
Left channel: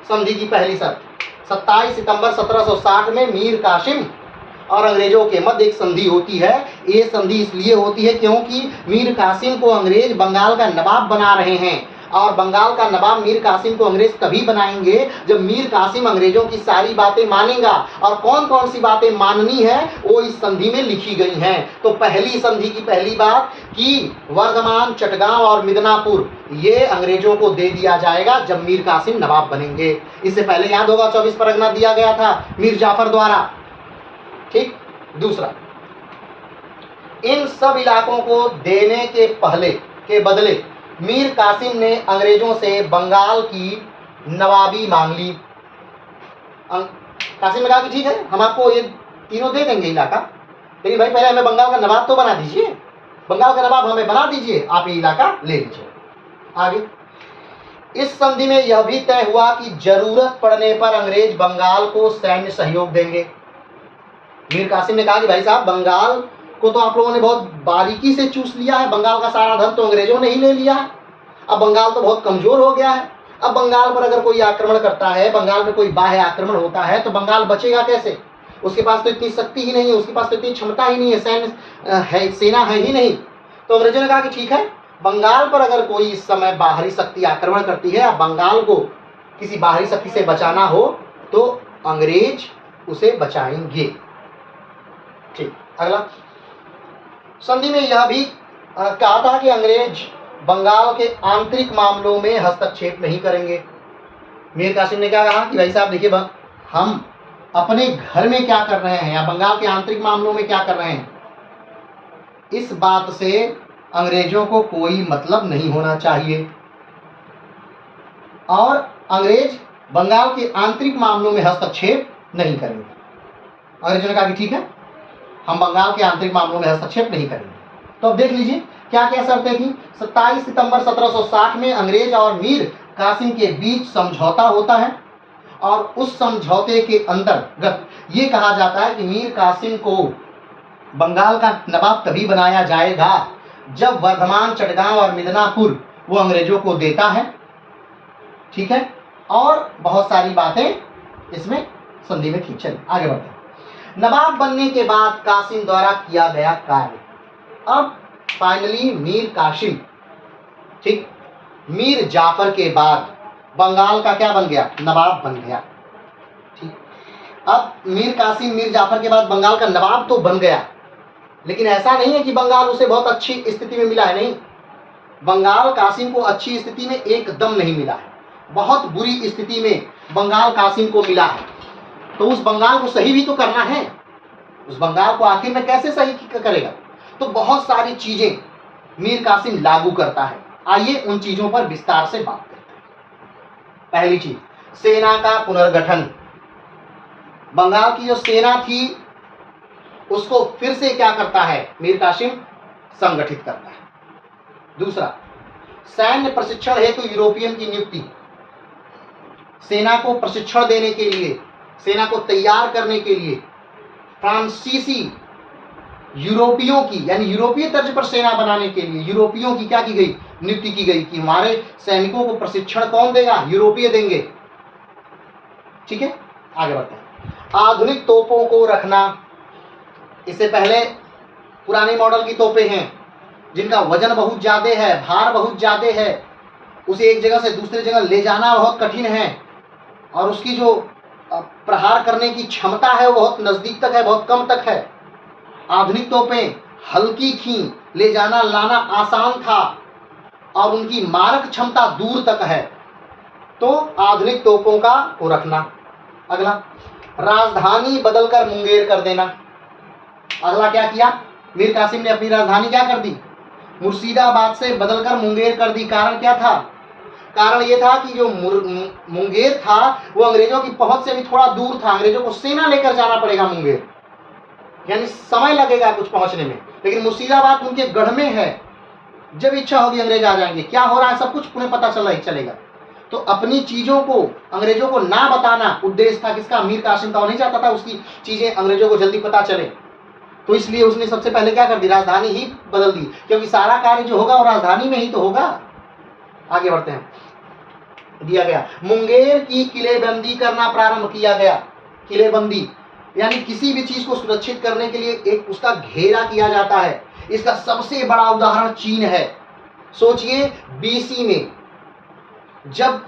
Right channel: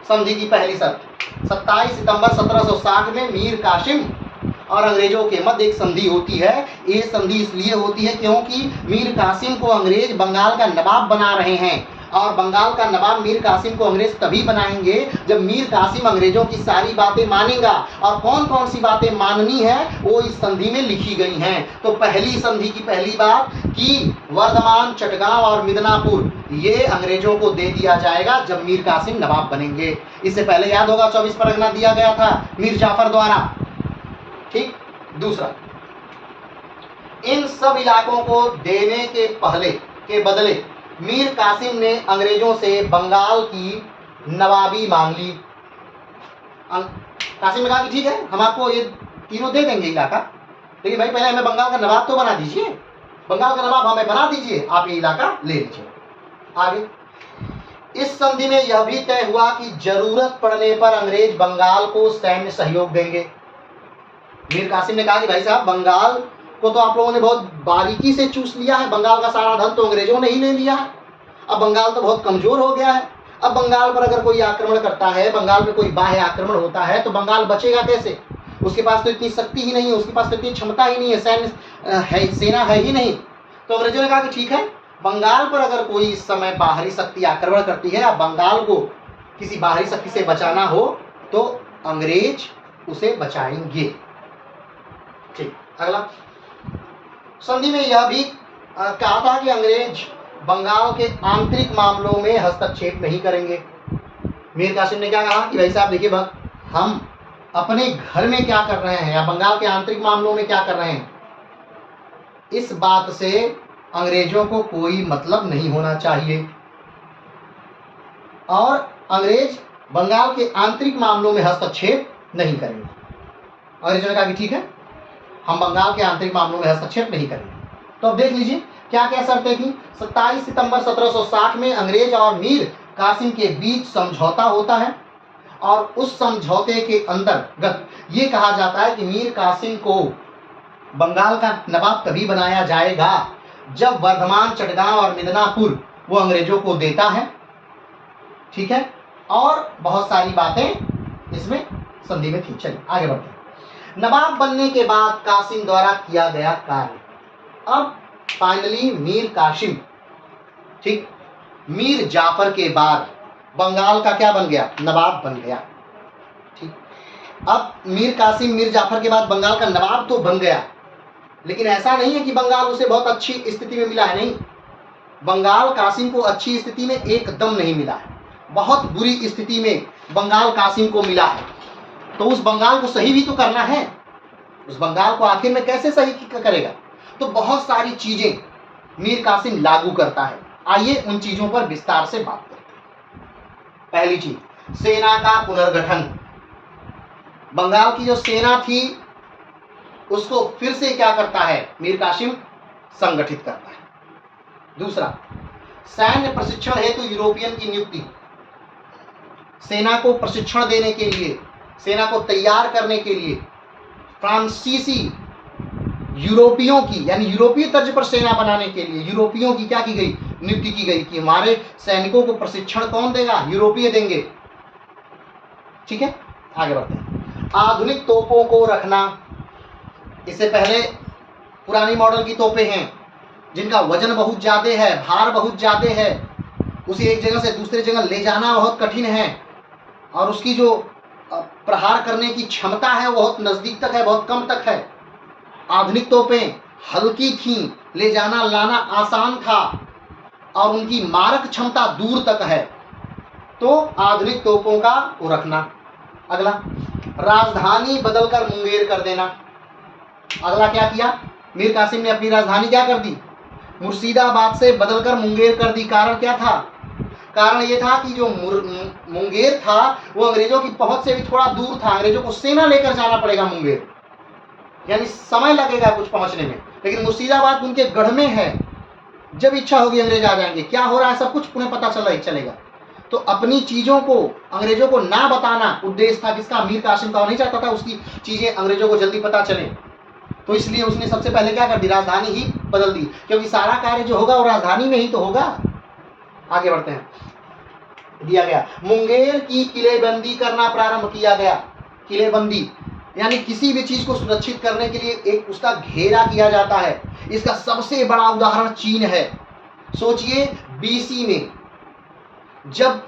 संधि की पहली शर्त 27 सितंबर 1760 में मीर कासिम और अंग्रेजों के मध्य एक संधि होती है। ये संधि इसलिए होती है क्योंकि मीर कासिम को अंग्रेज बंगाल का नवाब बना रहे हैं, और बंगाल का नवाब मीर कासिम को अंग्रेज तभी बनाएंगे जब मीर कासिम अंग्रेजों की सारी बातें मानेगा। और कौन कौन सी बातें माननी है वो इस संधि में लिखी गई हैं। तो पहली संधि की पहली बात कि वर्धमान, चटगांव और मिदनापुर ये अंग्रेजों को दे दिया जाएगा जब मीर कासिम नवाब बनेंगे। इससे पहले याद होगा 24 परगना दिया गया था मीर जाफर द्वारा। ठीक, दूसरा, इन सब इलाकों को देने के पहले के बदले मीर कासिम ने अंग्रेजों से बंगाल की नवाबी मांग ली। कासिम ने कहा कि ठीक है, हम आपको ये तीनों दे देंगे इलाका, लेकिन भाई पहले हमें बंगाल का नवाब तो बना दीजिए, बंगाल का नवाब हमें बना दीजिए, आप ये इलाका ले लीजिए। आगे इस संधि में यह भी तय हुआ कि जरूरत पड़ने पर अंग्रेज बंगाल को सैन्य सहयोग देंगे। मीर कासिम ने कहा कि भाई साहब, बंगाल को तो आप लोगों ने बहुत बारीकी से चूस लिया है, बंगाल का सारा धन तो अंग्रेजों ने ही ले लिया है, अब बंगाल तो बहुत कमजोर हो गया है। अब बंगाल पर अगर कोई आक्रमण करता है, बंगाल पर कोई बाह्य आक्रमण होता है, तो बंगाल बचेगा कैसे? उसके पास तो इतनी शक्ति ही नहीं है, उसके पास तो इतनी क्षमता ही नहीं है, सैन्य है, सेना है ही नहीं। तो अंग्रेजों ने कहा कि ठीक है, बंगाल पर अगर कोई इस समय बाहरी शक्ति आक्रमण करती है, अब बंगाल को किसी बाहरी शक्ति से बचाना हो तो अंग्रेज उसे बचाएंगे। ठीक, अगला, संधि में यह भी कहा था कि अंग्रेज बंगाल के आंतरिक मामलों में हस्तक्षेप नहीं करेंगे। मीर कासिम ने क्या कहा कि भाई साहब देखिए, हम अपने घर में क्या कर रहे हैं या बंगाल के आंतरिक मामलों में क्या कर रहे हैं, इस बात से अंग्रेजों को कोई मतलब नहीं होना चाहिए, और अंग्रेज बंगाल के आंतरिक मामलों में हस्तक्षेप नहीं करेंगे। अंग्रेजों ने कहा कि ठीक है, हम बंगाल के आंतरिक मामलों में हस्तक्षेप नहीं करेंगे। तो अब देख लीजिए, क्या क्या शर्तें थी? 27 सितंबर 1760 में अंग्रेज और मीर कासिम के बीच समझौता होता है और उस समझौते के अंतर्गत ये कहा जाता है कि मीर कासिम को बंगाल का नवाब तभी बनाया जाएगा जब वर्धमान, चटगांव और मिदनापुर वो अंग्रेजों को देता है। ठीक है, और बहुत सारी बातें इसमें संधि में थी। चलिए आगे बढ़ते हैं। नवाब बनने के बाद कासिम द्वारा किया गया कार्य। अब फाइनली मीर कासिम, ठीक, मीर जाफर के बाद बंगाल का क्या बन गया? नवाब बन गया। ठीक, अब मीर कासिम मीर जाफर के बाद बंगाल का नवाब तो बन गया, लेकिन ऐसा नहीं है कि बंगाल उसे बहुत अच्छी स्थिति में मिला है। नहीं, बंगाल कासिम को अच्छी स्थिति में एकदम नहीं मिला है, बहुत बुरी स्थिति में बंगाल कासिम को मिला है। तो उस बंगाल को सही भी तो करना है, उस बंगाल को आखिर में कैसे सही करेगा? तो बहुत सारी चीजें मीर कासिम लागू करता है। आइए उन चीजों पर विस्तार से बात करते हैं। पहली चीज, सेना का पुनर्गठन। बंगाल की जो सेना थी उसको फिर से क्या करता है मीर कासिम? संगठित करता है। दूसरा, सैन्य प्रशिक्षण हेतु यूरोपियन की नियुक्ति। सेना को प्रशिक्षण देने के लिए, सेना को तैयार करने के लिए फ्रांसीसी यूरोपियों की, यानी यूरोपीय तर्ज पर सेना बनाने के लिए यूरोपियों की क्या की गई? नियुक्ति की गई कि हमारे सैनिकों को प्रशिक्षण कौन देगा? यूरोपीय देंगे। ठीक है, आगे बढ़ते हैं। आधुनिक तोपों को रखना। इससे पहले पुरानी मॉडल की तोपें हैं जिनका वजन बहुत ज्यादा है, भार बहुत ज्यादा है, उसे एक जगह से दूसरी जगह ले जाना बहुत कठिन है और उसकी जो प्रहार करने की क्षमता है वो बहुत नजदीक तक है, बहुत कम तक है। आधुनिक तोपें हल्की थीं, ले जाना लाना आसान था और उनकी मारक क्षमता दूर तक है। तो आधुनिक तोपों का वो रखना। अगला, राजधानी बदलकर मुंगेर कर देना। अगला क्या किया? मीर कासिम ने अपनी राजधानी क्या कर दी? मुर्शिदाबाद से बदलकर मुंगेर कर दी। कारण क्या था? कारण ये था कि जो मुंगेर था वो अंग्रेजों की पहुंच से भी थोड़ा दूर था, अंग्रेजों को सेना लेकर जाना पड़ेगा मुंगेर, यानी समय लगेगा कुछ पहुंचने में। लेकिन मुर्शिदाबाद उनके गढ़ में है, जब इच्छा होगी अंग्रेज आ जाएंगे। क्या हो रहा है सब कुछ उन्हें पता चलेगा। तो अपनी चीजों को अंग्रेजों को ना बताना उद्देश्य था किसका? मीर कासिम का। नहीं चाहता था उसकी चीजें अंग्रेजों को जल्दी पता चले, तो इसलिए उसने सबसे पहले क्या कर दी? राजधानी ही बदल दी, क्योंकि सारा कार्य जो होगा वो राजधानी में ही तो होगा। आगे बढ़ते हैं। दिया गया, मुंगेर की किलेबंदी करना प्रारंभ किया गया। किलेबंदी यानी किसी भी चीज को सुरक्षित करने के लिए एक उसका घेरा किया जाता है। इसका सबसे बड़ा उदाहरण चीन है। सोचिए बीसी में जब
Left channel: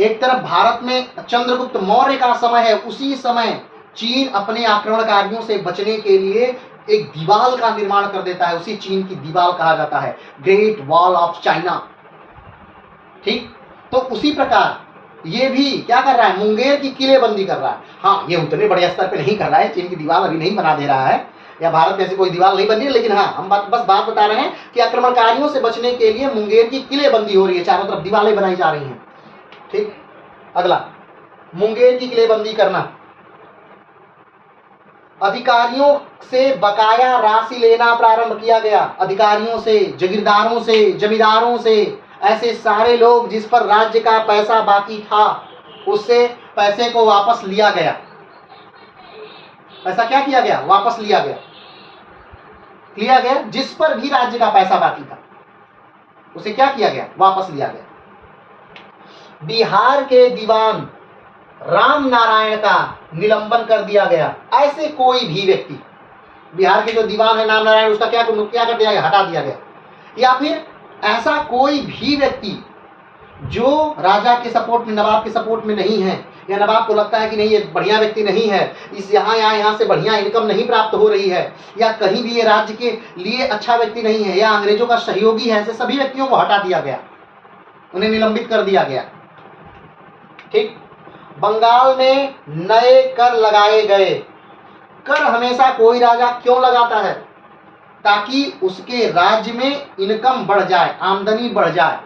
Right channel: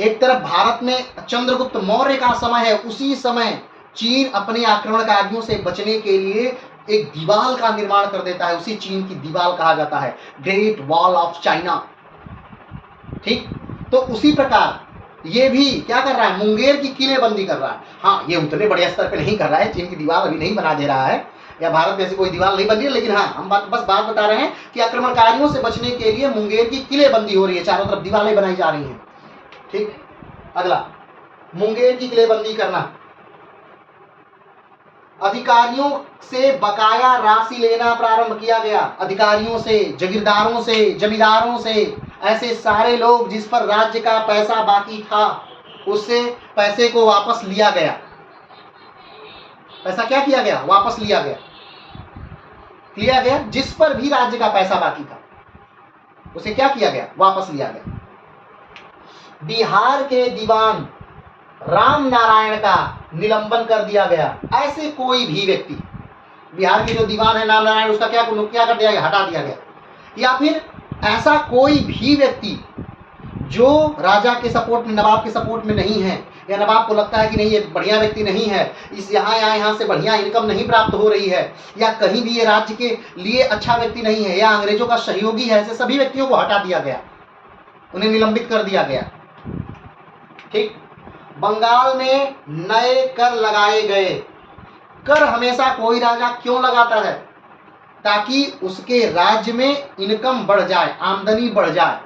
एक तरफ भारत में चंद्रगुप्त मौर्य का समय है, उसी समय चीन अपने आक्रमणकारियों से बचने के लिए एक दीवार का निर्माण कर देता है। उसी चीन की दीवार कहा जाता है ग्रेट वॉल ऑफ चाइना। ठीक, तो उसी प्रकार ये भी क्या कर रहा है? मुंगेर की किलेबंदी कर रहा है। हाँ, ये उतने बड़े स्तर पे नहीं कर रहा है, चीन की दीवार अभी नहीं बना दे रहा है या भारत में ऐसी कोई दीवार नहीं बन रही है, लेकिन हाँ हम बस बात बता रहे हैं कि आक्रमणकारियों से बचने के लिए मुंगेर की किलेबंदी हो रही है, चारों तरफ दीवारें बनाई जा रही हैं। ठीक, अगला, मुंगेर की किलेबंदी करना। अधिकारियों से बकाया राशि लेना प्रारंभ किया गया। अधिकारियों से, जागीरदारों से, जमींदारों से, ऐसे सारे लोग जिस पर राज्य का पैसा बाकी था उससे पैसे को वापस लिया गया। पैसा क्या किया गया? वापस लिया गया। जिस पर भी राज्य का पैसा बाकी था उसे क्या किया गया? वापस लिया गया। बिहार के दीवान राम नारायण का निलंबन कर दिया गया। ऐसे कोई भी व्यक्ति, बिहार के जो दीवान है राम नारायण, उसका क्या कर दिया गया? हटा दिया गया। या फिर ऐसा कोई भी व्यक्ति जो राजा के सपोर्ट में, नवाब के सपोर्ट में नहीं है, या नवाब को लगता है कि नहीं ये बढ़िया व्यक्ति नहीं है, इस यहाँ से बढ़िया इनकम नहीं प्राप्त हो रही है, या कहीं भी ये राज्य के लिए अच्छा व्यक्ति नहीं है, या अंग्रेजों का सहयोगी है, ऐसे सभी व्यक्तियों को हटा दिया गया, उन्हें निलंबित कर दिया गया। ठीक, बंगाल में नए कर लगाए गए। कर हमेशा कोई राजा क्यों लगाता है? ताकि उसके राज्य में इनकम बढ़ जाए, आमदनी बढ़ जाए।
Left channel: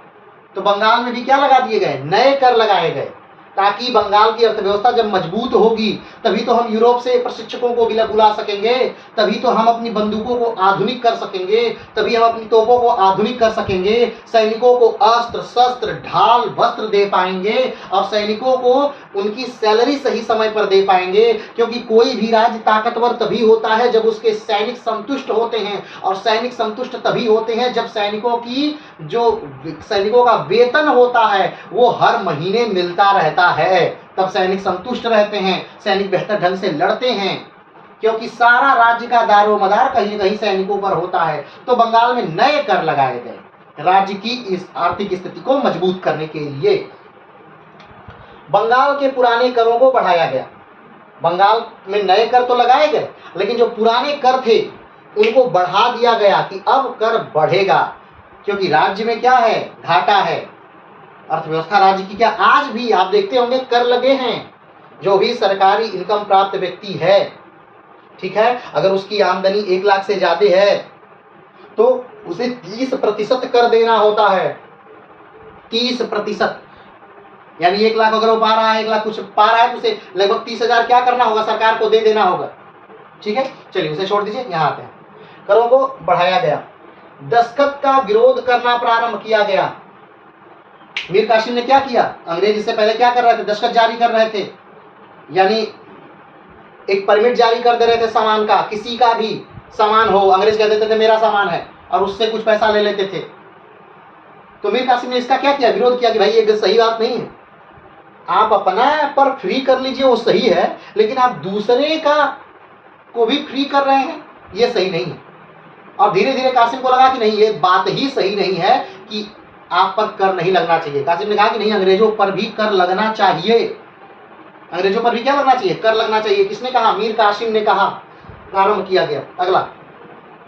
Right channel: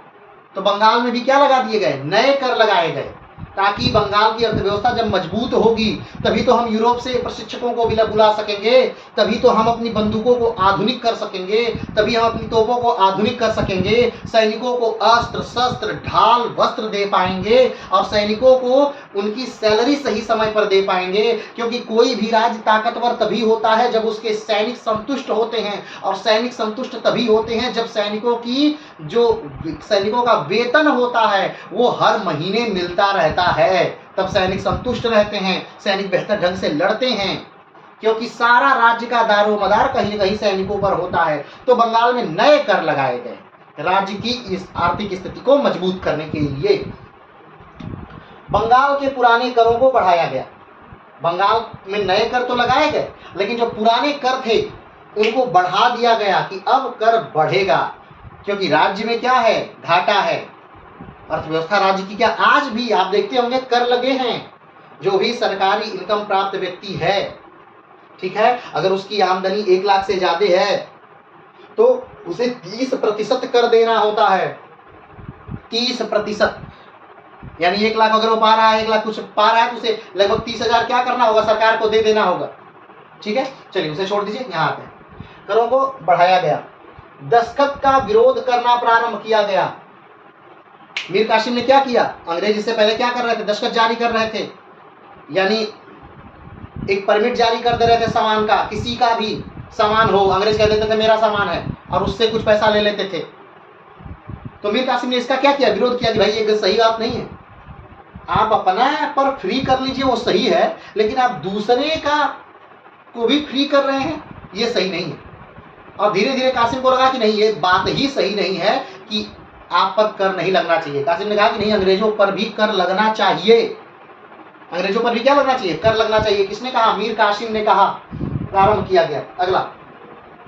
तो बंगाल में भी क्या लगा दिए गए? नए कर लगाए गए। ताकि बंगाल की अर्थव्यवस्था जब मजबूत होगी तभी तो हम यूरोप से प्रशिक्षकों को भी बुला सकेंगे, तभी तो हम अपनी बंदूकों को आधुनिक कर सकेंगे, तभी हम अपनी तोपों को आधुनिक कर सकेंगे, सैनिकों को अस्त्र शस्त्र ढाल वस्त्र दे पाएंगे और सैनिकों को उनकी सैलरी सही समय पर दे पाएंगे। क्योंकि कोई भी राज्य ताकतवर तभी होता है जब उसके सैनिक संतुष्ट होते हैं, और सैनिक संतुष्ट तभी होते हैं जब सैनिकों का वेतन होता है वो हर महीने मिलता रहता है, तब सैनिक संतुष्ट रहते हैं, सैनिक बेहतर ढंग से लड़ते हैं। क्योंकि सारा राज्य का दारोमदार कहीं न कहीं सैनिकों पर होता है। तो बंगाल में नए कर लगाए गए राज्य की इस आर्थिक स्थिति को मजबूत करने के लिए। बंगाल के पुराने करों को बढ़ाया गया। बंगाल में नए कर तो लगाए गए, लेकिन जो पुराने कर थे उनको बढ़ा दिया गया कि अब कर बढ़ेगा। क्योंकि राज्य में क्या है, घाटा है, अर्थव्यवस्था राज्य की क्या, आज भी आप देखते होंगे कर लगे हैं। जो भी सरकारी इनकम प्राप्त व्यक्ति है, ठीक है, अगर उसकी आमदनी 1 लाख से ज्यादा है तो उसे 30% कर देना होता है। 30%, यानी 1 लाख अगर वो पा रहा है, 1 लाख कुछ पा रहा है तो उसे लगभग 30,000 क्या करना होगा, सरकार को दे देना होगा। ठीक है, चलिए उसे छोड़ दीजिए, यहाँ आते हैं। करों को बढ़ाया गया, दस्तखत का विरोध करना प्रारंभ किया गया। मीर कासिम ने क्या किया, अंग्रेज इससे पहले क्या कर रहे थे, दस्तखत जारी कर रहे थे, यानी एक परमिट जारी कर दे रहे थे सामान का, किसी का भी सामान हो, अंग्रेज कह देते थे मेरा सामान है और उससे कुछ पैसा ले लेते थे। तो मीर कासिम ने इसका क्या किया, विरोध किया कि भाई ये सही बात नहीं है, आप अपना पर फ्री कर लीजिए वो सही है, लेकिन आप दूसरे का को भी फ्री कर रहे हैं, ये सही नहीं है। और धीरे धीरे कासिम को लगा कि नहीं, ये बात ही सही नहीं है कि आप पर कर नहीं लगना चाहिए। कासिम ने कहा कि नहीं, अंग्रेजों पर भी कर लगना चाहिए, अंग्रेजों पर भी क्या लगना चाहिए, कर लगना चाहिए। किसने कहा, मीर कासिम ने कहा, प्रारंभ किया गया। अगला,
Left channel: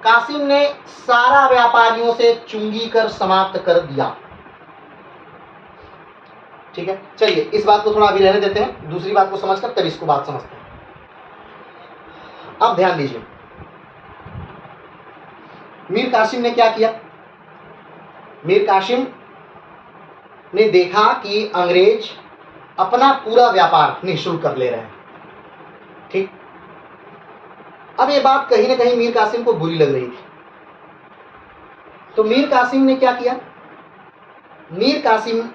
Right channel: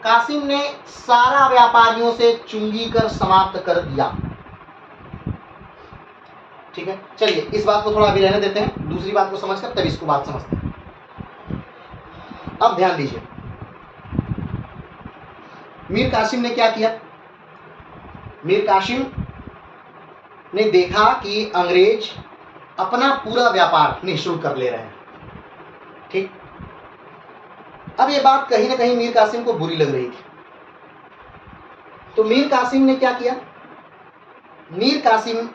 कासिम ने सारा व्यापारियों से चुंगी कर समाप्त कर दिया। ठीक है, चलिए इस बात को थोड़ा अभी रहने देते हैं, दूसरी बात को समझकर तब इसको बात समझते हैं। अब ध्यान दीजिए, मीर कासिम ने क्या किया, मीर कासिम ने देखा कि अंग्रेज अपना पूरा व्यापार निःशुल्क कर ले रहे हैं। ठीक, अब ये बात कहीं ना कहीं मीर कासिम को बुरी लग रही थी। तो मीर कासिम ने क्या किया, मीर कासिम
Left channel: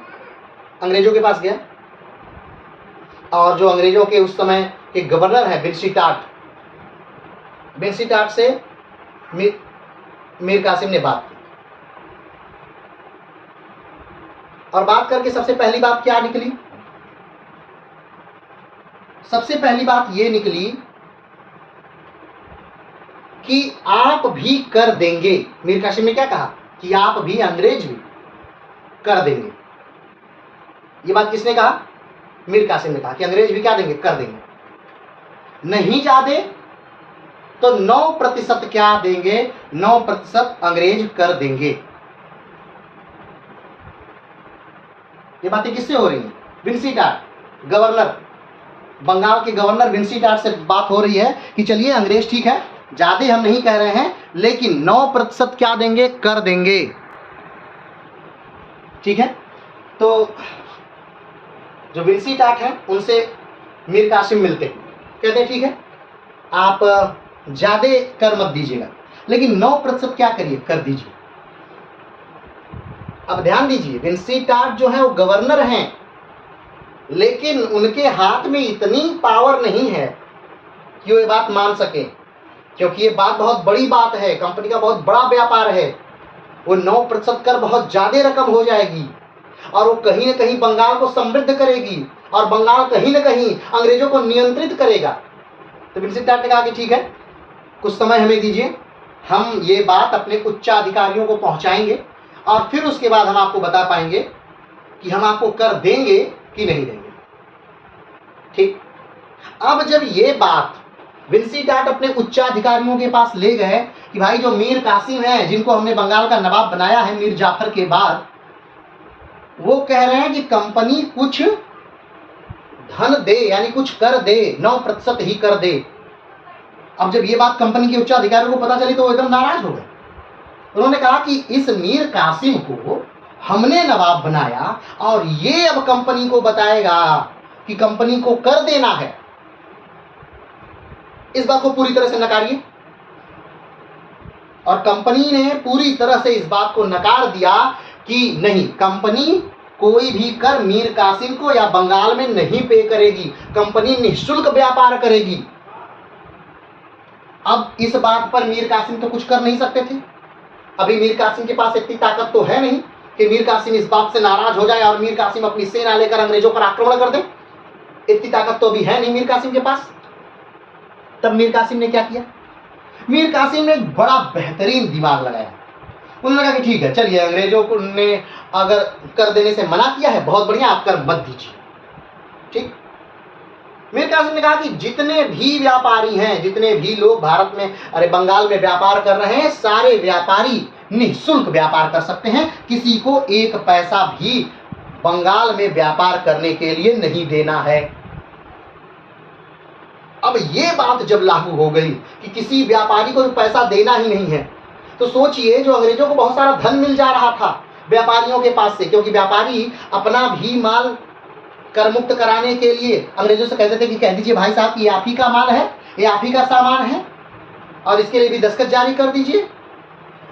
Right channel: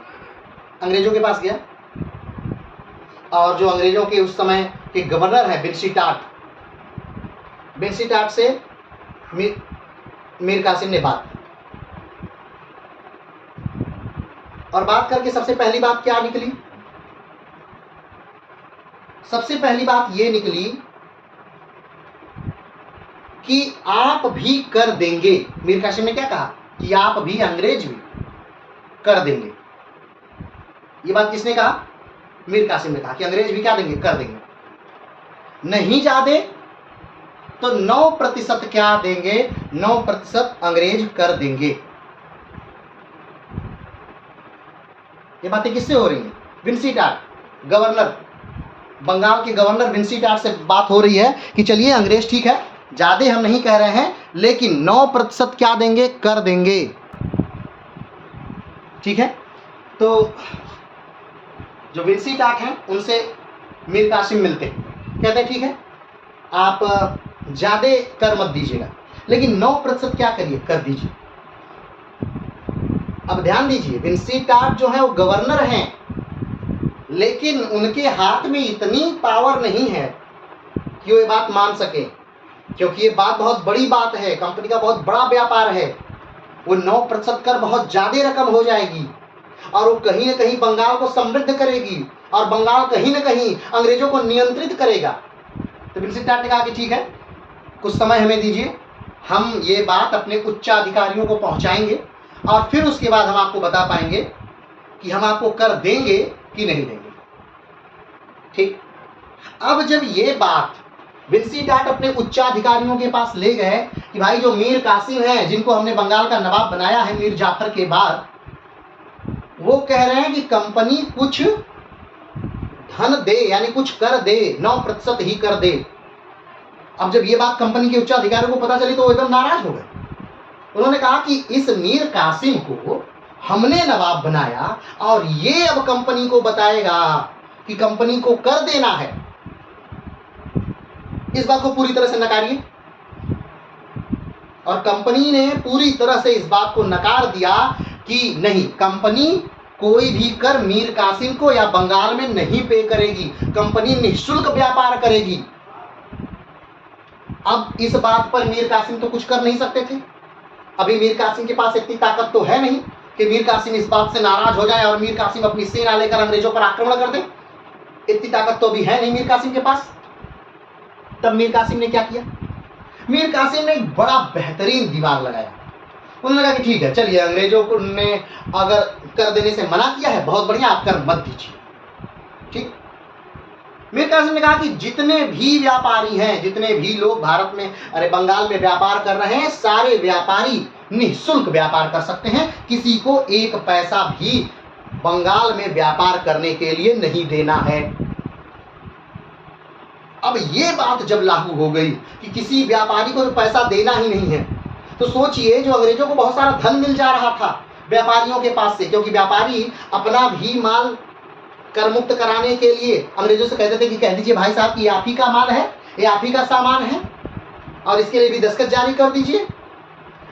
अंग्रेजों के पास गया और जो अंग्रेजों के उस समय के गवर्नर हैं बेंसीटाट से मीर कासिम ने बात की। और बात करके सबसे पहली बात क्या निकली, सबसे पहली बात ये निकली कि आप भी कर देंगे। मीर कासिम ने क्या कहा कि आप भी, अंग्रेज भी कर देंगे। ये बात किसने कहा, मीर कासिम ने कहा कि अंग्रेज भी क्या देंगे, कर देंगे। नहीं ज्यादा तो 9% क्या देंगे, 9% अंग्रेज कर देंगे। ये बातें किससे हो रही हैं, बेंसीटाट, गवर्नर, बंगाल के गवर्नर बेंसीटाट से बात हो रही है कि चलिए अंग्रेज ठीक है, ज्यादा हम नहीं कह रहे हैं, लेकिन 9% क्या देंगे, कर देंगे। ठीक है, तो जो बेंसीटाट हैं उनसे मीर कासिम मिलते हैं, कहते हैं ठीक है आप ज्यादा कर मत दीजिएगा, लेकिन 9% क्या करिए, कर दीजिए। अब ध्यान दीजिए, बेंसीटाट जो है वो गवर्नर हैं, लेकिन उनके हाथ में इतनी पावर नहीं है कि वो ये बात मान सके, क्योंकि ये बात बहुत बड़ी बात है, कंपनी का बहुत बड़ा व्यापार है। वो 9% कर बहुत ज्यादा रकम हो जाएगी और वो कहीं ना कहीं बंगाल को समृद्ध करेगी और बंगाल कहीं ना कहीं अंग्रेजों को नियंत्रित करेगा। तो बेंसीटाट ने कहा कि ठीक है, कुछ समय हमें दीजिए, हम ये बात अपने उच्चाधिकारियों को पहुंचाएंगे और फिर उसके बाद हम आपको बता पाएंगे कि हम आपको कर देंगे कि नहीं देंगे। ठीक, अब जब ये बात बेंसीटाट अपने उच्चाधिकारियों के पास ले गए कि भाई जो मीर कासिम है, जिनको हमने बंगाल का नवाब बनाया है मीर जाफर के बाद, वो कह रहे हैं कि कंपनी कुछ धन दे, यानी कुछ कर दे, 9% ही कर दे। अब जब ये बात कंपनी के उच्चाधिकारियों को पता चली तो वो एकदम नाराज हो गए। उन्होंने कहा कि इस मीर कासिम को हमने नवाब बनाया और ये अब कंपनी को बताएगा कि कंपनी को कर देना है, इस बात को पूरी तरह से नकारिए। और कंपनी ने पूरी तरह से इस बात को नकार दिया कि नहीं, कंपनी कोई भी कर मीर कासिम को या बंगाल में नहीं पे करेगी, कंपनी निःशुल्क व्यापार करेगी। अब इस बात पर मीर कासिम तो कुछ कर नहीं सकते थे। अभी मीर कासिम के पास इतनी ताकत तो है नहीं कि मीर कासिम इस बात से नाराज हो जाए और मीर कासिम अपनी सेना लेकर अंग्रेजों पर आक्रमण कर दे। इतनी ताकत तो भी है नहीं मीर कासिम के पास। तब मीर कासिम ने क्या किया? मीर कासिम ने एक बड़ा बेहतरीन दिमाग लगाया। उन्होंने कहा कि ठीक है, चलिए, अंग्रेजों को ने अगर कर देने से मना किया है, बहुत बढ़िया, आप कर मत दीजिए। ठीक। मीर कासिम ने कहा कि जितने भी व्यापारी हैं, जितने भी लोग भारत में, बंगाल में व्यापार कर रहे हैं, सारे व्यापारी निःशुल्क व्यापार कर सकते हैं, किसी को एक पैसा भी बंगाल में व्यापार करने के लिए नहीं देना है। अब ये बात जब लागू हो गई कि किसी व्यापारी को पैसा देना ही नहीं है, तो सोचिए, जो अंग्रेजों को बहुत सारा धन मिल जा रहा था व्यापारियों के पास से, क्योंकि व्यापारी अपना भी माल कर मुक्त कराने के लिए अंग्रेजों से कहते थे कि कह दीजिए भाई साहब कि ये आप ही का माल है, ये आप ही का सामान है, और इसके लिए भी दस्तखत जारी कर दीजिए,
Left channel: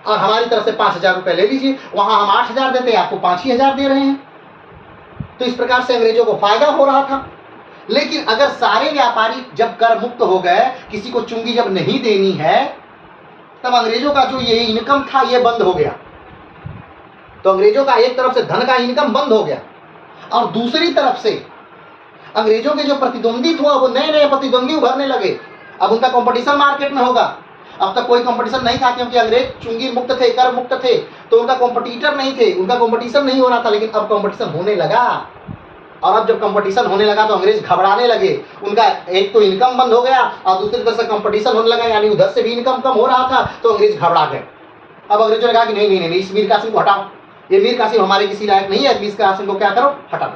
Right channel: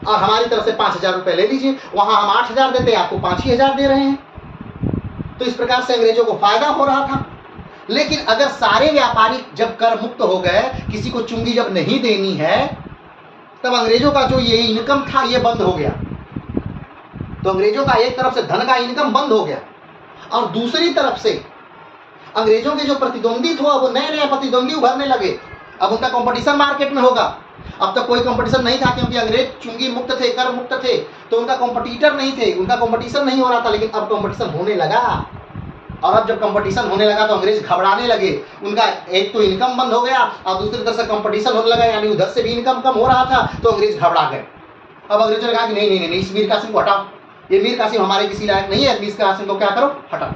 और हमारी तरफ से 5,000 रुपये ले लीजिए। वहां हम 8,000 देते, आपको 5,000 दे रहे हैं। तो इस प्रकार से अंग्रेजों को फायदा हो रहा था। लेकिन अगर सारे व्यापारी जब कर मुक्त हो गए, किसी को चुंगी जब नहीं देनी है, तब अंग्रेजों का जो ये इनकम था ये बंद हो गया। तो अंग्रेजों का एक तरफ से धन का इनकम बंद हो गया, और दूसरी तरफ से अंग्रेजों के जो प्रतिद्वंदी थे वो नए नए प्रतिद्वंदी उभरने लगे। अब उनका कंपटीशन मार्केट में होगा। अब तक कोई कंपटीशन नहीं था, क्योंकि अंग्रेज चुंगी मुक्त थे, कर मुक्त थे, तो उनका कंपटीटर नहीं थे, उनका कंपटीशन नहीं हो रहा था। लेकिन अब कंपटीशन होने लगा, और अब जब कंपटीशन होने लगा तो अंग्रेज घबराने लगे। उनका एक तो इनकम बंद हो गया, और दूसरी तरफ से कंपटीशन होने लगा, यानी उधर से भी इनकम कम हो रहा था, तो अंग्रेज घबरा गए। अब अंग्रेजों ने कहा कि नहीं नहीं नहीं, इस मीर कासिम को हटाओ, ये मीर कासिम हमारे किसी लायक नहीं है, मीर कासिम को क्या करो, हटाओ।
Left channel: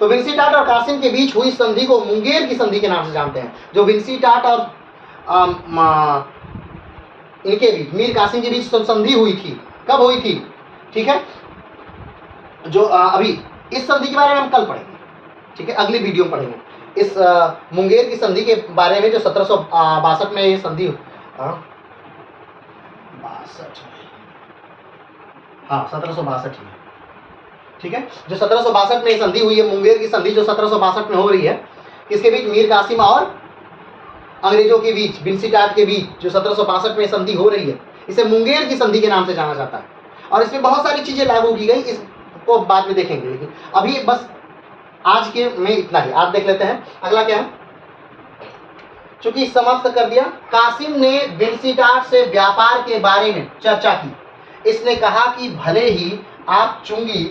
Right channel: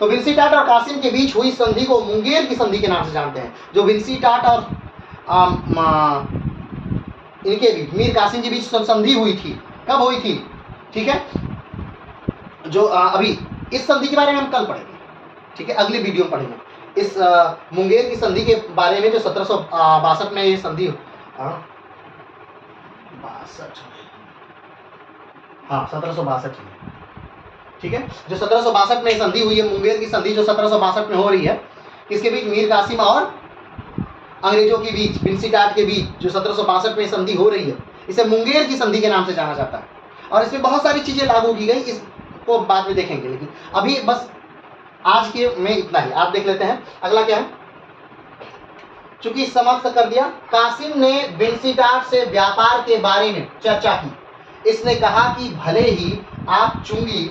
तो विंसीटाट और कासिम के बीच हुई संधि को मुंगेर की संधि के नाम से जानते हैं। जो विंसीटाट और इनके बीच, मीर कासिम के बीच संधि हुई थी, कब हुई थी? ठीक है, जो अभी इस संधि के बारे में हम कल पढ़ेंगे। ठीक है, अगली वीडियो में पढ़ेंगे इस मुंगेर की संधि के बारे में, जो 1762 में ये संधि, 1762 में, ठीक है, जो 1762 में संधि हुई है, मुंगेर की संधि जो 1762 में हो रही है, किसके बीच? मीर कासिम और अंग्रेजों के बीच, विंसीटाट के बीच, जो 1762 में संधि हो रही है, इसे मुंगेर की संधि के नाम से जाना जाता है। और इसमें बहुत सारी चीजें लागू की गई, इसको बाद में देखेंगे, लेकिन अभी बस आज के में इतना ही। आप देख लेते हैं अगला क्या है। चूंकि समाप्त कर दिया, कासिम ने विंसीटाट से व्यापार के बारे में चर्चा की। इसने कहा कि भले ही आप चुंगी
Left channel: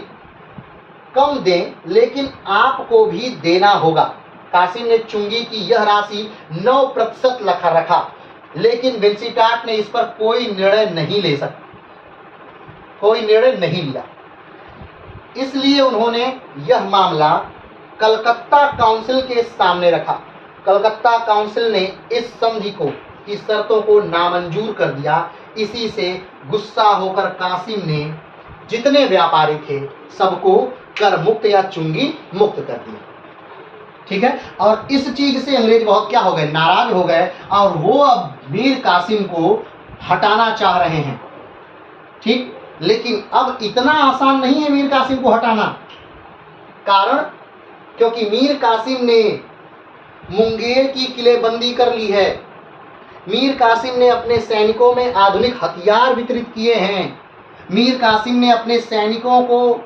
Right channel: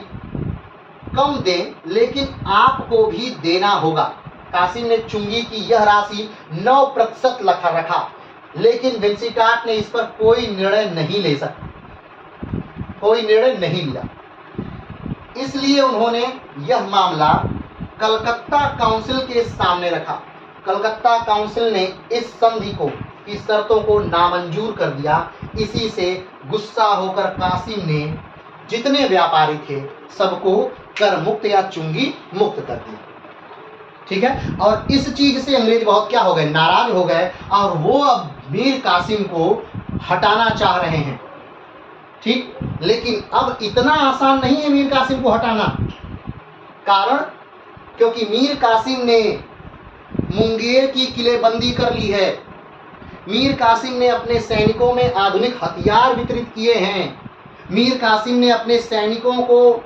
कम दें, लेकिन आपको भी देना होगा। कासिम ने चुंगी की यह राशि 9% रखा, लेकिन विंसीटाट ने इस पर कोई निर्णय नहीं ले सका, कोई निर्णय नहीं लिया। इसलिए उन्होंने यह मामला कलकत्ता काउंसिल के सामने रखा। कलकत्ता काउंसिल ने इस संधि को की शर्तों को नामंजूर कर दिया। इसी से गुस्सा होकर कासिम ने जितने व्यापारी थे सबको कर मुक्त या चुंगी मुक्त कर दिया। ठीक है, और इस चीज से अंग्रेज बहुत क्या हो गए, नाराज हो गए, और वो अब मीर कासिम को हटाना चाह रहे हैं। ठीक, लेकिन अब इतना आसान नहीं है मीर कासिम को हटाना। कारण, क्योंकि मीर कासिम ने मुंगेर की किलेबंदी कर ली है। मीर कासिम ने अपने सैनिकों में आधुनिक हथियार वितरित किए हैं। मीर कासिम ने अपने सैनिकों को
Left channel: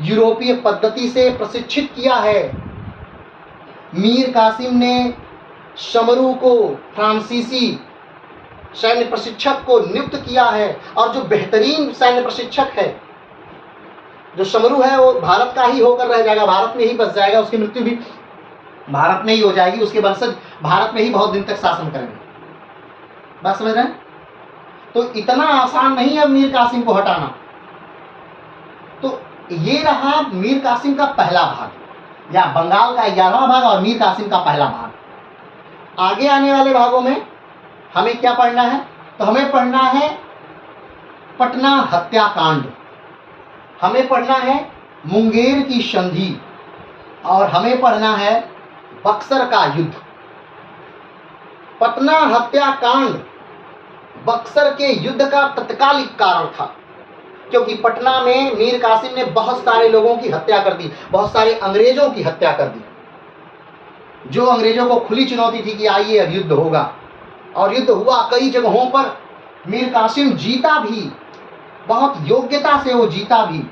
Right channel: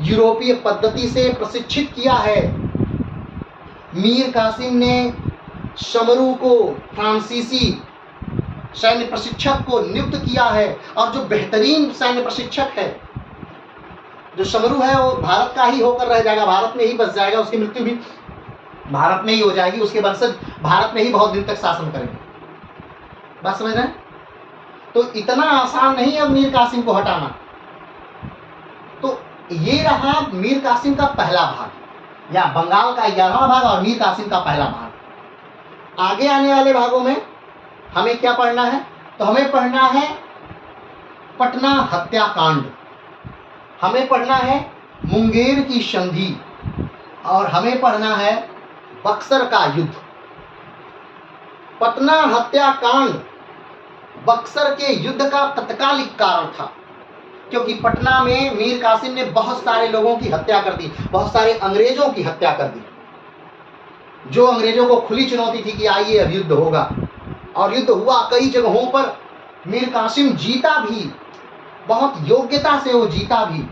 यूरोपीय पद्धति से प्रशिक्षित किया है। मीर कासिम ने शमरू को, फ्रांसीसी सैन्य प्रशिक्षक को नियुक्त किया है, और जो बेहतरीन सैन्य प्रशिक्षक है, जो शमरू है, वो भारत का ही होकर रह जाएगा, भारत में ही बस जाएगा, उसकी मृत्यु भी भारत में ही हो जाएगी, उसके वंशज भारत में ही बहुत दिन तक शासन करेंगे। बात समझ रहे हैं? तो इतना आसान नहीं है मीर कासिम को हटाना। तो ये रहा मीर कासिम का पहला भाग, या बंगाल का 11वां भाग और मीर कासिम का पहला भाग। आगे आने वाले भागों में हमें क्या पढ़ना है? तो हमें पढ़ना है पटना हत्याकांड, हमें पढ़ना है मुंगेर की संधि, और हमें पढ़ना है बक्सर का युद्ध। पटना हत्याकांड बक्सर के युद्ध का तत्कालिक कारण था, क्योंकि पटना में मीर कासिम ने बहुत सारे लोगों की हत्या कर दी, बहुत सारे अंग्रेजों की हत्या कर दी। जो अंग्रेजों को खुली चुनौती थी कि आइए अब युद्ध होगा, और युद्ध हुआ कई जगहों पर। मीर कासिम जीता भी, बहुत योग्यता से वो जीता भी,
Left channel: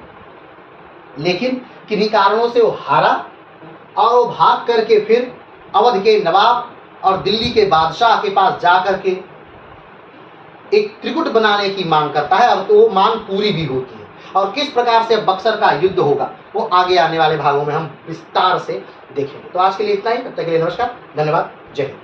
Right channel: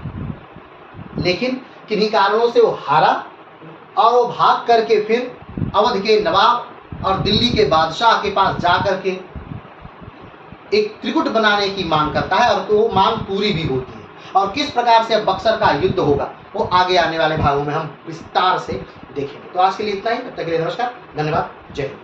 लेकिन किन्हीं कारणों से वो हारा और वो भाग करके फिर अवध के नवाब और दिल्ली के बादशाह के पास जा करके एक त्रिकुट बनाने की मांग करता है, और तो वो मांग पूरी भी होती है। और किस प्रकार से बक्सर का युद्ध होगा वो आगे आने वाले भागों में हम विस्तार से देखेंगे। तो आज के लिए इतना ही, तब तक के लिए नमस्कार, धन्यवाद, जय हिंद।